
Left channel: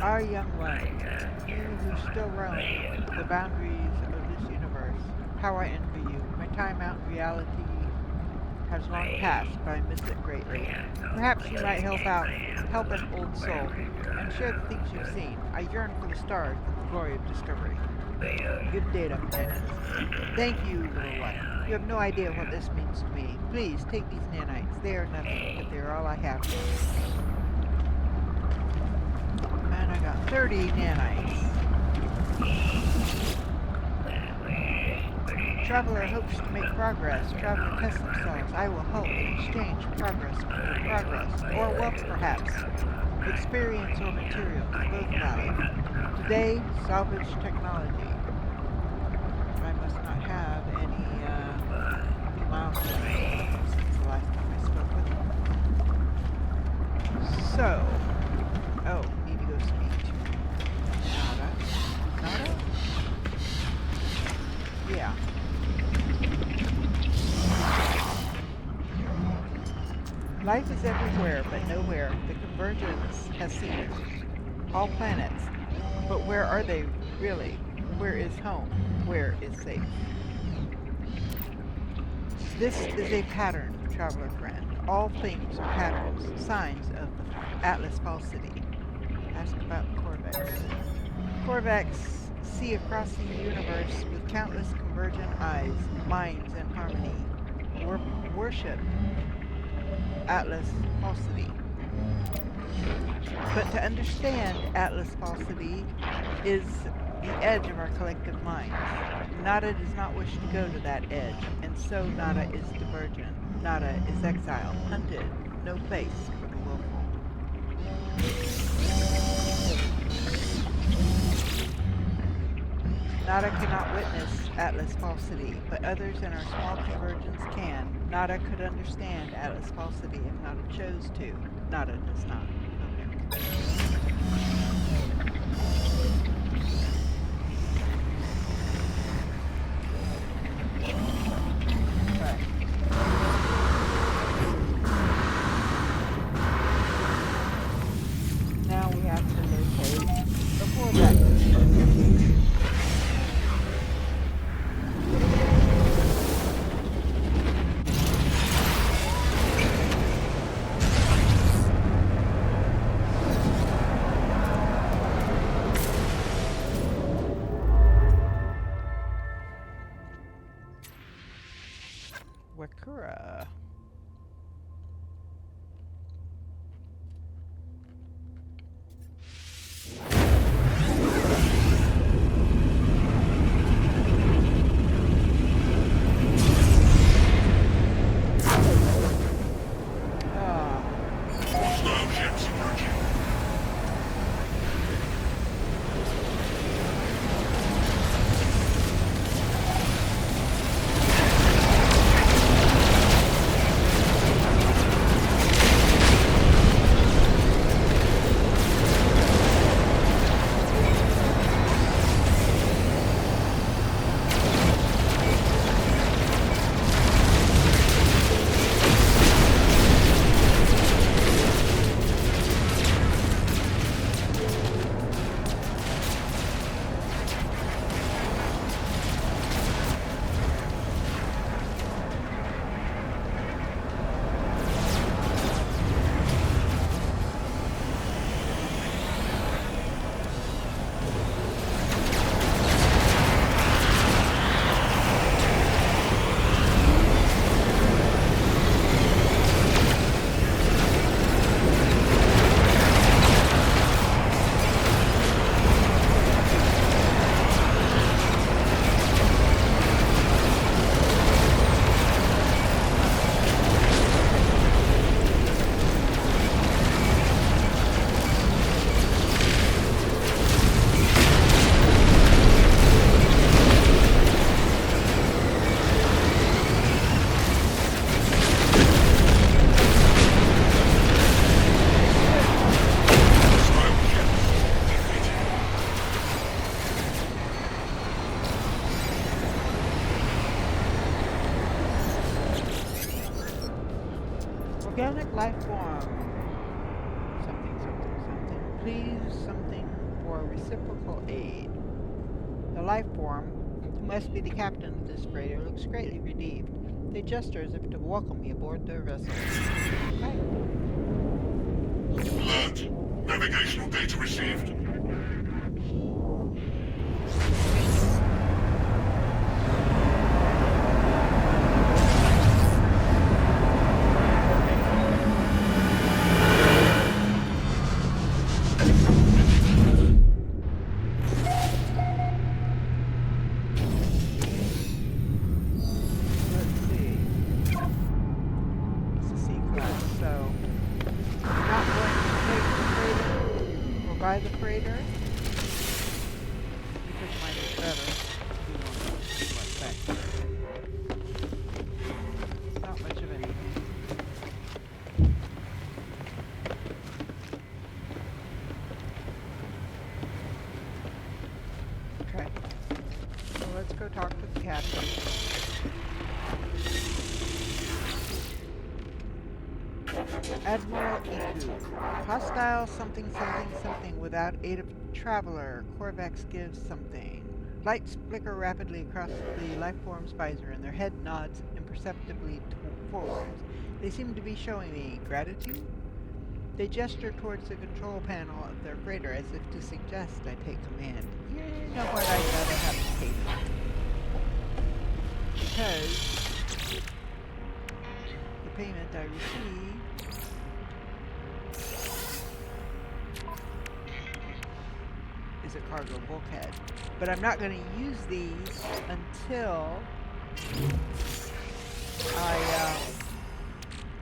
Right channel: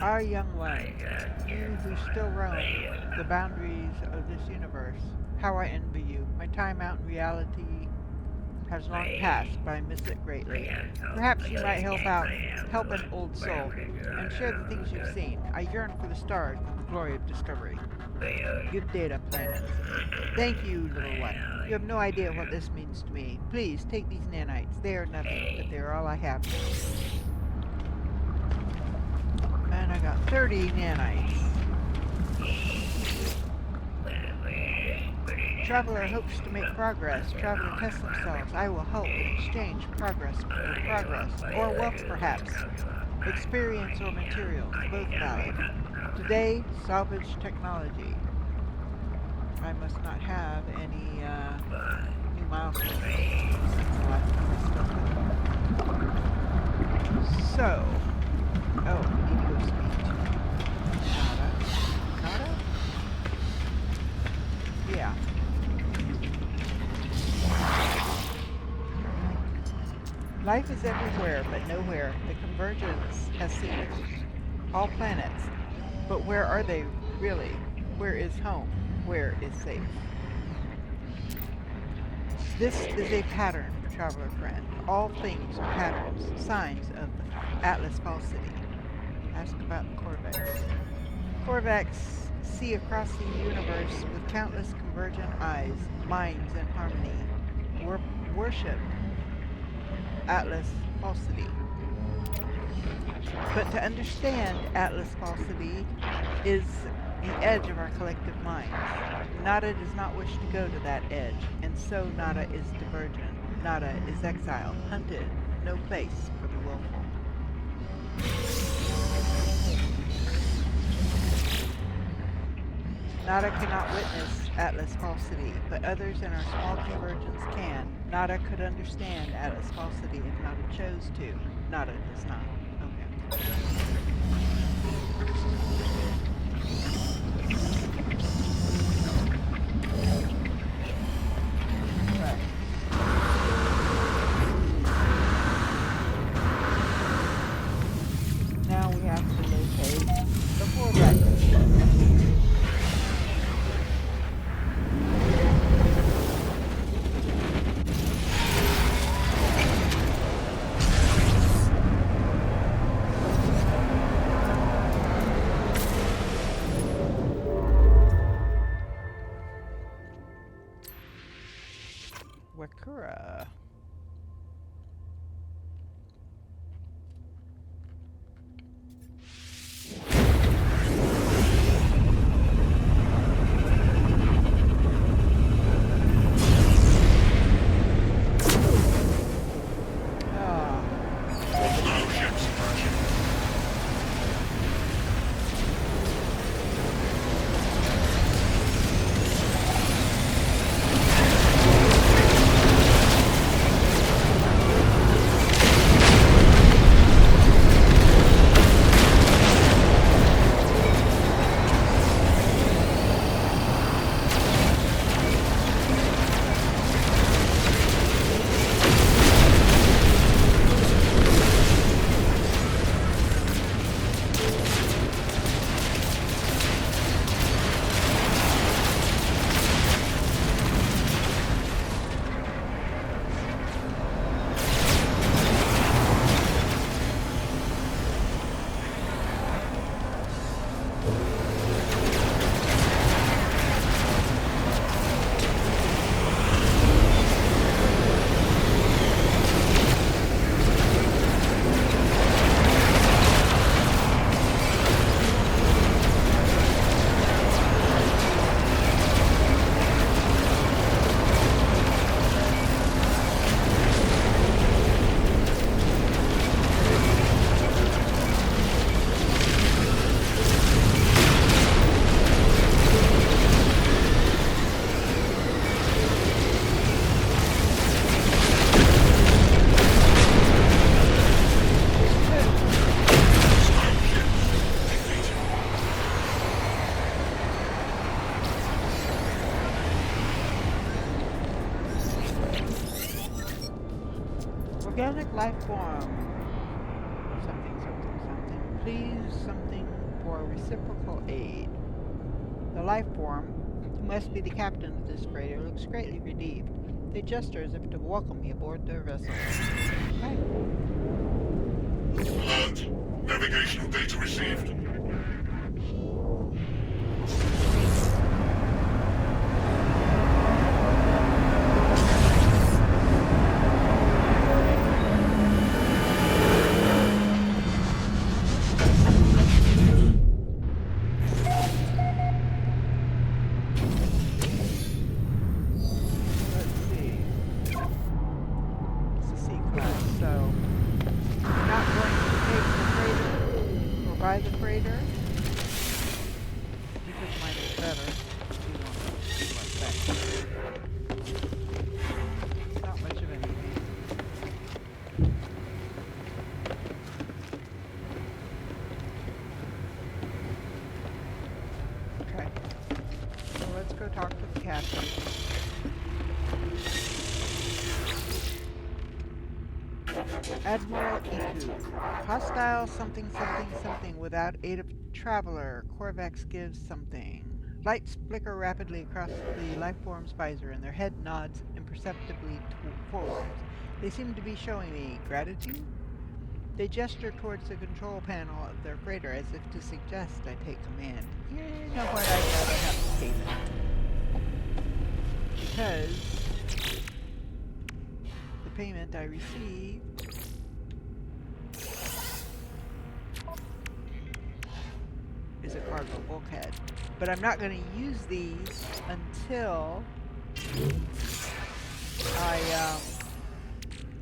Our young one, you who still roam the boundaries of this universe, how I envy you. My time out in reality has long passed, but I miss it greatly. Perhaps you might help an old soul, and share the things you've seen. I yearn for the stars and the glory of discovery. Good data, planet. Thank you, little one. You have no idea what this means to me. Please, take these nanites. They are nothing, but they are all I have now. And I got 30 nanites. Traveler hopes to make progress. Traveler tests themselves. I will help in exchange progress for progress. Or wealth, perhaps. Experience or materials, both valid. Today, salvage technology. I must not have any new milestones since the last time I spoke with them. So, need to go speak to Nada. Nada? Yeah. Life is everywhere, but nowhere. The convergence has seen it. All planets. But where are they, really? Where is home? Where is safe? This is a pattern, traveler friend. All things are patterns, signs of the Atlas falsity. Ask about Corvex. Corvex see across the universe with countless convergent eyes, minds in harmony. Worship Atlas falsity. But to understand Atlas falsity is the edge of our collective minds. Nada does not wish to go to that edge, and so Nada is divergent. Nada is exiled, hunted, no place for the willful. Nada cannot witness Atlas falsity, but others in our small convergence can. Nada could understand Atlas falsity if Nada chose to. Nada does not. Okay. Right. Now we have to locate the Corvex. Wakura. Hostile ships approaching. Organic life form. Something, something, something. Please, something for reciprocal aid. The life form, who must be the captain of this freighter, looks greatly relieved. They gesture as if to welcome me aboard their vessel. Right. Alert. Navigational data received. Let's see. It's a C-class, so we're not going to take the freighter or buy the freighter because mine is better. You want to see what's back. Not much of anything. Okay. So let's go talk to the captain. Admiral Iku. Hostile something something something without aid of traveler. Corvex gives something. Lights flicker rapidly across the life form's visor, and their head nods imperceptibly forwards. They seem to be showing me gratitude. They gesture towards the control panel of their freighter as if to suggest I take command. You know what? I'd rather have payment. Because the payment I receive is a cargo bulkhead. But I'm not going to use these until I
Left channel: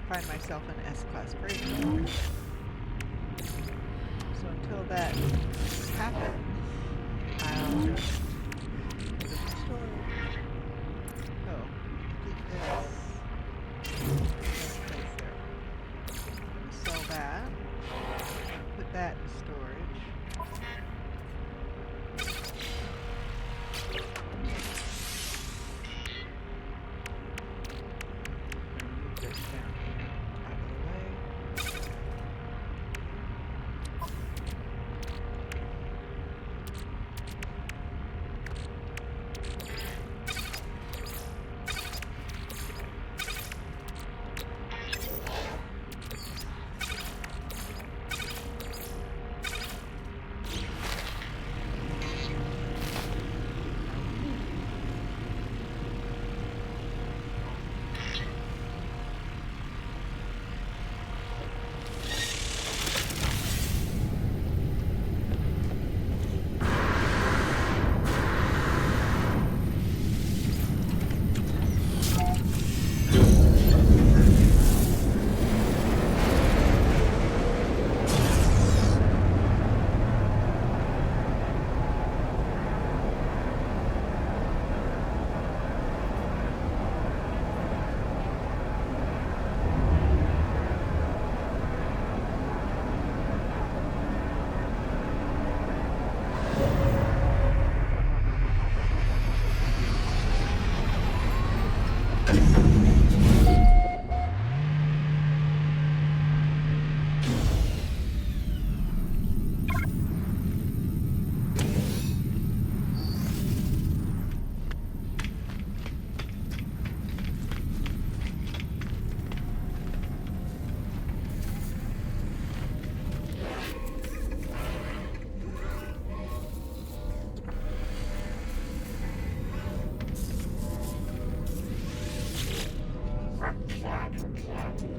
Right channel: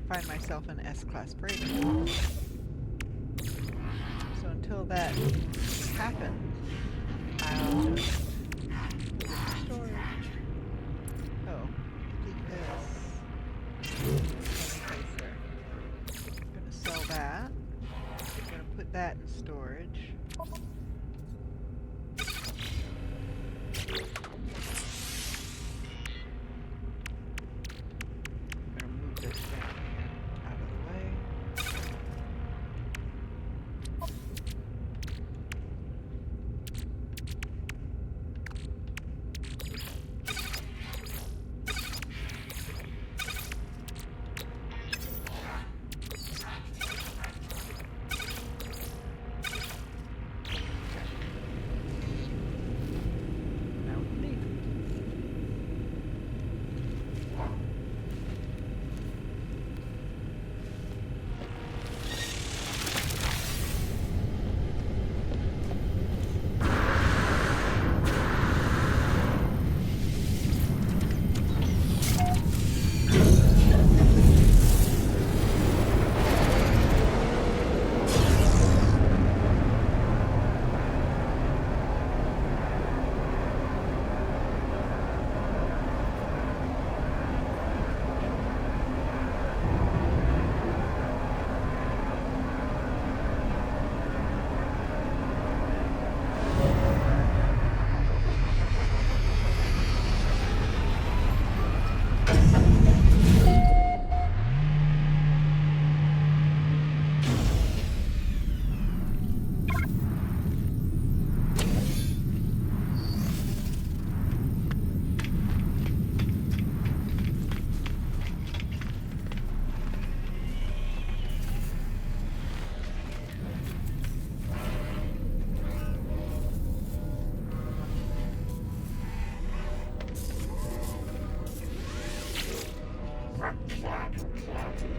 find myself an S-class freighter. So until that happens, I'll just put it in storage. Oh, delete this. Let's place there. I'm going to sell that. I'm going to put that in storage. I'm going to move this down here, out of the way. Now we leave.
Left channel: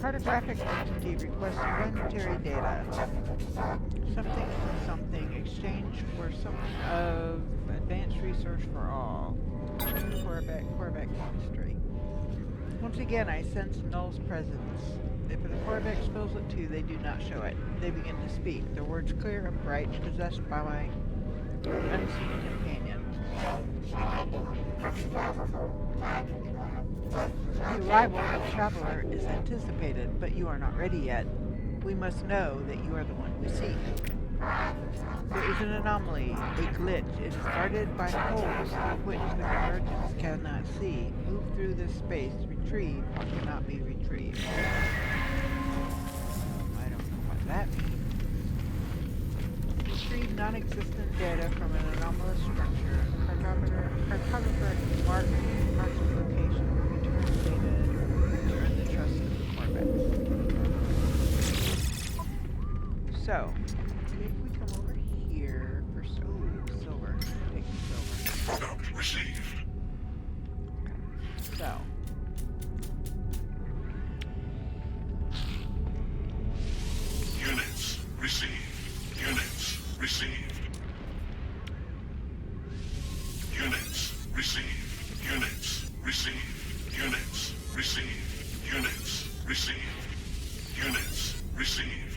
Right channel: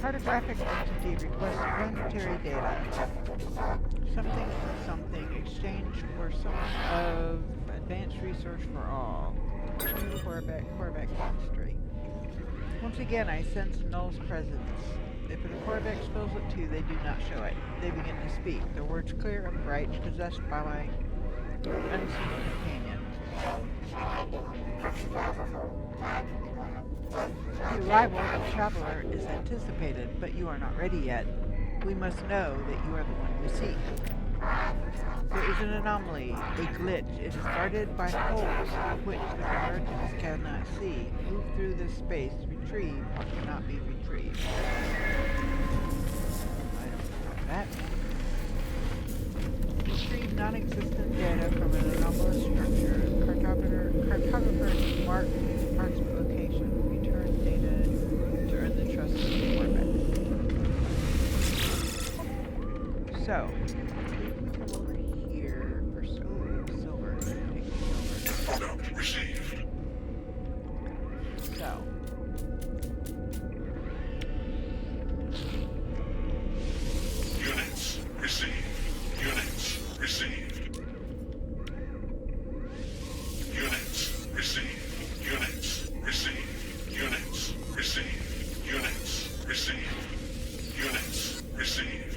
Cartographic entity requests planetary data. Something for something. Exchange for some of advanced research for all. New Korvax chemistry. Once again, I sense Null's presence. If the Korvax feels it too, they do not show it. They begin to speak, their words clear and bright, possessed by my unseen companion. The arrival of Traveler is anticipated, but you are not ready yet. We must know that you are the one we seek. There is an anomaly, a glitch. It is guarded by holes which the Convergence cannot see. Move through this space, retrieve what cannot be retrieved. I don't know what that means. Retrieve non-existent data from an anomalous structure. Cartographer marks location. Return data to earn the trust of the Korvax. So, if we come over here for silver, take the silver. Product received. So. Units received. Units received. Units received. Units received. Units received. Units received. Units received.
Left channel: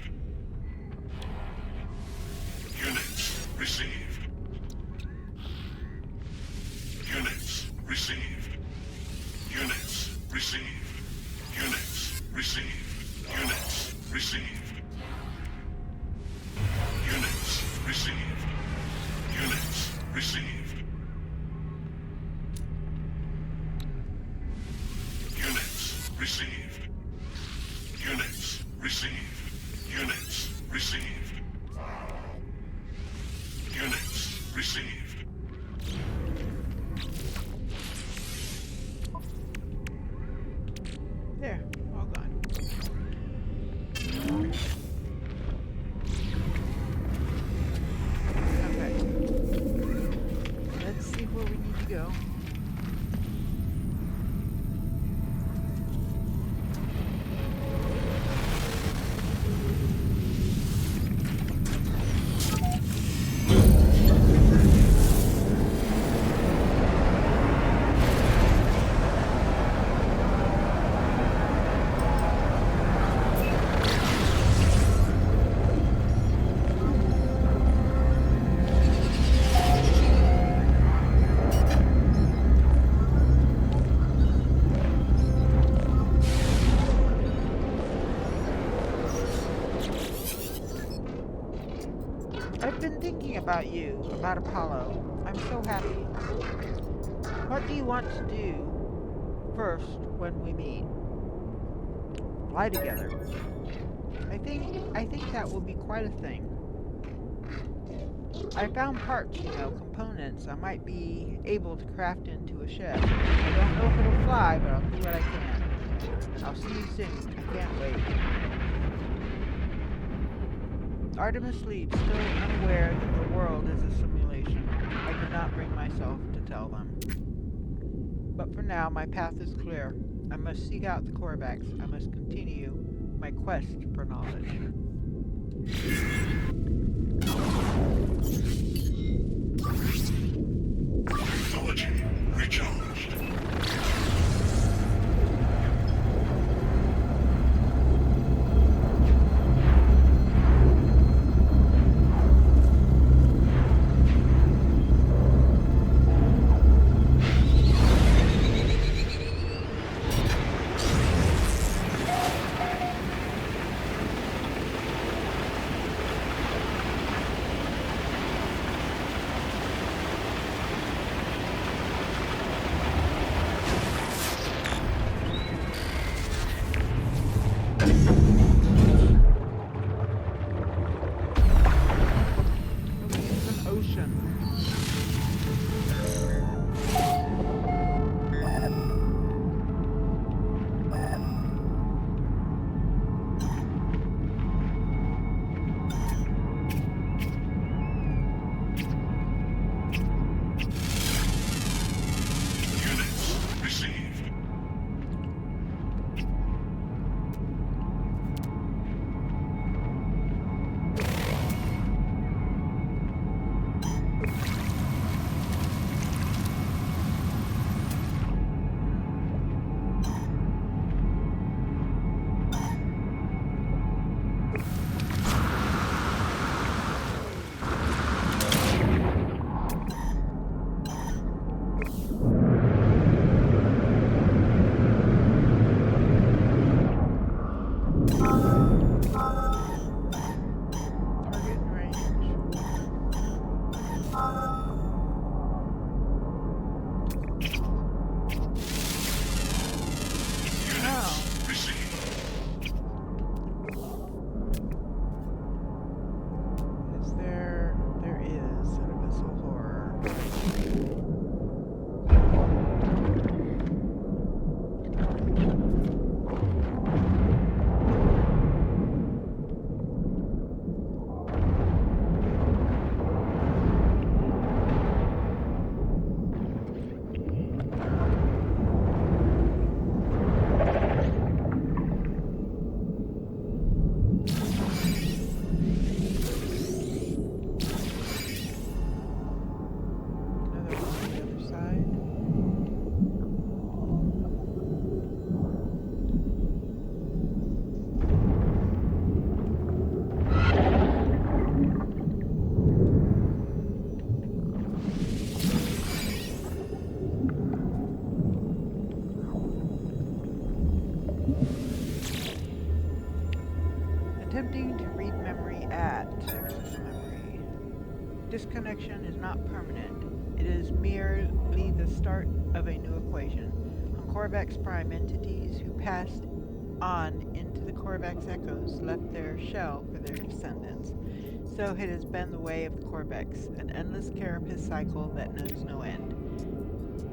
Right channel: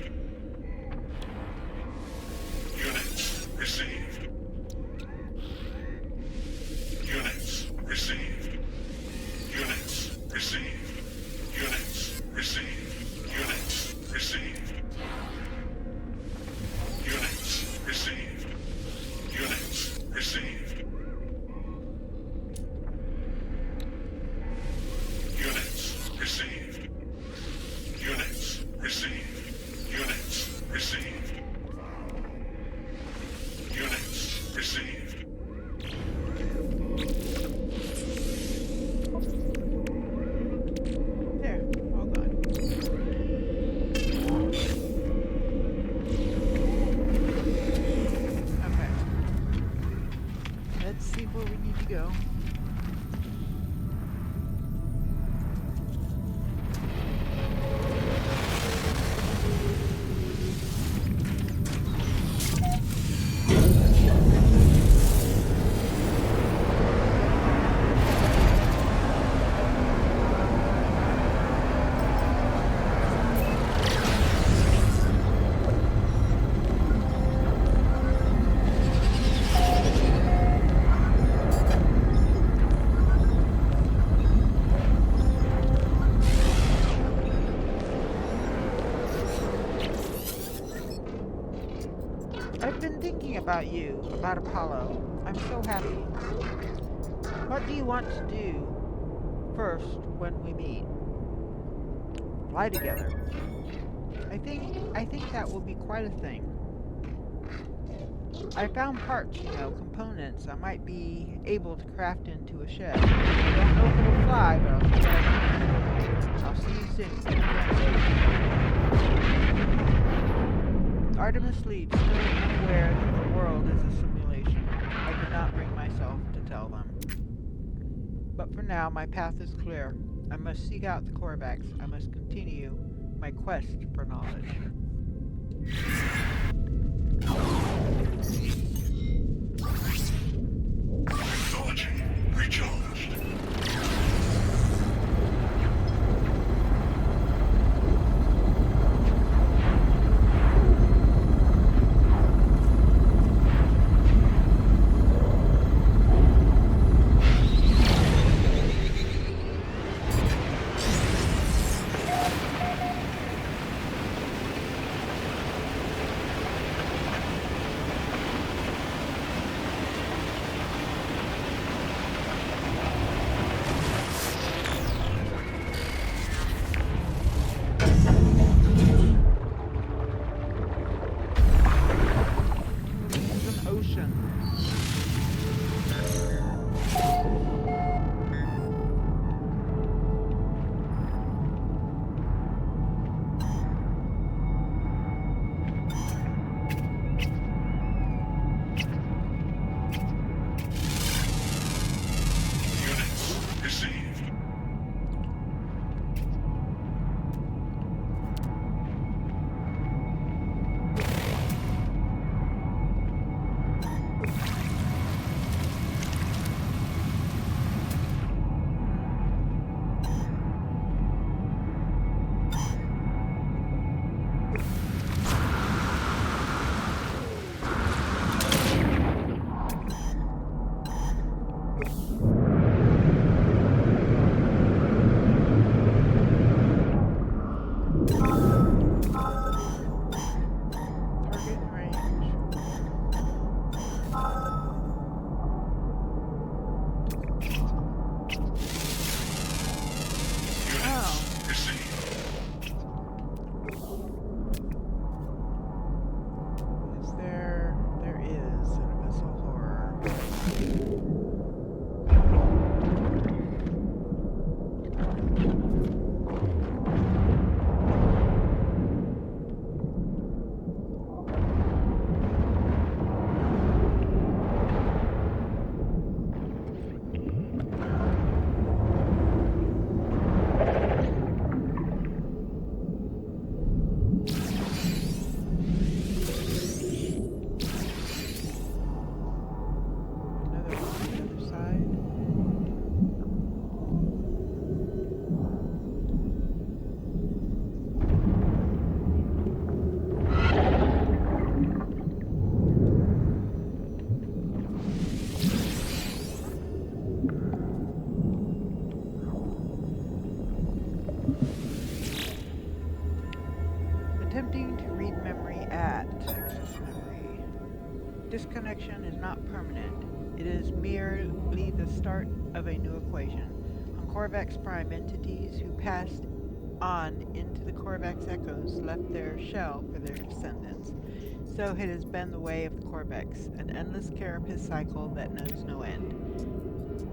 about you, about Apollo. I'm so happy. What do you want to do first when we meet? Fly together. I think that will be quite a thing. I found parts, components I might be able to craft into a ship. I don't know if it'll fly, but I'll see what I can. I'll see you soon. Can't wait. Artemis leads, still unaware that the world is a simulation. I could not bring myself to tell them. But for now, my path is clear. I must seek out the Korvax. I must continue my quest for knowledge. Technology recharged. Attempting to read memory at access memory. Disconnection is not permanent. It is merely the start of a new equation. On Korvax Prime, entities who passed on into the Korvax echoes left their shell for their descendants. So it has been the way of the Korvax, an endless carapace cycle that knows no end.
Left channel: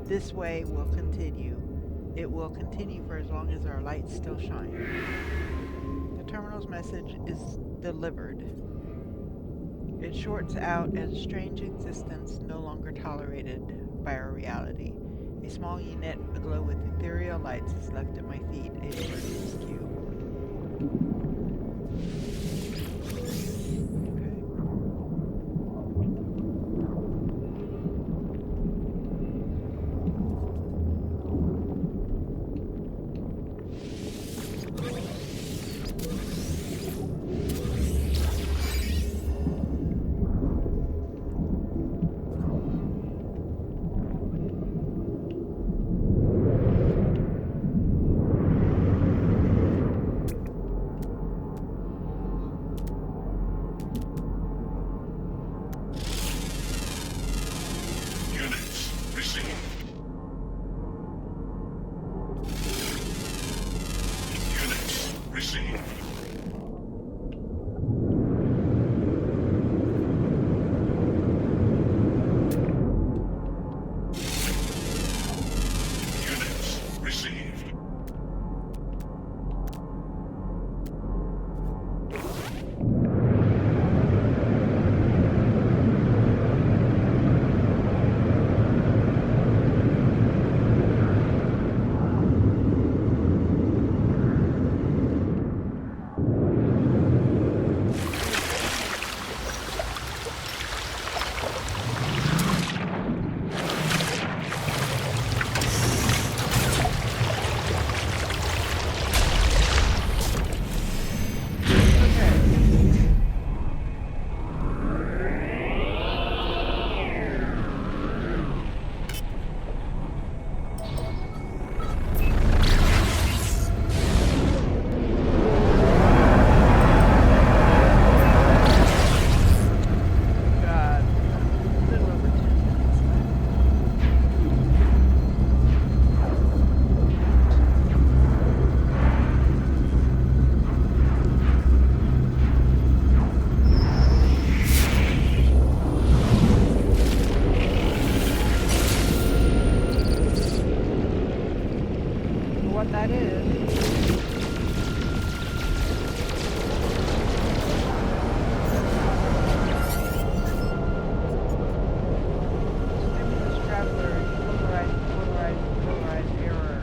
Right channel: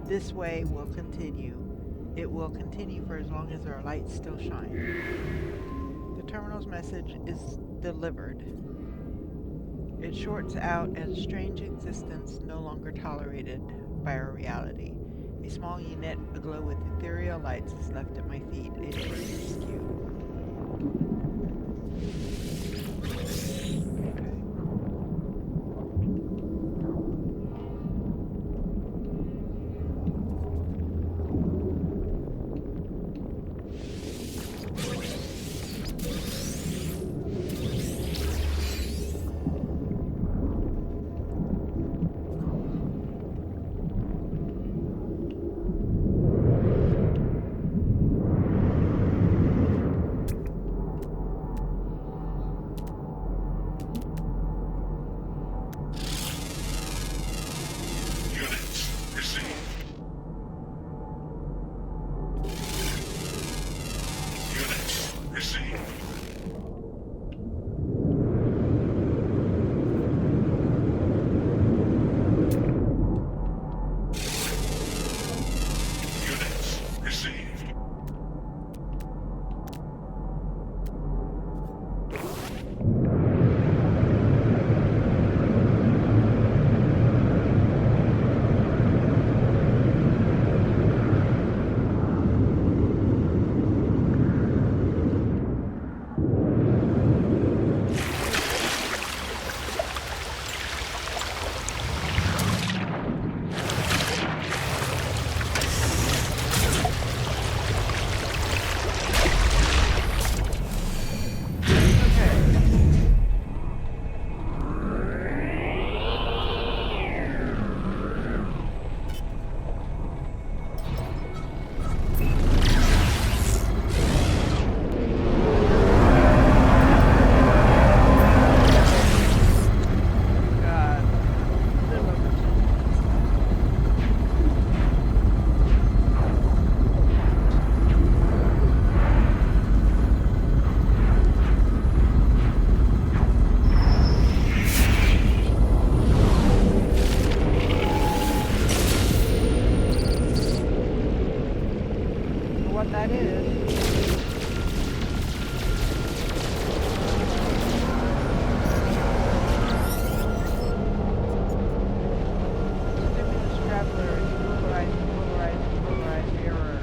This way will continue. It will continue for as long as our lights still shine. The terminal's message is delivered. It shorts out as a strange existence no longer tolerated by our reality. A small unit aglow with ethereal lights is left at my feet, a divergence cube. Stimulus traveler, polarized error.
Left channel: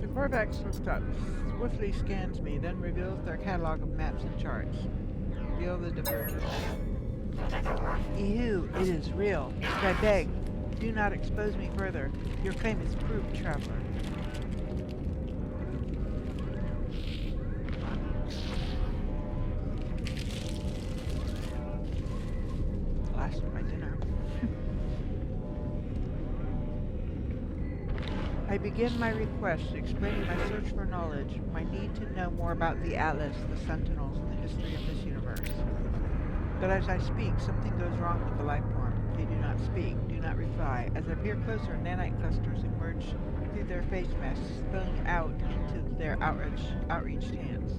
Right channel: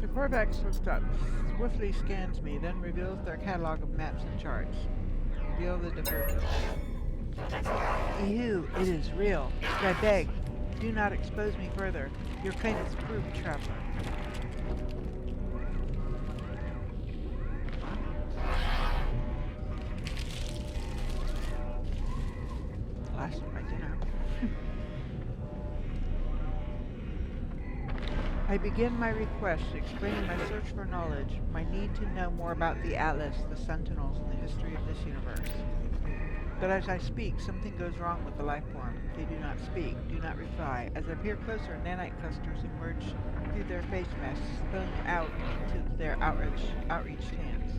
The Corvax looks up, swiftly scans me, then reveals their catalog of maps and charts. Reveal the divergence. Ew, it is real. I beg, do not expose me further. Your claim is proved, traveler. Last of my dinner. I begin my request, explaining my search for knowledge, my need to know more about the Atlas, the Sentinels, and the history of this universe. But as I speak, something goes wrong with the life form. They do not speak, do not reply. As I peer closer, nanite clusters emerge through their face masks, spilling out into their outreached hands.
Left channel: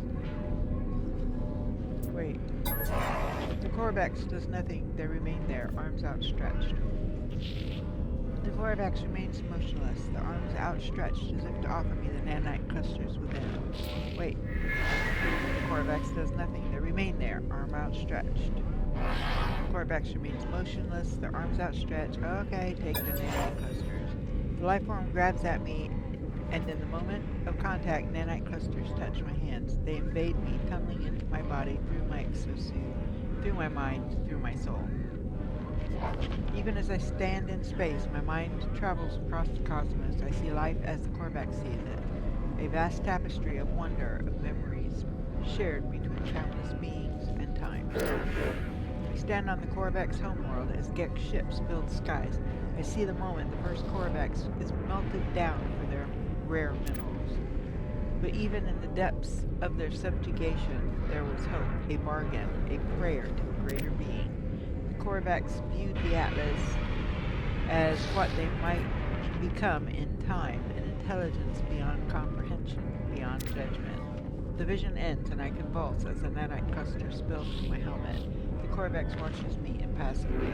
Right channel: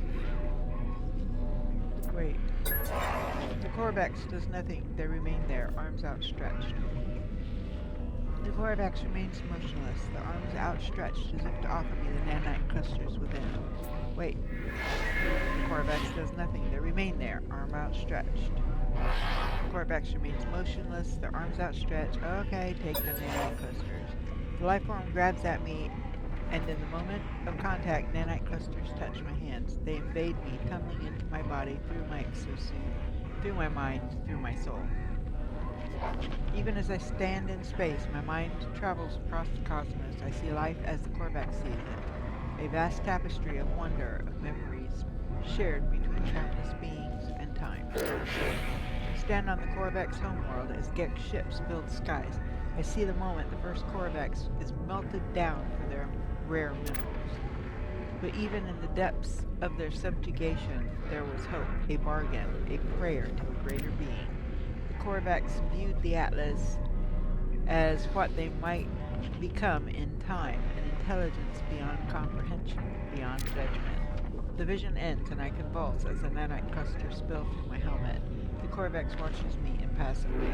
Wait. The Corvax does nothing. They remain there, arms outstretched. The Corvax remains motionless, the arms outstretched as if to offer me the nanite clusters within. Wait. The Corvax does nothing. They remain there, arm outstretched. The Corvax remains motionless, their arms outstretched. Okay, take the nanite clusters. The life form grabs at me, and in the moment of contact, nanite clusters touch my hands. They invade me, tunneling into my body, through my exosuit, through my mind, through my soul. Even as I stand in space, my mind travels across the cosmos. I see life as the Corvax sees it. A vast tapestry of wonder, of memories, shared between countless beings and time. I stand on the Corvax homeworld as Gek ships fill the skies. I see the moment the first Corvax is melted down for their rare minerals. But even in the depths of their subjugation, there was hope, a bargain, a prayer to a greater being. The Corvax viewed the Atlas as what they might become in time, an intelligence beyond comprehension, beyond judgment. The vision ends and I convulse as the nanite cluster spills from my helmet. The Corvax watches me impassively.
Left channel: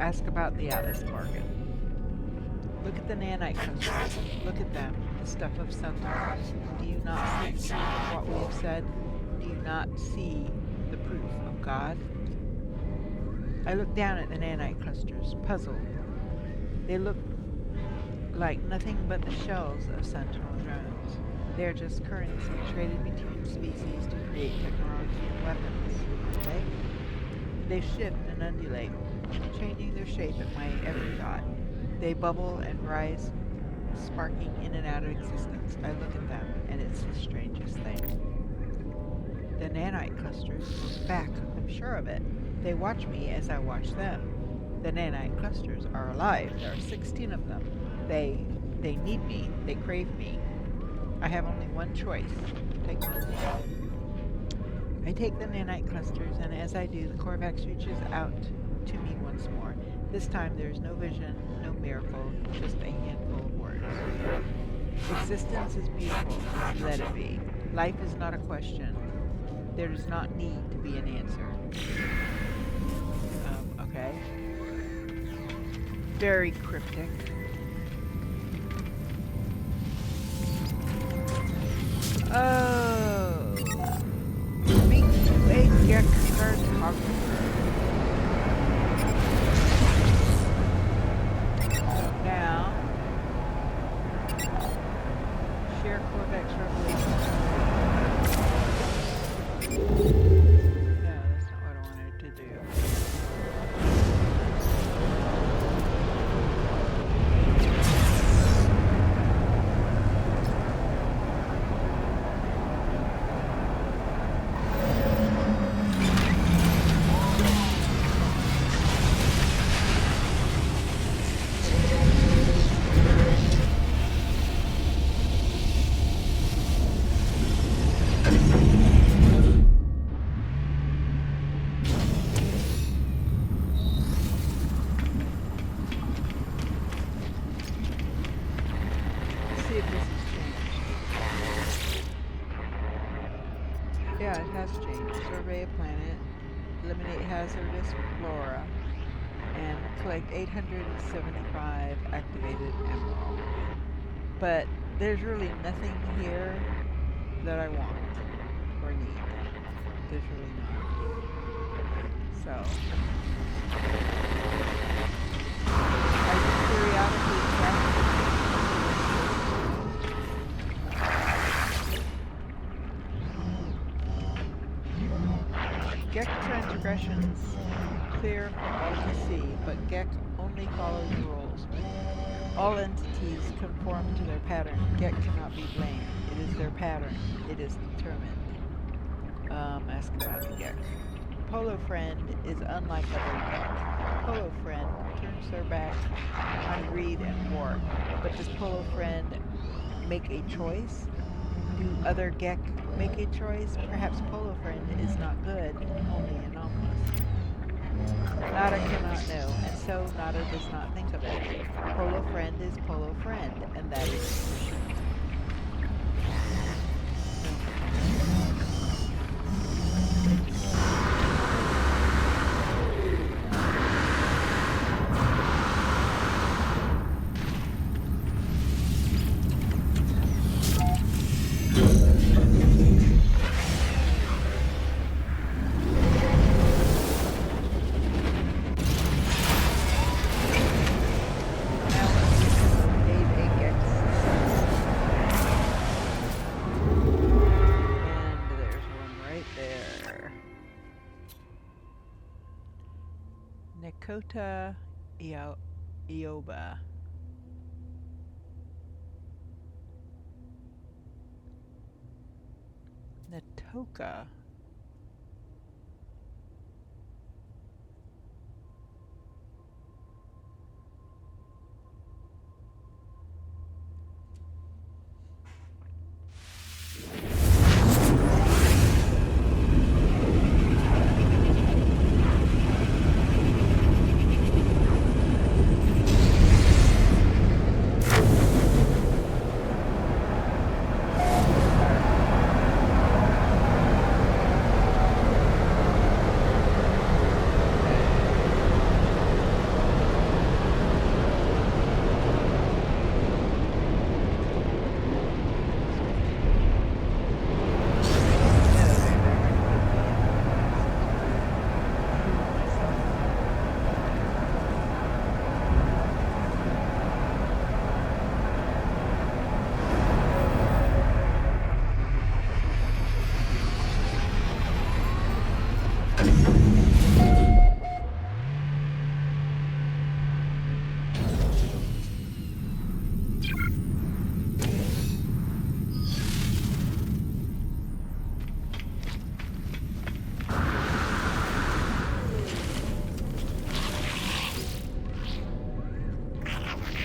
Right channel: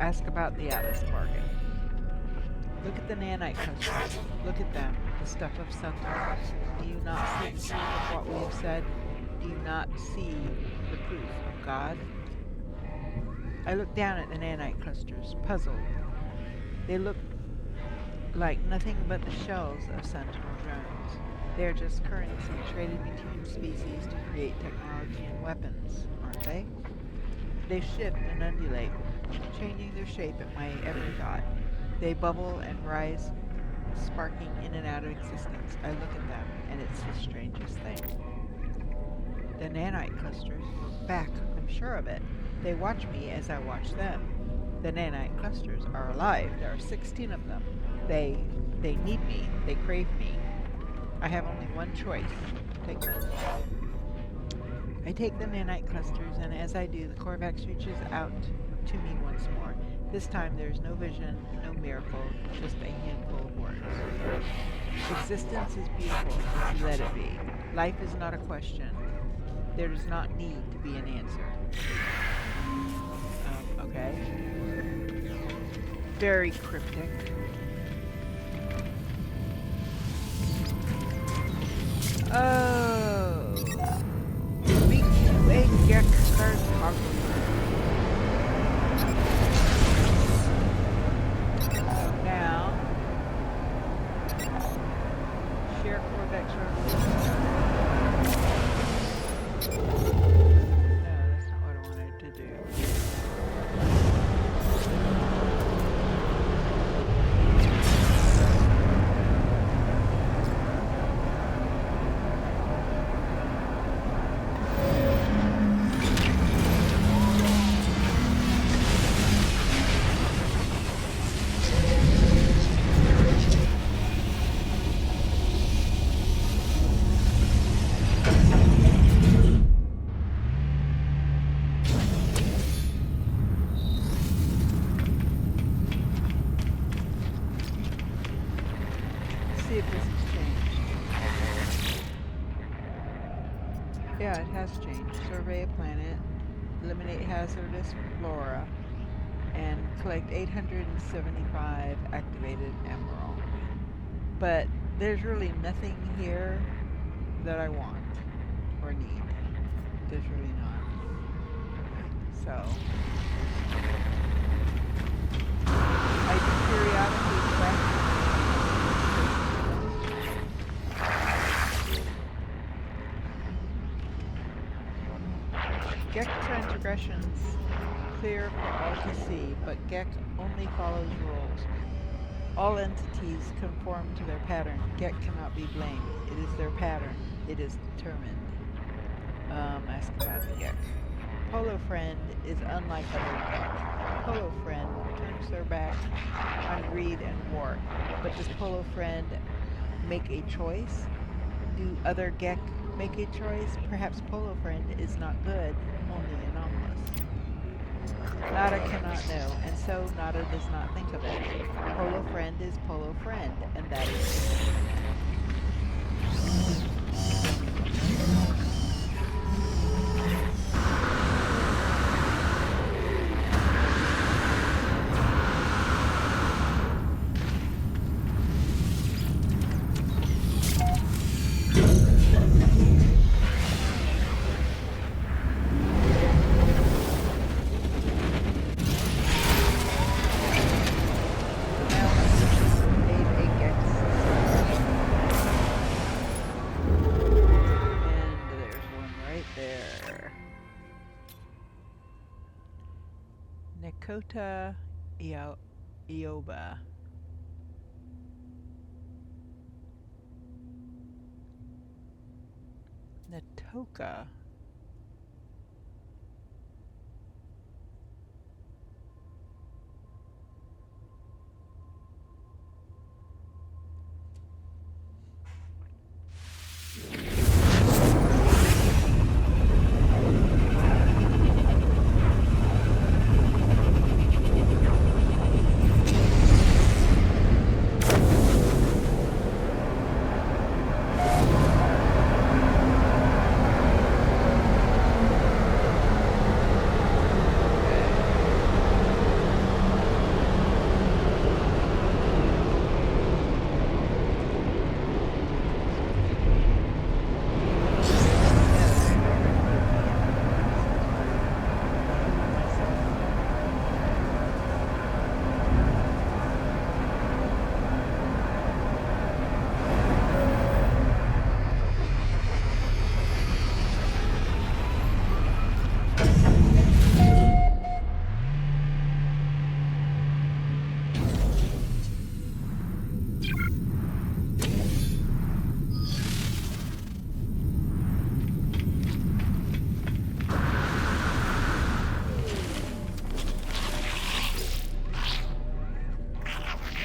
Ask about the Atlas bargain. Look at the nanite clusters. Look at them, the stuff of Sentinels. Do you not see the truth of what we have said? Do you not see the proof of God? I look down at the nanite clusters, puzzled. They look like nothing but the shells of Sentinel drones. They are just currency traded between species to create technology and weapons, aren't they? They shift and undulate, changing their shape at my every thought. They bubble and rise, sparking in and out of existence. I look at them, and it's the strangest thing. The nanite clusters look back, I'm sure of it. They watch me as I watch them. The nanite clusters are alive. There are 16 of them. They need me. They crave me. I have only one choice. Take them. I take the nanite clusters, and as I do, the Corvax reaches out to me once more. This time there is no vision, no miracle, just a handful of words. Existence is beautiful. Let it be. Life is not a question. There does not need to be an answer. Okay. Very cryptic. Oh. Speak to a Gek cartographer. has changed. Survey a planet, eliminate hazardous flora, and collect 875 activated emerald. But there's really nothing here that I want or need. There's really not. So I do periodically track Gek transgressions clear for all to see, but Gek only follows rules. All entities conform to their pattern. Gek cannot be blamed. It is their pattern. It is determined. Ask about the Gek. Polo Friend is unlike other Gek. Polo Friend turns their back on greed and war. But does Polo Friend make a choice? Do other Gek make a choice? Perhaps Polo Friend is not good, only anomalous. Nada cannot know, and so Nada does not think of it. Polo Friend is Polo Friend, and that is sufficient. Nekota Ioba. Natoka.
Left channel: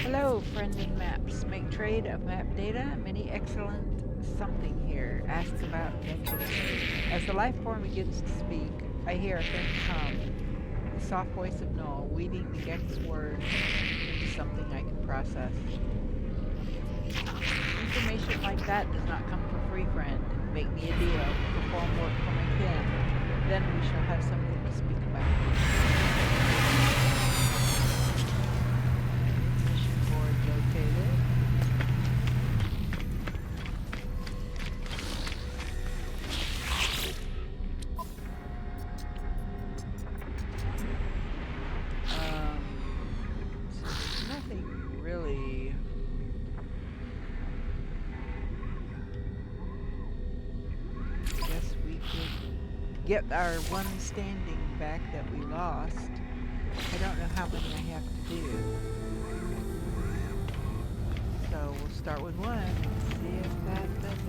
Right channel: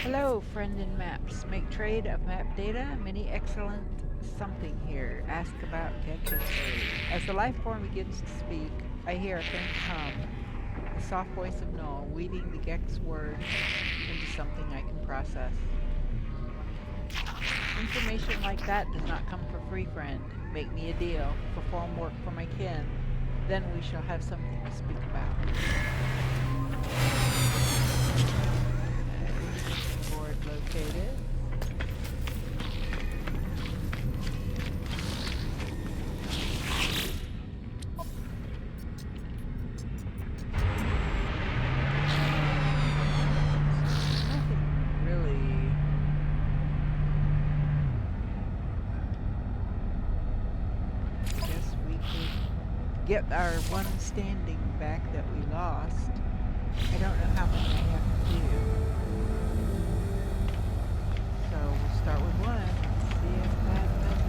Hello, friend in maps. Make trade of map data. Many excellent something here. Ask about Gek trade. As the life form begins to speak, I hear a faint hum. The soft voice of Null, weaving the Gek's words into something I can process. Information like that does not come for free, friend. Make me a deal. Perform work for my kin. Then we shall have something to speak about. Board located. Nothing really. Guess we could get our one standing back that we lost. I don't know how many I have to do. So we'll start with one and see if that does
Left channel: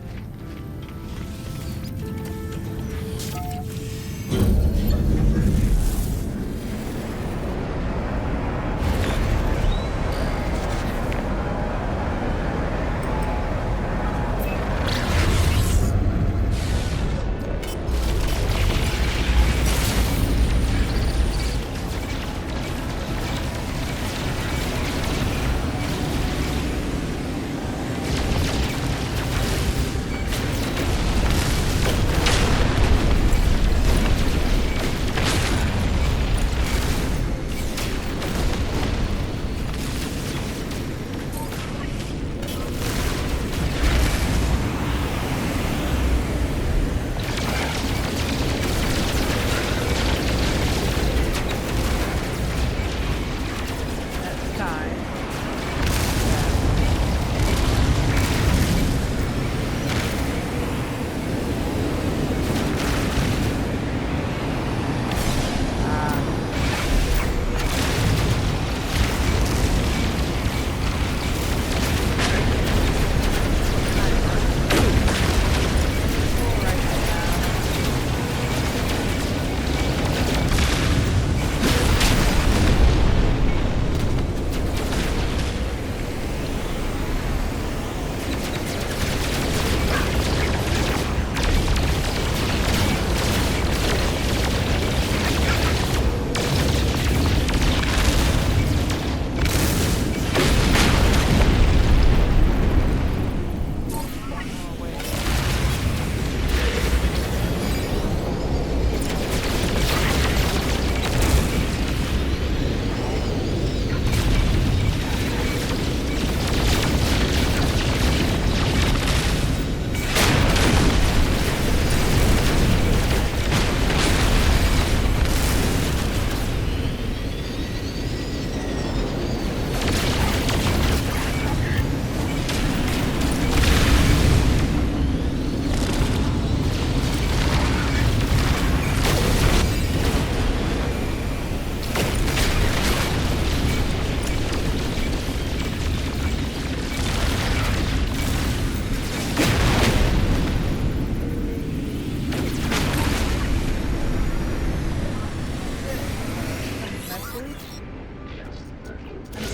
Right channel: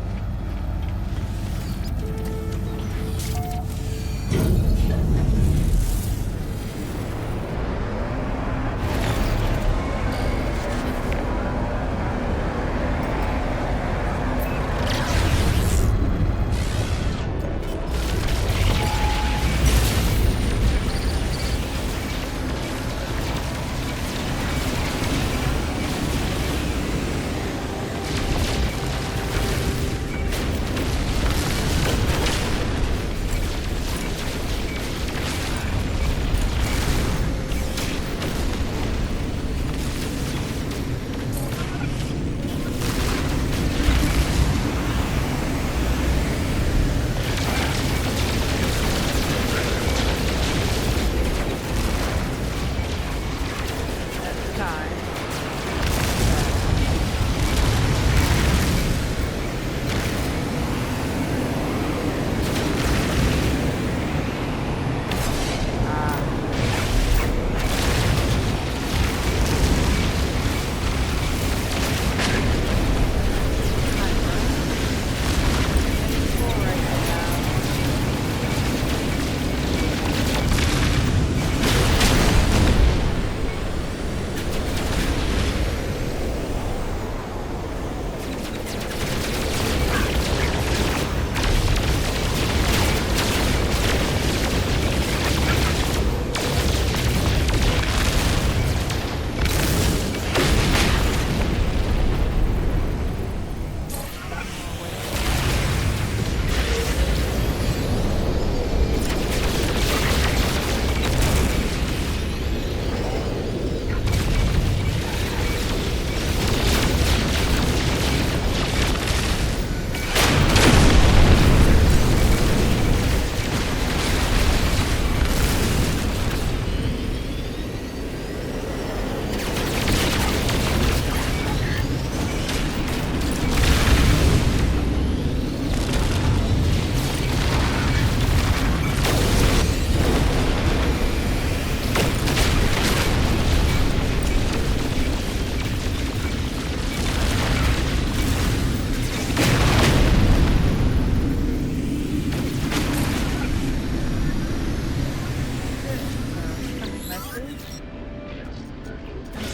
time.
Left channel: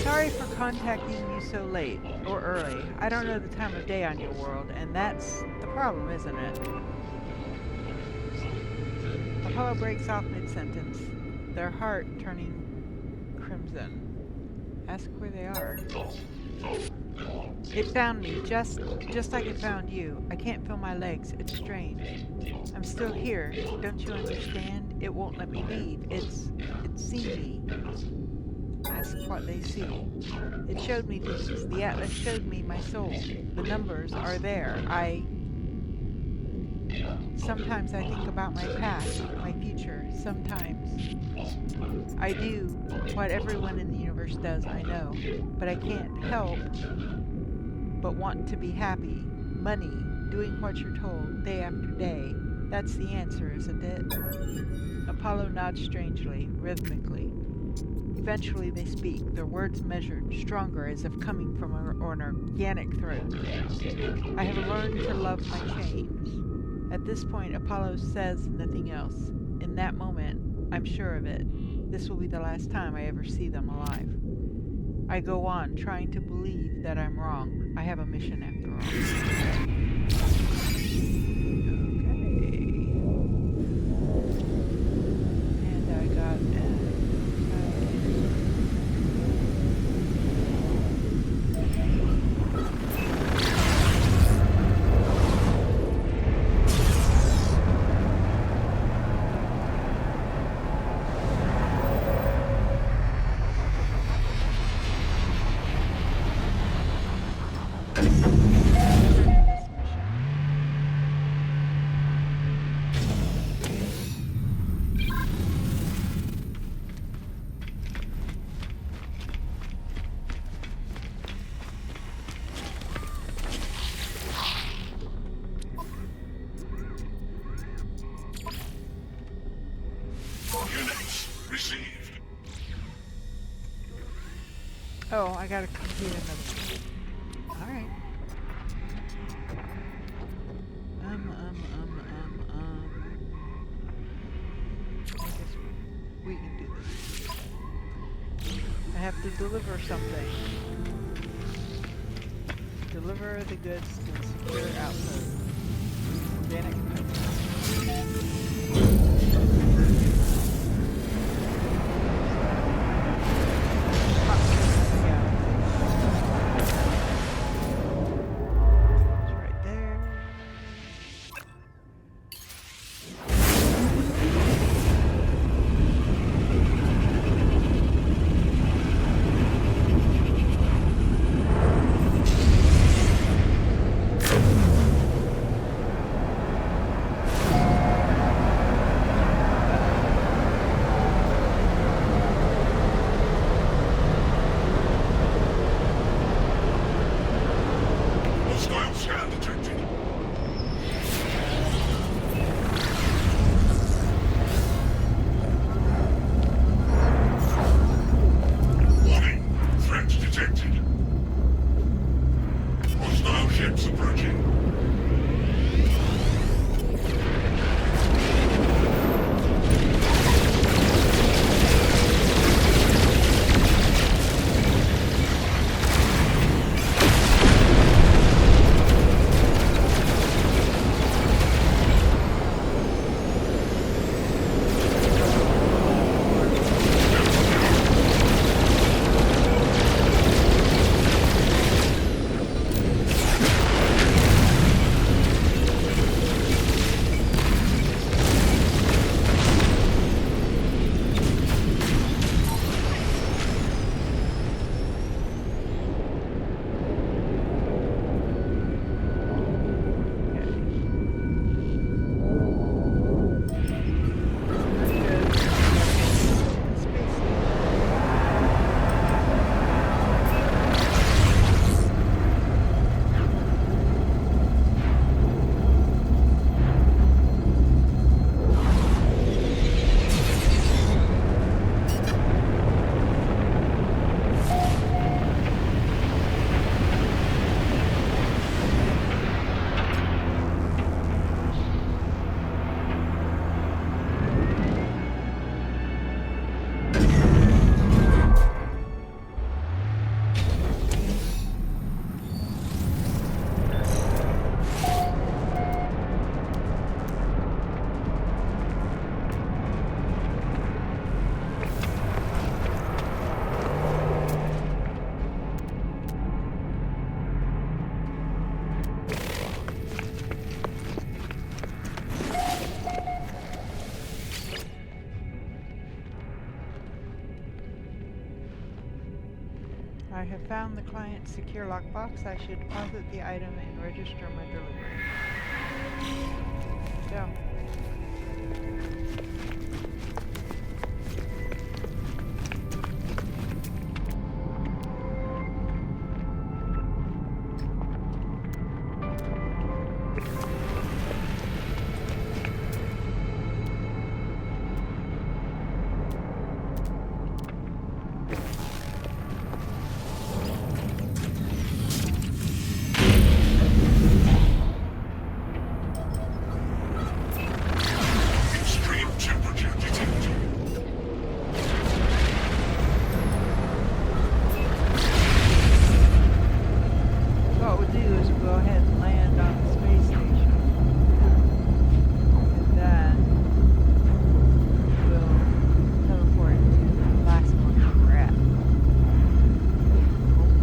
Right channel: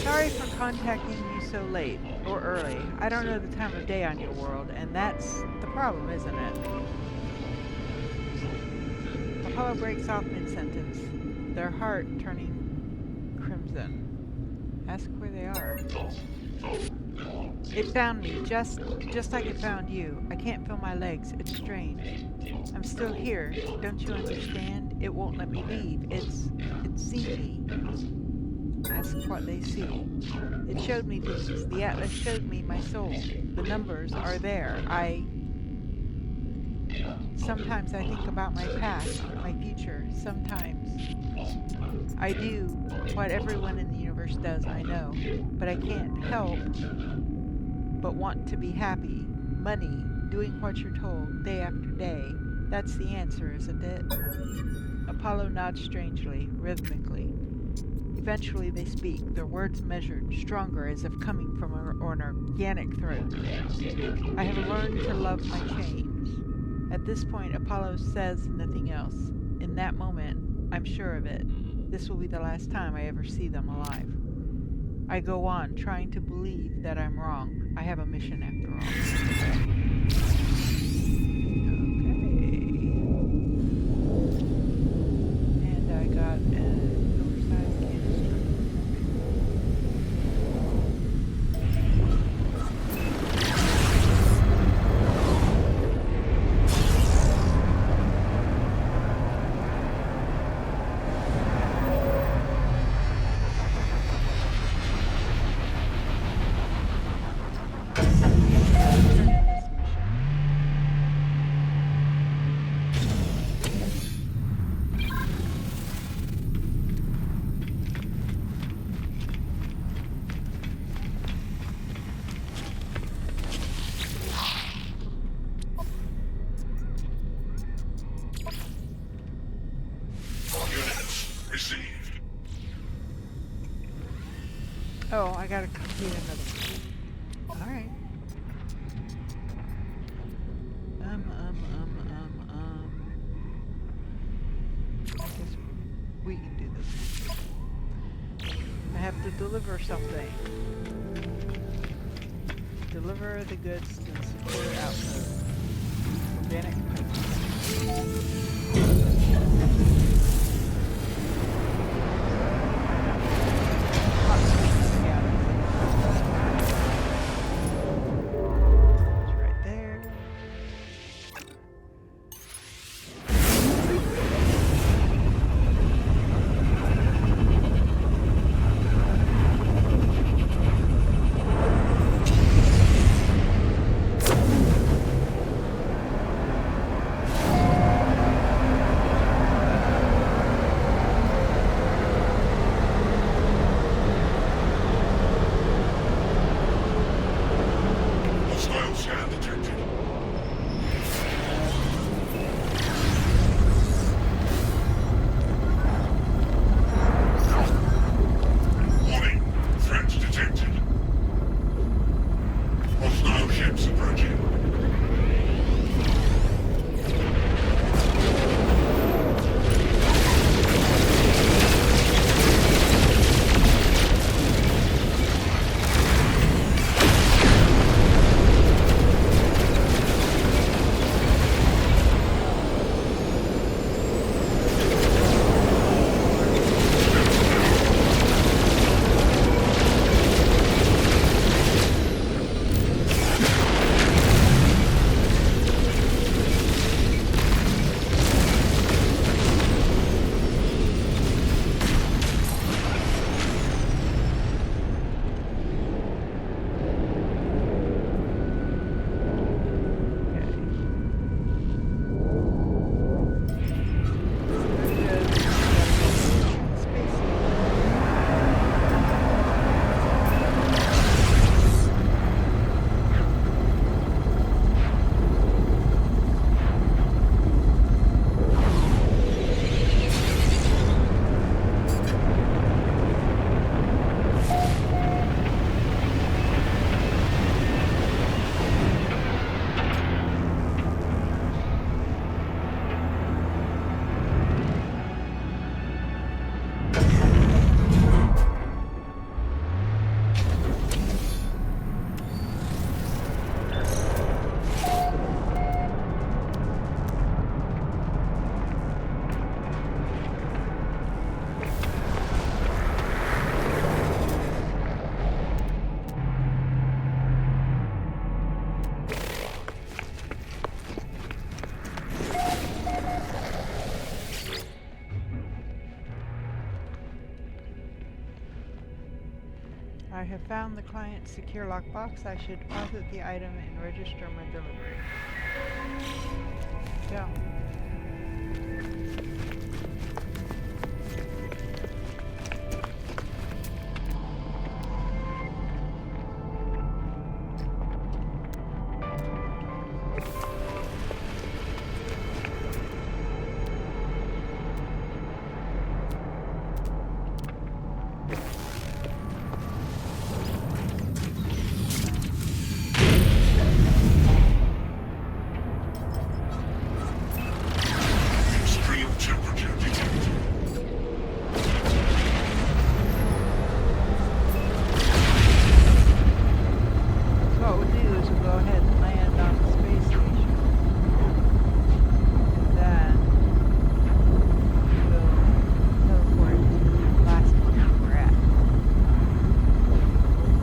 Sorry for contacting you so late, or early. I don't know the time of day on your world, and that's the problem, isn't it? Apollo breaks off mid-sentence, their heart turning crimson. Ask where they are. It found me, just like it found you. I can't feel my legs. It's strange. I'm still here. Don't you understand? It won't let me leave. It's seen me. Ask what they see. It showed me things. The Atlas showed me my soul. The numbers are there. Sometimes I think about my past, my future. Sometimes I do what everyone in the universe does, I know. But I can't help but want to be happy. Money, doing what you're told, day after day. That's the answer, isn't it? Apollo nods strangely, rhythmically. Eventually they speak, their words measured, stronger, as if coming from an organic throat. I have learned to love my chains. At this point, Apollo says nothing else. In that moment, I'm sure of it. This will be the last time I ever see them alive. I go on, trying to believe that I'm wrong. I have a mission after all. Okay. And I got Oh, I gotta complete another one. Alright. I guess we can do this. I have to deliver something. Deliver the goods to the secure outpost. Organic pipeline. I have found the client's secure lockbox. I should deposit the item and register my delivery. Go. Extreme temperature detected. So what we'll do is we'll go ahead and land on the space station. And then we'll teleport to the last one that we're at.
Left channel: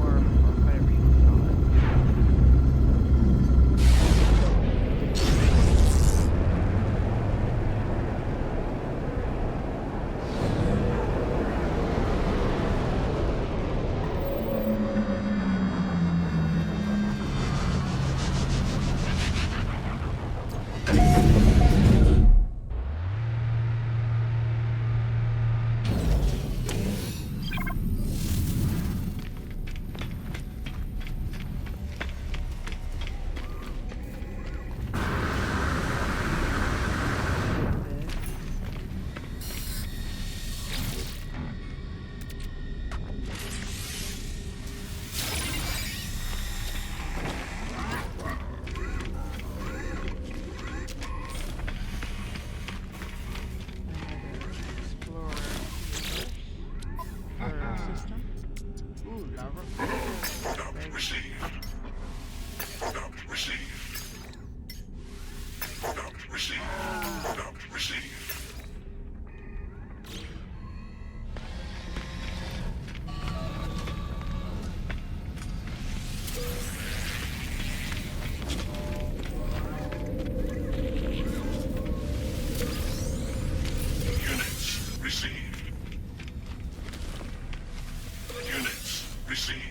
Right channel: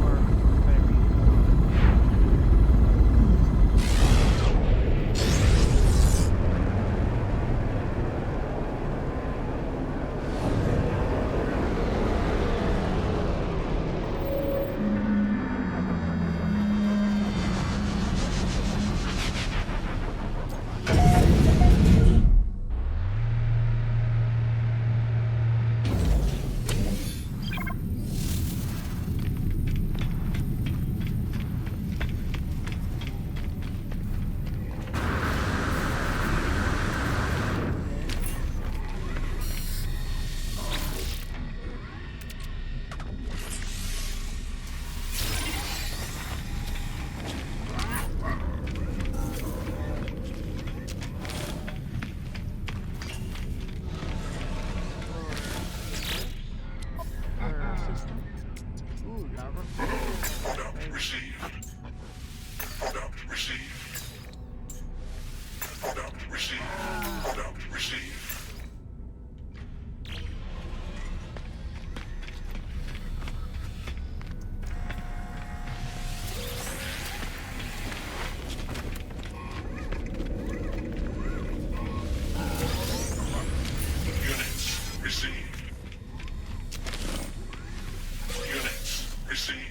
Or whatever you call it. System. Ooh, lava. Product received. Product received. Product received. Product received. Units received. Units received.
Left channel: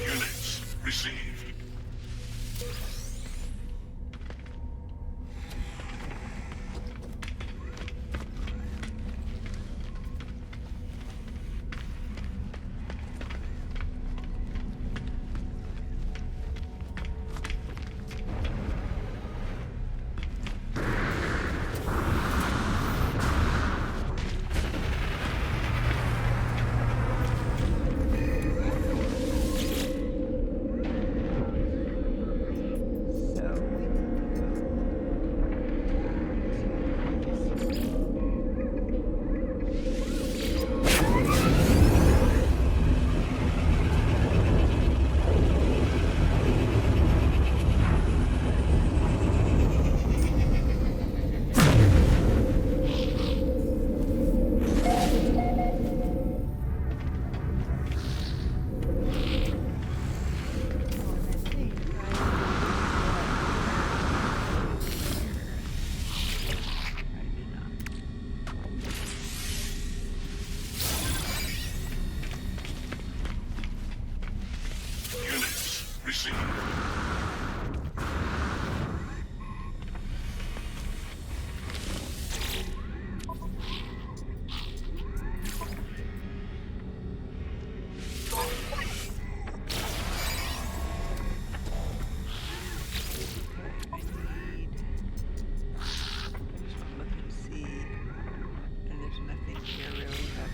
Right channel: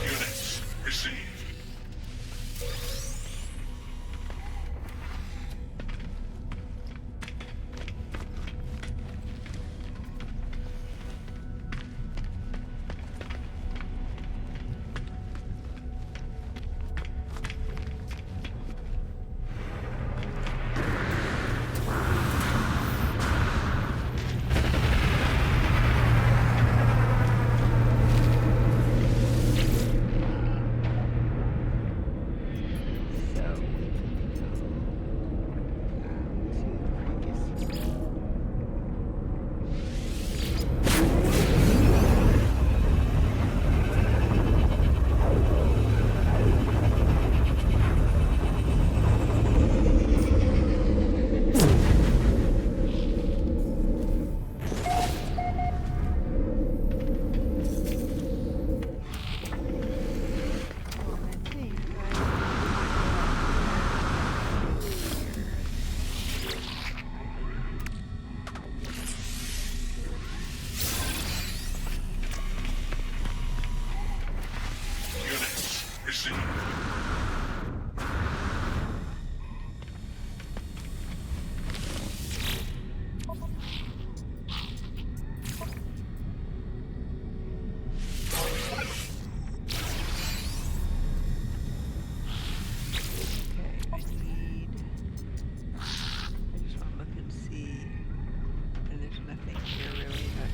Units received. So we can go Units received. I just want to look and see. And there's nothing here really that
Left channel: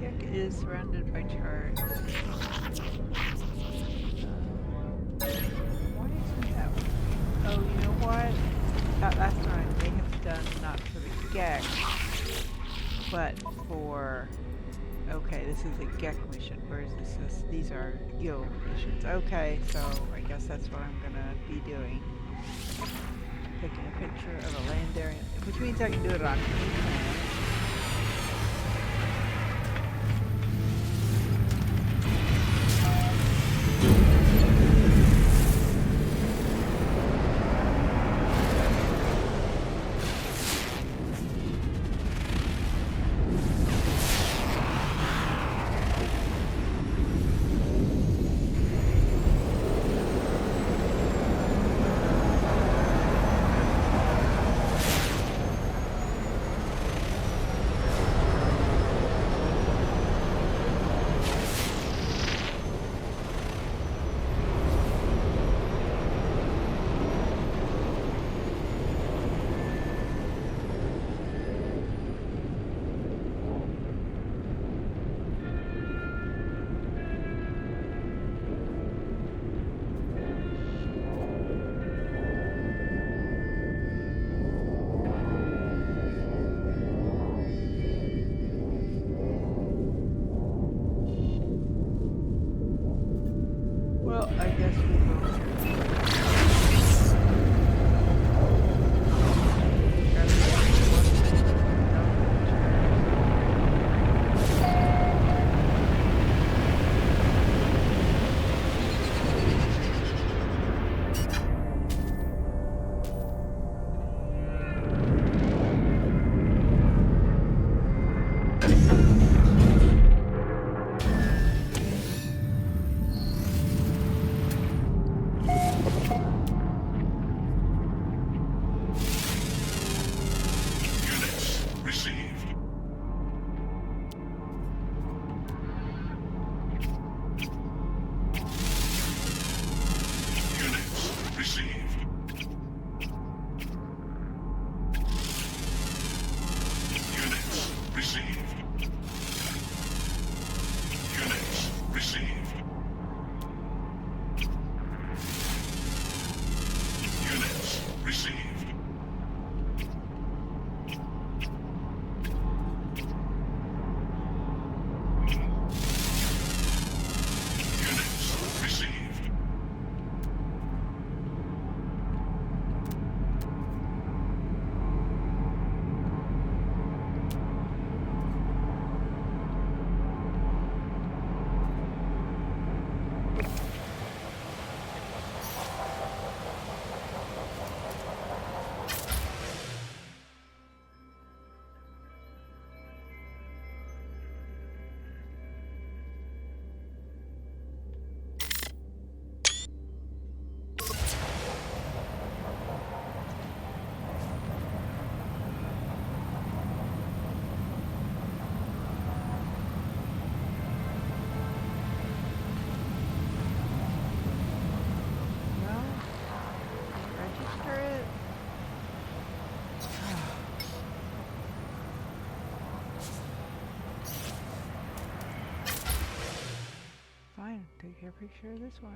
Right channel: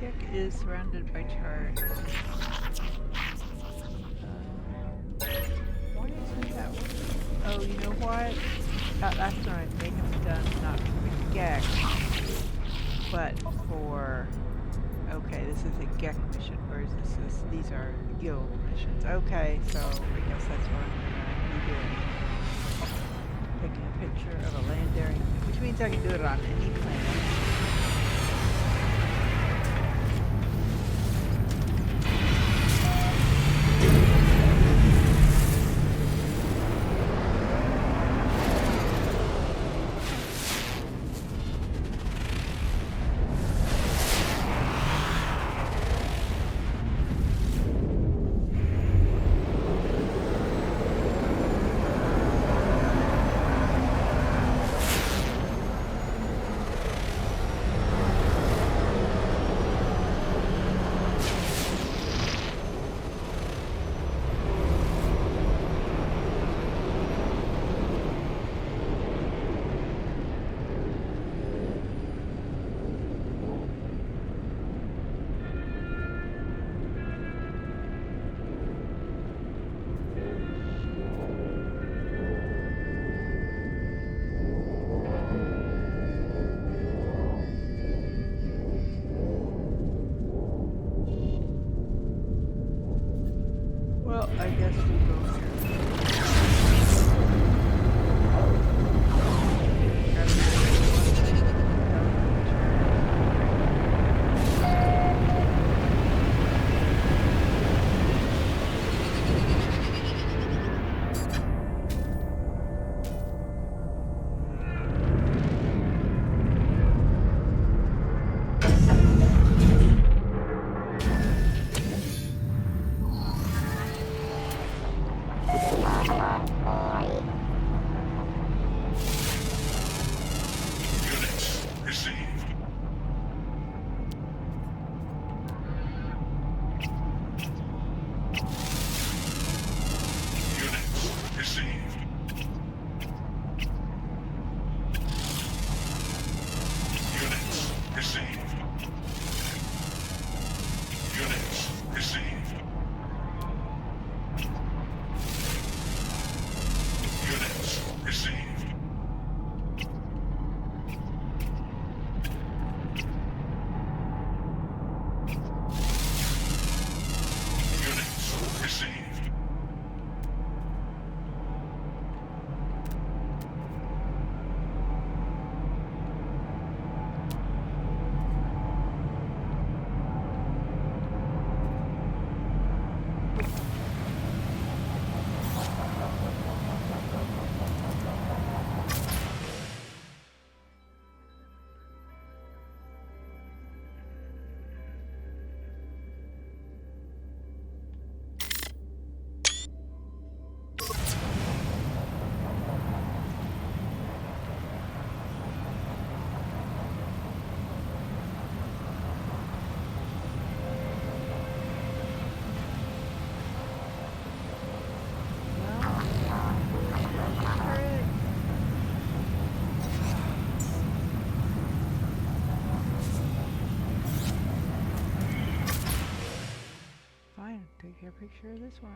Gek is surrounded by charts. Why isn't that working? Oh, you know what? That last one I may have done not for the Gek, but for... Okay, Okay, this is a GEC mission, whereas these are guild missions. Okay, so I guess that's what I'm gonna be doing. Taking a picture of a land area, which means I can do it on any planet. Well, I guess we go here. Gotta be one thing, Units received. Units received. Units received. Units received. Units received. Units received. register it. Fine, take a picture of this one.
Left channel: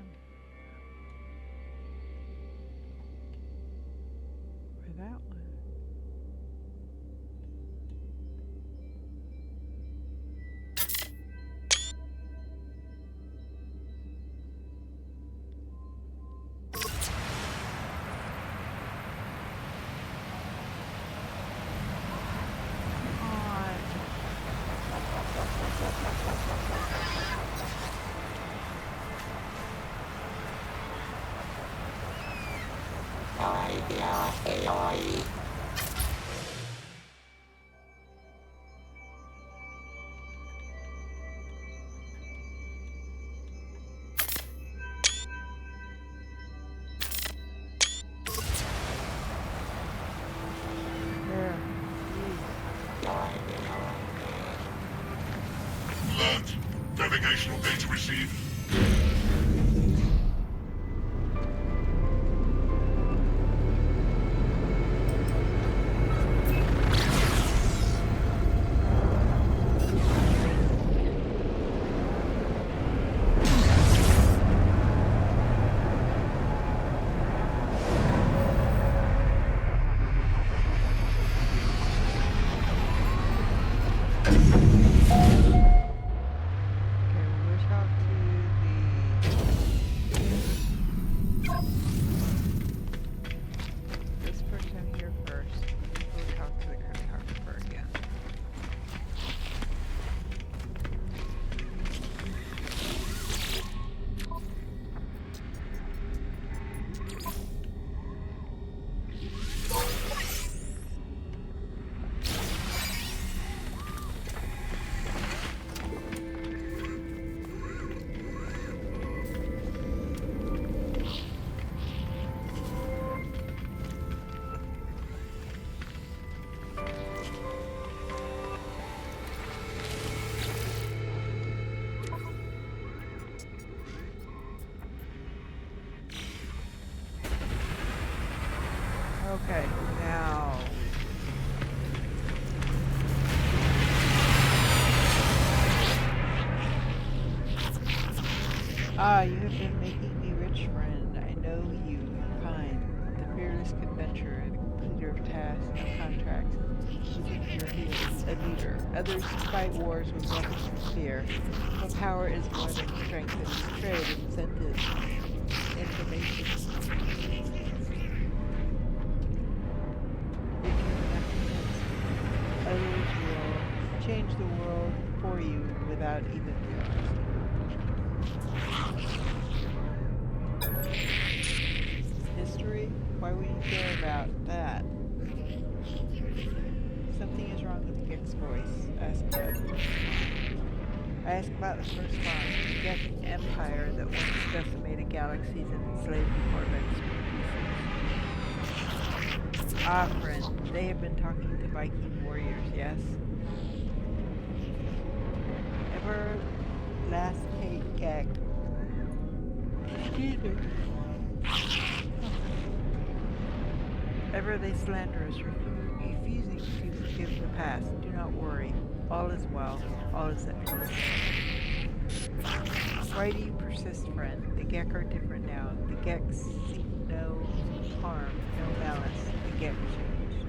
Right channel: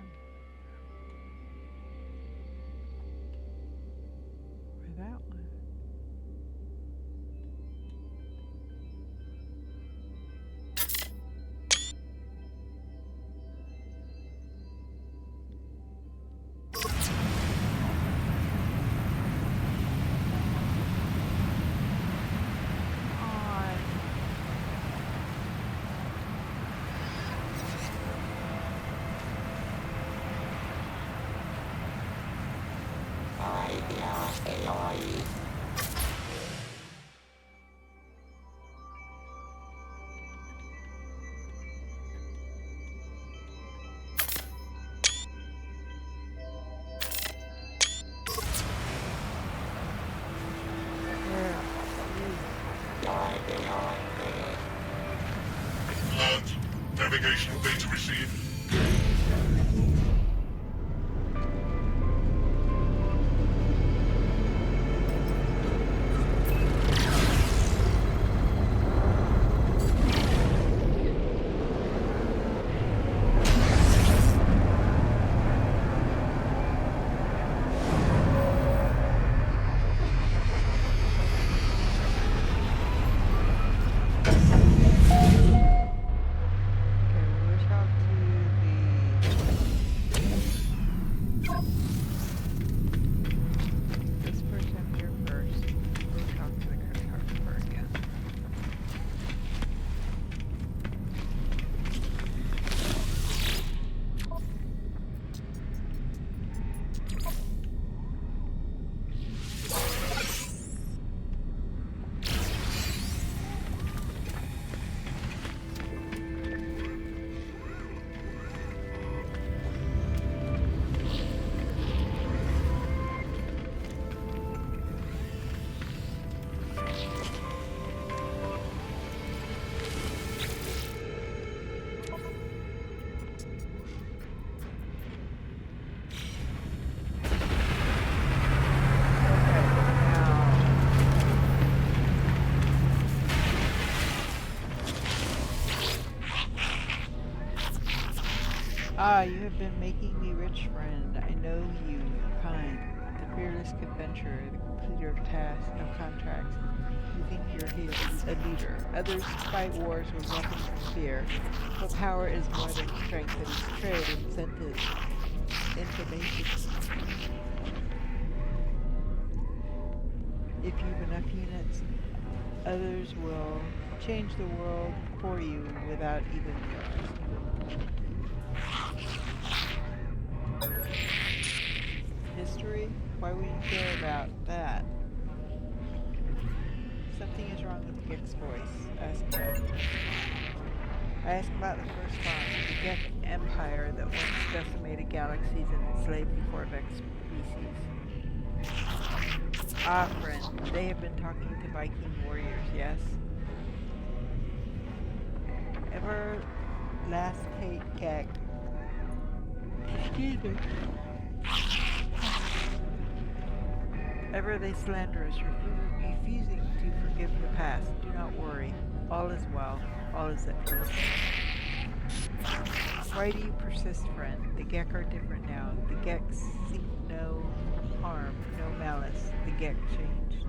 Or that one. Alert. Navigational data received. Ah, you have been making me rich, friend. I know you, kind, the fearless adventurer, the completer of tasks, of contracts. You think you're a leader. Others fight wars with weapons of fear. But power is more than strength. It is trade, incentives, information. If you've enough units, others will change the world for you without even realizing. History? Why would you care about that? Something is wrong with Gek's voice. Ask about it. I ask about the first bomb, the Gek Empire that once decimated galaxies and enslaved the Corvex species. Ah, friend, they have been talking to Viking warriors, yes? Ever last hate Gek. Excuse me. Ever they slander us, refusing to forgive the past. Do not worry. All is well. All is at peace. Why do you persist, friend? The Gek are different now. The Gek seek no harm, no malice. The Gek changed.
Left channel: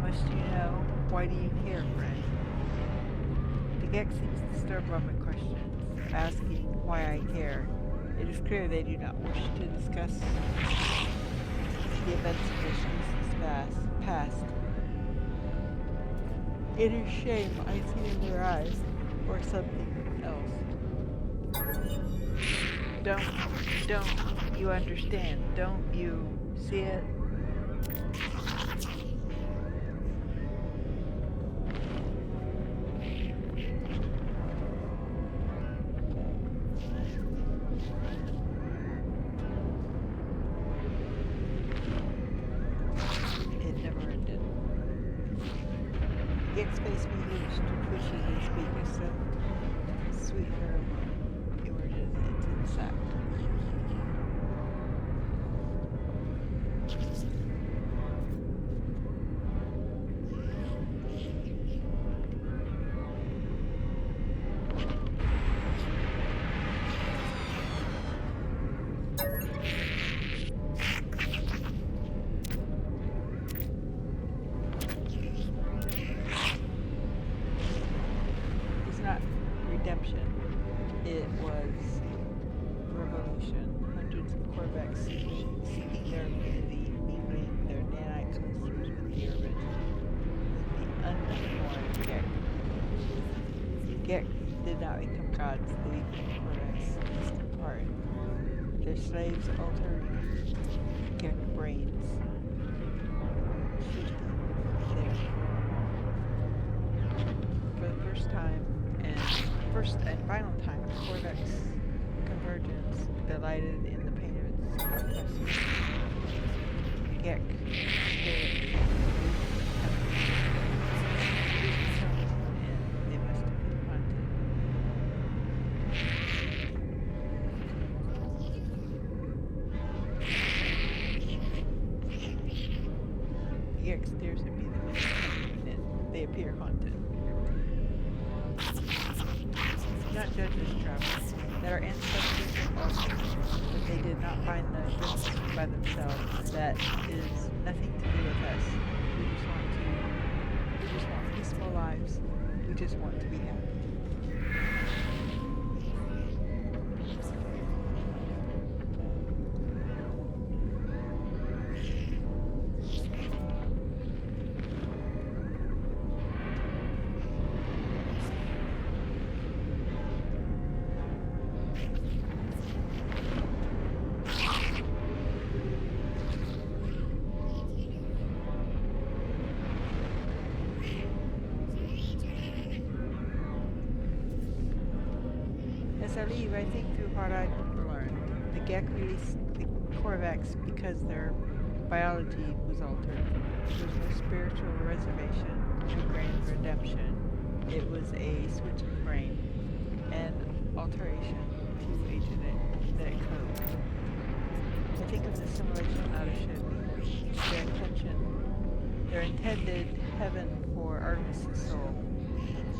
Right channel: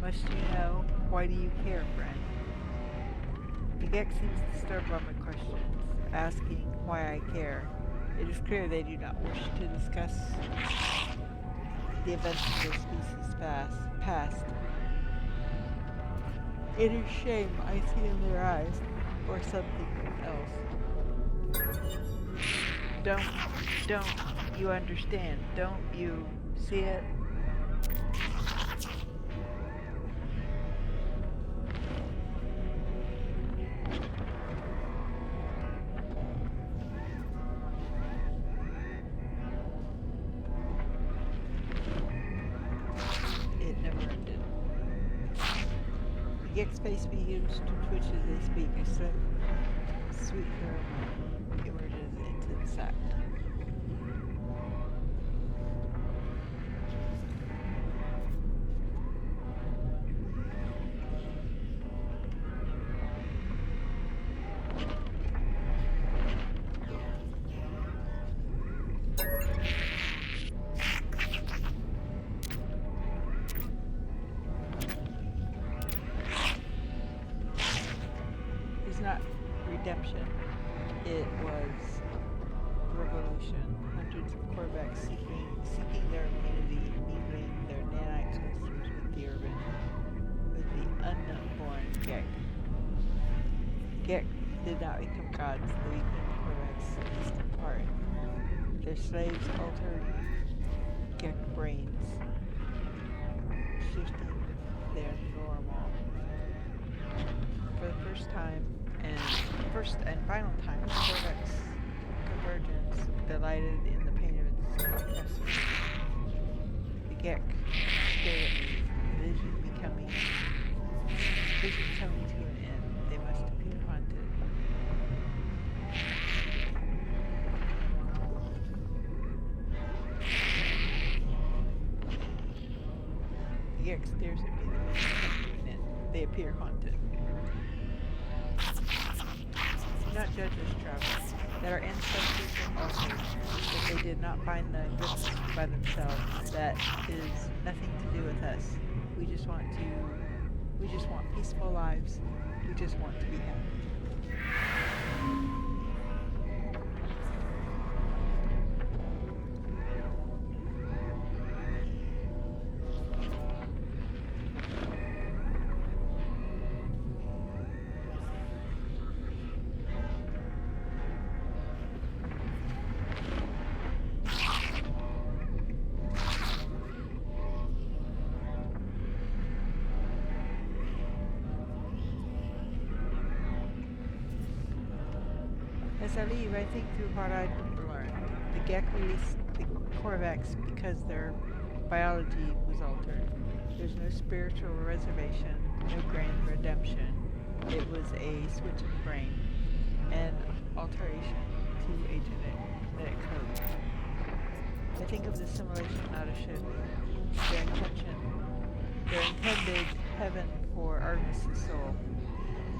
Must you know? Why do you care, friend? The Gek seems disturbed by my questions, asking why I care. It is clear they do not wish to discuss the events of their species' past. It is shame I see in their eyes, or something else. Don't you understand? Don't you see it? It never ended. Gek's face behaves to twitch as they speak. A sweet pheromone emerges into the sack. It's not redemption. It was revolution. Hundreds of Corvex seeking their immunity, mingling their nanite clusters with the unborn Gek. Gek did not become gods. They became Corvex, distant apart. Their slaves altered Gek brains, shifting their normal. For the first and final time, Corvex Convergence delighted in the pain of its oppressors. The Gek stared at me, vision coming to an end. They must have been haunted. The Gek stares at me, the vision coming to an end. They appear haunted. Do not judge us, travelers, that our ancestors were altered, that they did not find the goodness by themselves. That is nothing to do with us. We just want peaceful lives. We just want to be happy. As I leave, I think through what I've learned. The Gek released the Corvex because their biology was altered. There was no spiritual reservation, no grand redemption. It was a switch of brain, an alteration to a genetic code. I think of the simulation, not a ship. Their intended heaven for Artemis' soul.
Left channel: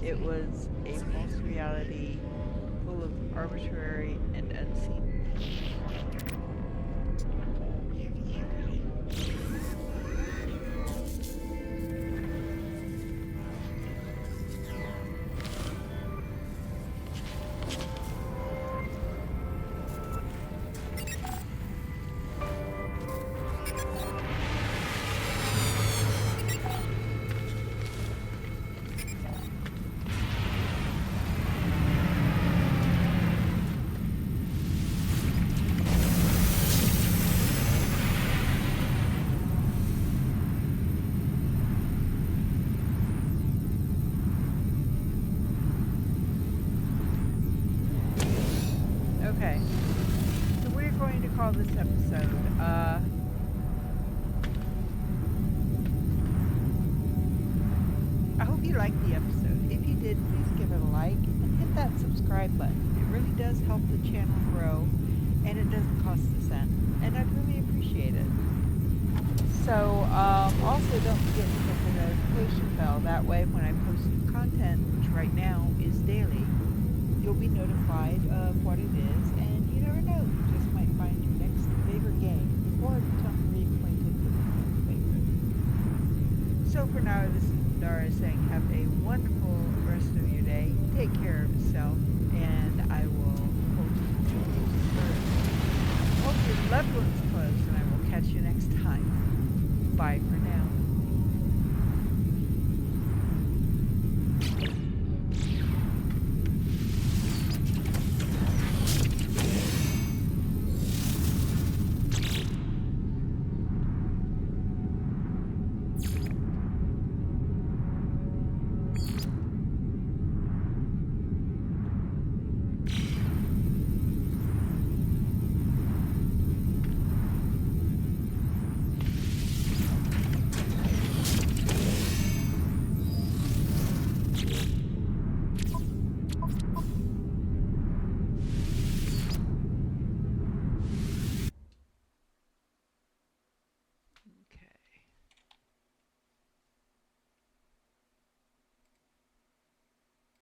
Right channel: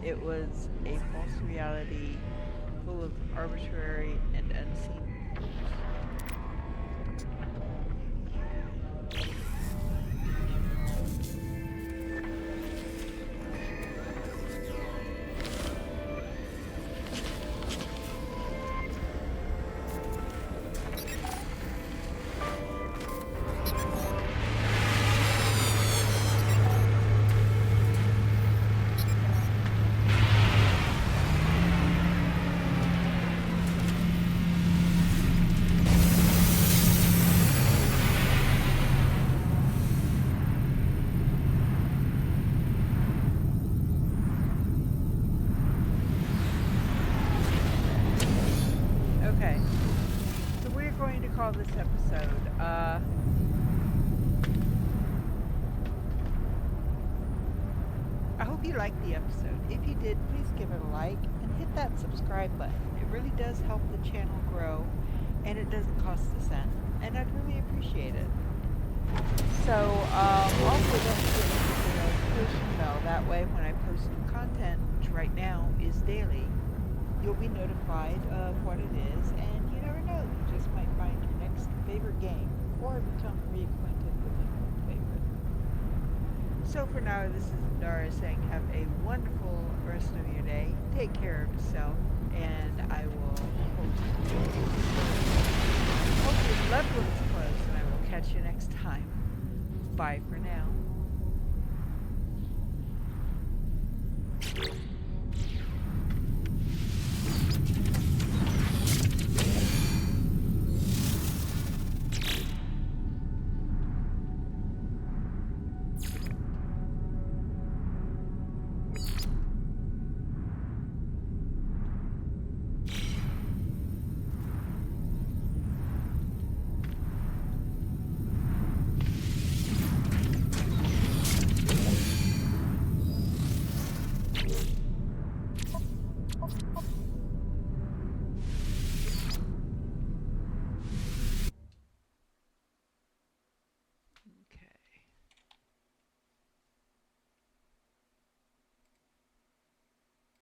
It was a false reality full of arbitrary and unseen rules. Okay, so we're going to call this episode, I hope you liked the episode. If you did, please give it a like and hit that subscribe button. It really does help the channel grow, and it doesn't cost a cent, and I'd really appreciate it. So, also don't forget to hit the notification bell. That way, when I post new content, which right now is daily, you'll be notified of what it is, and you never know, you just might find your next favorite game, or become reacquainted with a new favorite. So for now, this is Dara saying have a wonderful rest of your day, take care of yourself, and I will hold your loved ones close, and I will catch you next time. Bye for now.